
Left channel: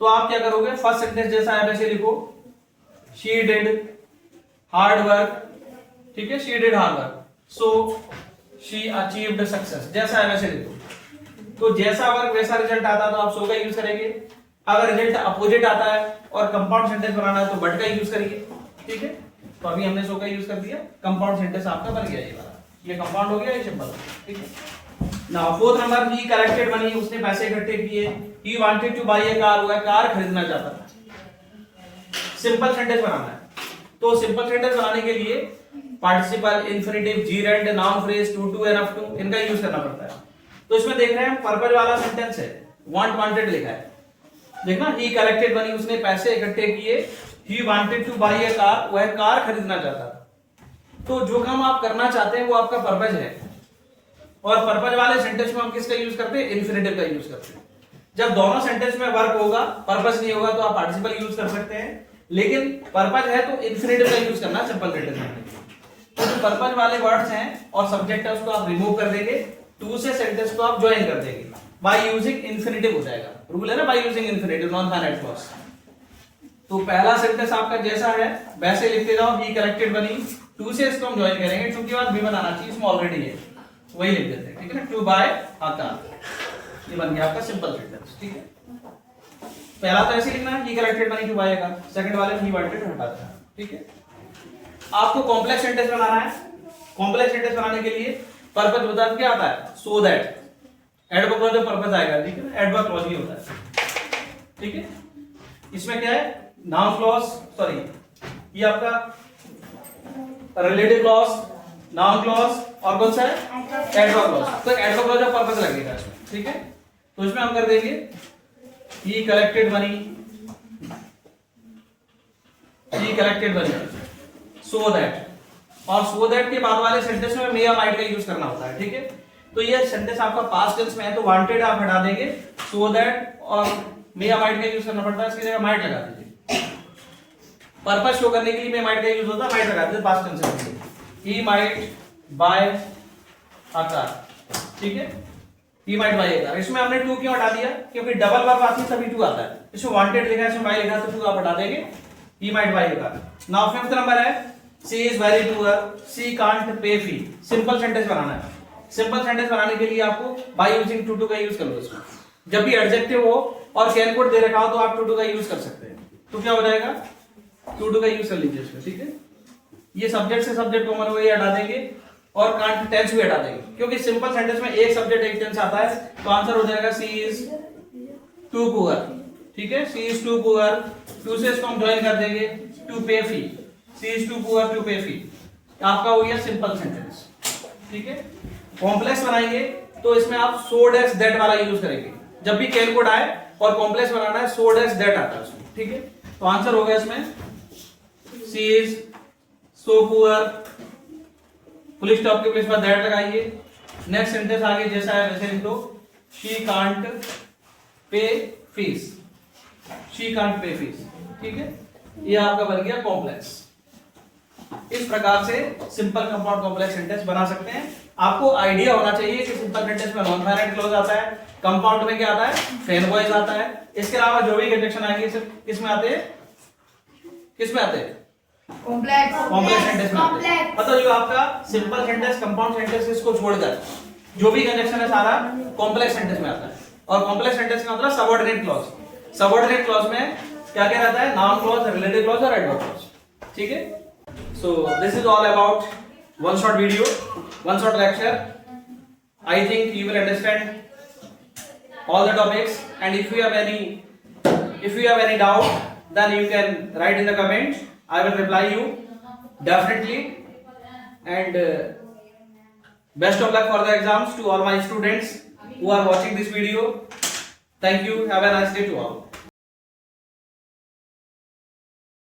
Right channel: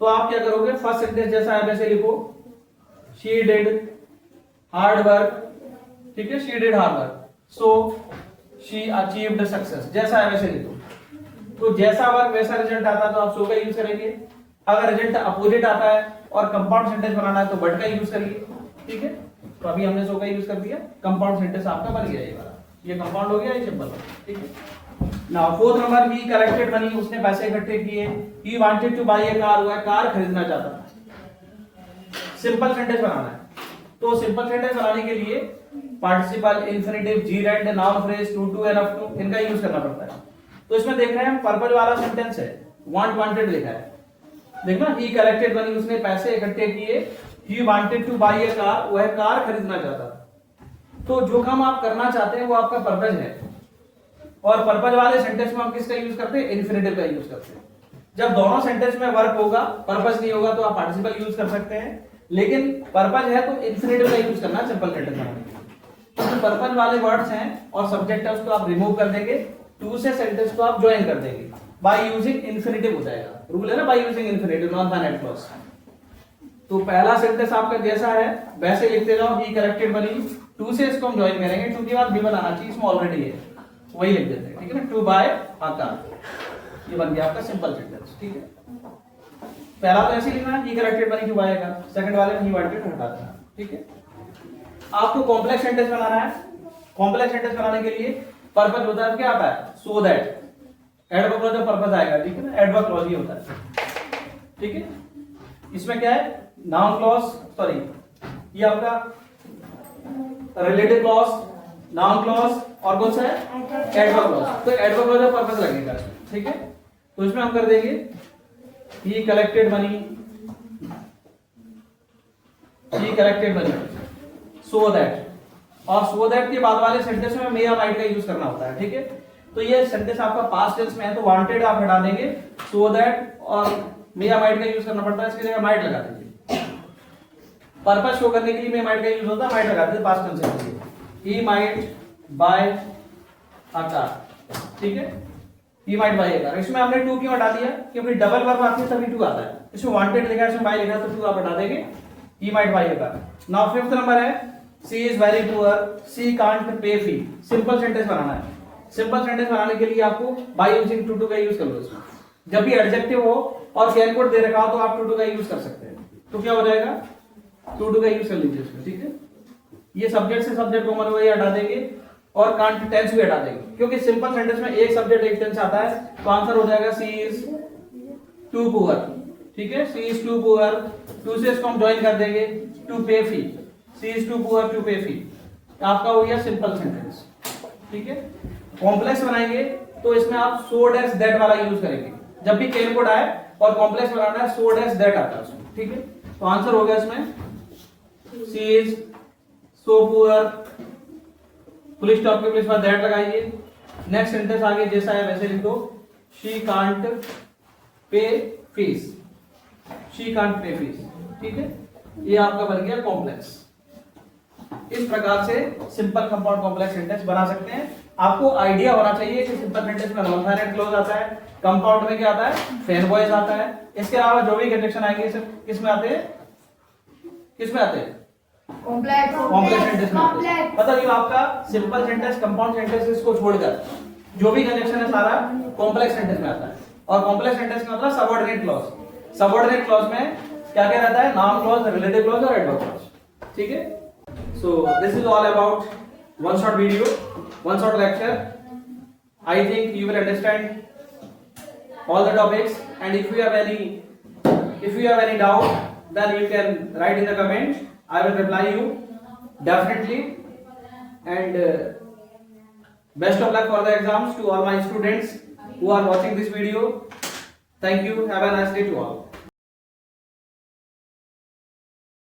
तो आप क्या करोगे, फर्स्ट सेंटेंस जैसा है वैसे लिखो, शी डिड हार्ड वर्क, ठीक है, she did hard work so she achieved success, जैसा है वैसे लिखो। तो जैसा वर्क वैसा रिजल्ट आता है तो आप सो का यूज करेंगे, अगर रिजल्ट अपोजिट आता है और कंपाउंड सेंटेंस बनाना है तो बट का यूज करिए, ठीक है। तो अभी हमने सो का यूज कर दिया, कंपाउंड सेंटेंस आपका बन गया, ये वाला, ये कंपाउंड हो गया, ये सिंपल, ठीक है। Now fourth number, he collected money, उसने पैसे इकट्ठे किए, he wanted to buy a car, वह कार खरीदना चाहता था। सिंपल सेंटेंस बनाना है, तो सिंपल सेंटेंस बनाने के लिए participle, infinitive, gerund, noun phrase, to and up to, इनका यूज करना पड़ता है। तो इसमें देख रहे हैं पर्पल वाला सेंटेंस है, वांट वांटेड लिखा है, देखना, ही कलेक्टेड मनी, उसने पैसे इकट्ठे किए, he wanted to buy a car, वह कार खरीदना चाहता था। तो जो काम आप करना चाहते हैं वो आपका पर्पज है, और पर्पज वाले सेंटेंस में हम किसका यूज करते हैं, इन्फिनिटिव का यूज करते हैं। जब दोनों सेंटेंस में वर्क होगा, पर्पज नहीं होगा, तो आप पार्टिसिपल यूज कर सकते हैं, लेकिन पर्पज है तो इन्फिनिटिव का यूज करना सिंपल सेंटेंस बनाने के लिए। तो पर्पज वाले वर्ड्स हैं और सब्जेक्ट है उसको आप रिमूव कर देंगे, टू से सेंटेंस को आप ज्वाइन कर देंगे, बाय यूजिंग इन्फिनिटिव हो जाएगा, रूल है ना, by using infinitive, non finite clause. तो पहला सेंटेंस आपका जैसा है वैसे लिखते जाओ, ही कलेक्टेड मनी, टू से इसको हम ज्वाइन करेंगे, टू के बाद भी बनाना चाहिए, इसमें ऑलरेडी है, वही लिख देते हैं, ठीक है ना, टू बाय अ कार, ये बन गया आपका सिंपल सेंटेंस, ठीक है। पहला तो ऐसे लिखना है, he collected money to buy a car, second वाले में ही वांटेड हटा देना, ठीक है। आपको कॉम्प्लेक्स सेंटेंस बनाना है, कॉम्प्लेक्स सेंटेंस बनाने के लिए पर्पज होता है, क्या आता है, so that, adverb clause purpose आएगा, ठीक है ना, एडवर्ब क्लॉज ही होता है, ठीक है। इसमें क्या है, नाउन क्लॉज, सॉरी ये आपका रिलेटिव क्लॉज, नाउन क्लॉज और कौन सा है, एडवर्ब क्लॉज। तो एडवर्ब क्लॉज का पर्पस लगेगा, ठीक है। तो इसमें हम कर देंगे ही collected money, he collected money so that, और सो दैट के बाद वाले सेंटेंस में मे या माइट का यूज करना होता है, ठीक है। तो ये सेंटेंस आपका पास्ट टेंस में है तो वांटेड आप हटा देंगे, सो दैट और मे या माइट का यूज करना पड़ता है, इसकी जगह माइट लगा दीजिए। पर्पस शो करने के लिए मे माइट का यूज होता है, माइट लगा दीजिए पास्ट टेंस में, he might buy a car, ठीक है, he might buy a car. इसमें हमने टू क्यों हटा दिया, क्योंकि डबल वर्ब आती है तभी टू आता है, इसमें वांटेड लिखा है, इसमें बाय लिखा है, तो टू आप हटा देंगे, he might buy a car. Now fifth number है, she is very poor she can't pay fee, simple sentence बनाना है। सिंपल सेंटेंस बनाने के लिए आपको बाय यूजिंग टू का यूज कर लो इसमें, जब भी एडजेक्टिव हो और कैन कोड दे रखा हो तो आप टू का यूज कर सकते हैं। तो क्या हो जाएगा, टू टू का यूज कर लीजिए इसमें, ठीक है। ये सब्जेक्ट से सब्जेक्ट कॉमन को ही हटा देंगे और कांट टेंस भी हटा देंगे, क्योंकि सिंपल सेंटेंस में एक सब्जेक्ट एक टेंस आता है, तो आंसर हो जाएगा सी इज टू पुअर, ठीक है। सी इज टू पुअर, टू से इसको हम ज्वाइन कर देंगे टू पे फी, सी इज टू पुअर टू पे फी, आपका हो गया सिंपल सेंटेंस, ठीक है। कॉम्प्लेक्स बनाएंगे तो इसमें आप सो डैश दैट वाला यूज करेंगे, जब भी कैन कोड आए और कॉम्प्लेक्स बनाना है सो डैश दैट आता है उसमें, ठीक है। तो आंसर हो गया इसमें she is so poor, full stop के प्लेस पर दैट लगाइए। नेक्स्ट सेंटेंस आगे जैसा है वैसे लिखो, she can't pay fees, she can't pay fees, ठीक है। ये आपका बन गया कॉम्प्लेक्स। इस प्रकार से सिंपल कंपाउंड कॉम्प्लेक्स सेंटेंस बना सकते हैं। आपको आइडिया होना चाहिए कि सिंपल सेंटेंस में नॉन फाइनाइट क्लॉज आता है, कंपाउंड में क्या आता है, फ्रेम वॉइस आता है। इसके अलावा जो भी कंजक्शन आएंगे सिर्फ किसमें आते हैं, किसमें आते हैं, कॉम्प्लेक्स सेंटेंस में आते हैं। मतलब जो आपका सिंपल सेंटेंस, कंपाउंड सेंटेंस, इसको छोड़कर जो भी कंजक्शन है सारा कॉम्प्लेक्स सेंटेंस में आता है। और कॉम्प्लेक्स सेंटेंस का मतलब सबऑर्डिनेट क्लॉज। सबऑर्डिनेट क्लॉज में क्या क्या रहता है, नाउन क्लॉज, रिलेटिव क्लॉज और एडवर्ब क्लॉज, ठीक है। So this is all about one short video, one short lecture. I think you will understand all the topics, and if you have any doubt, then you can write in the comments. I will reply you definitely. And best of luck for the exams to all my students who are watching this video. Thank you. Have a nice day to all.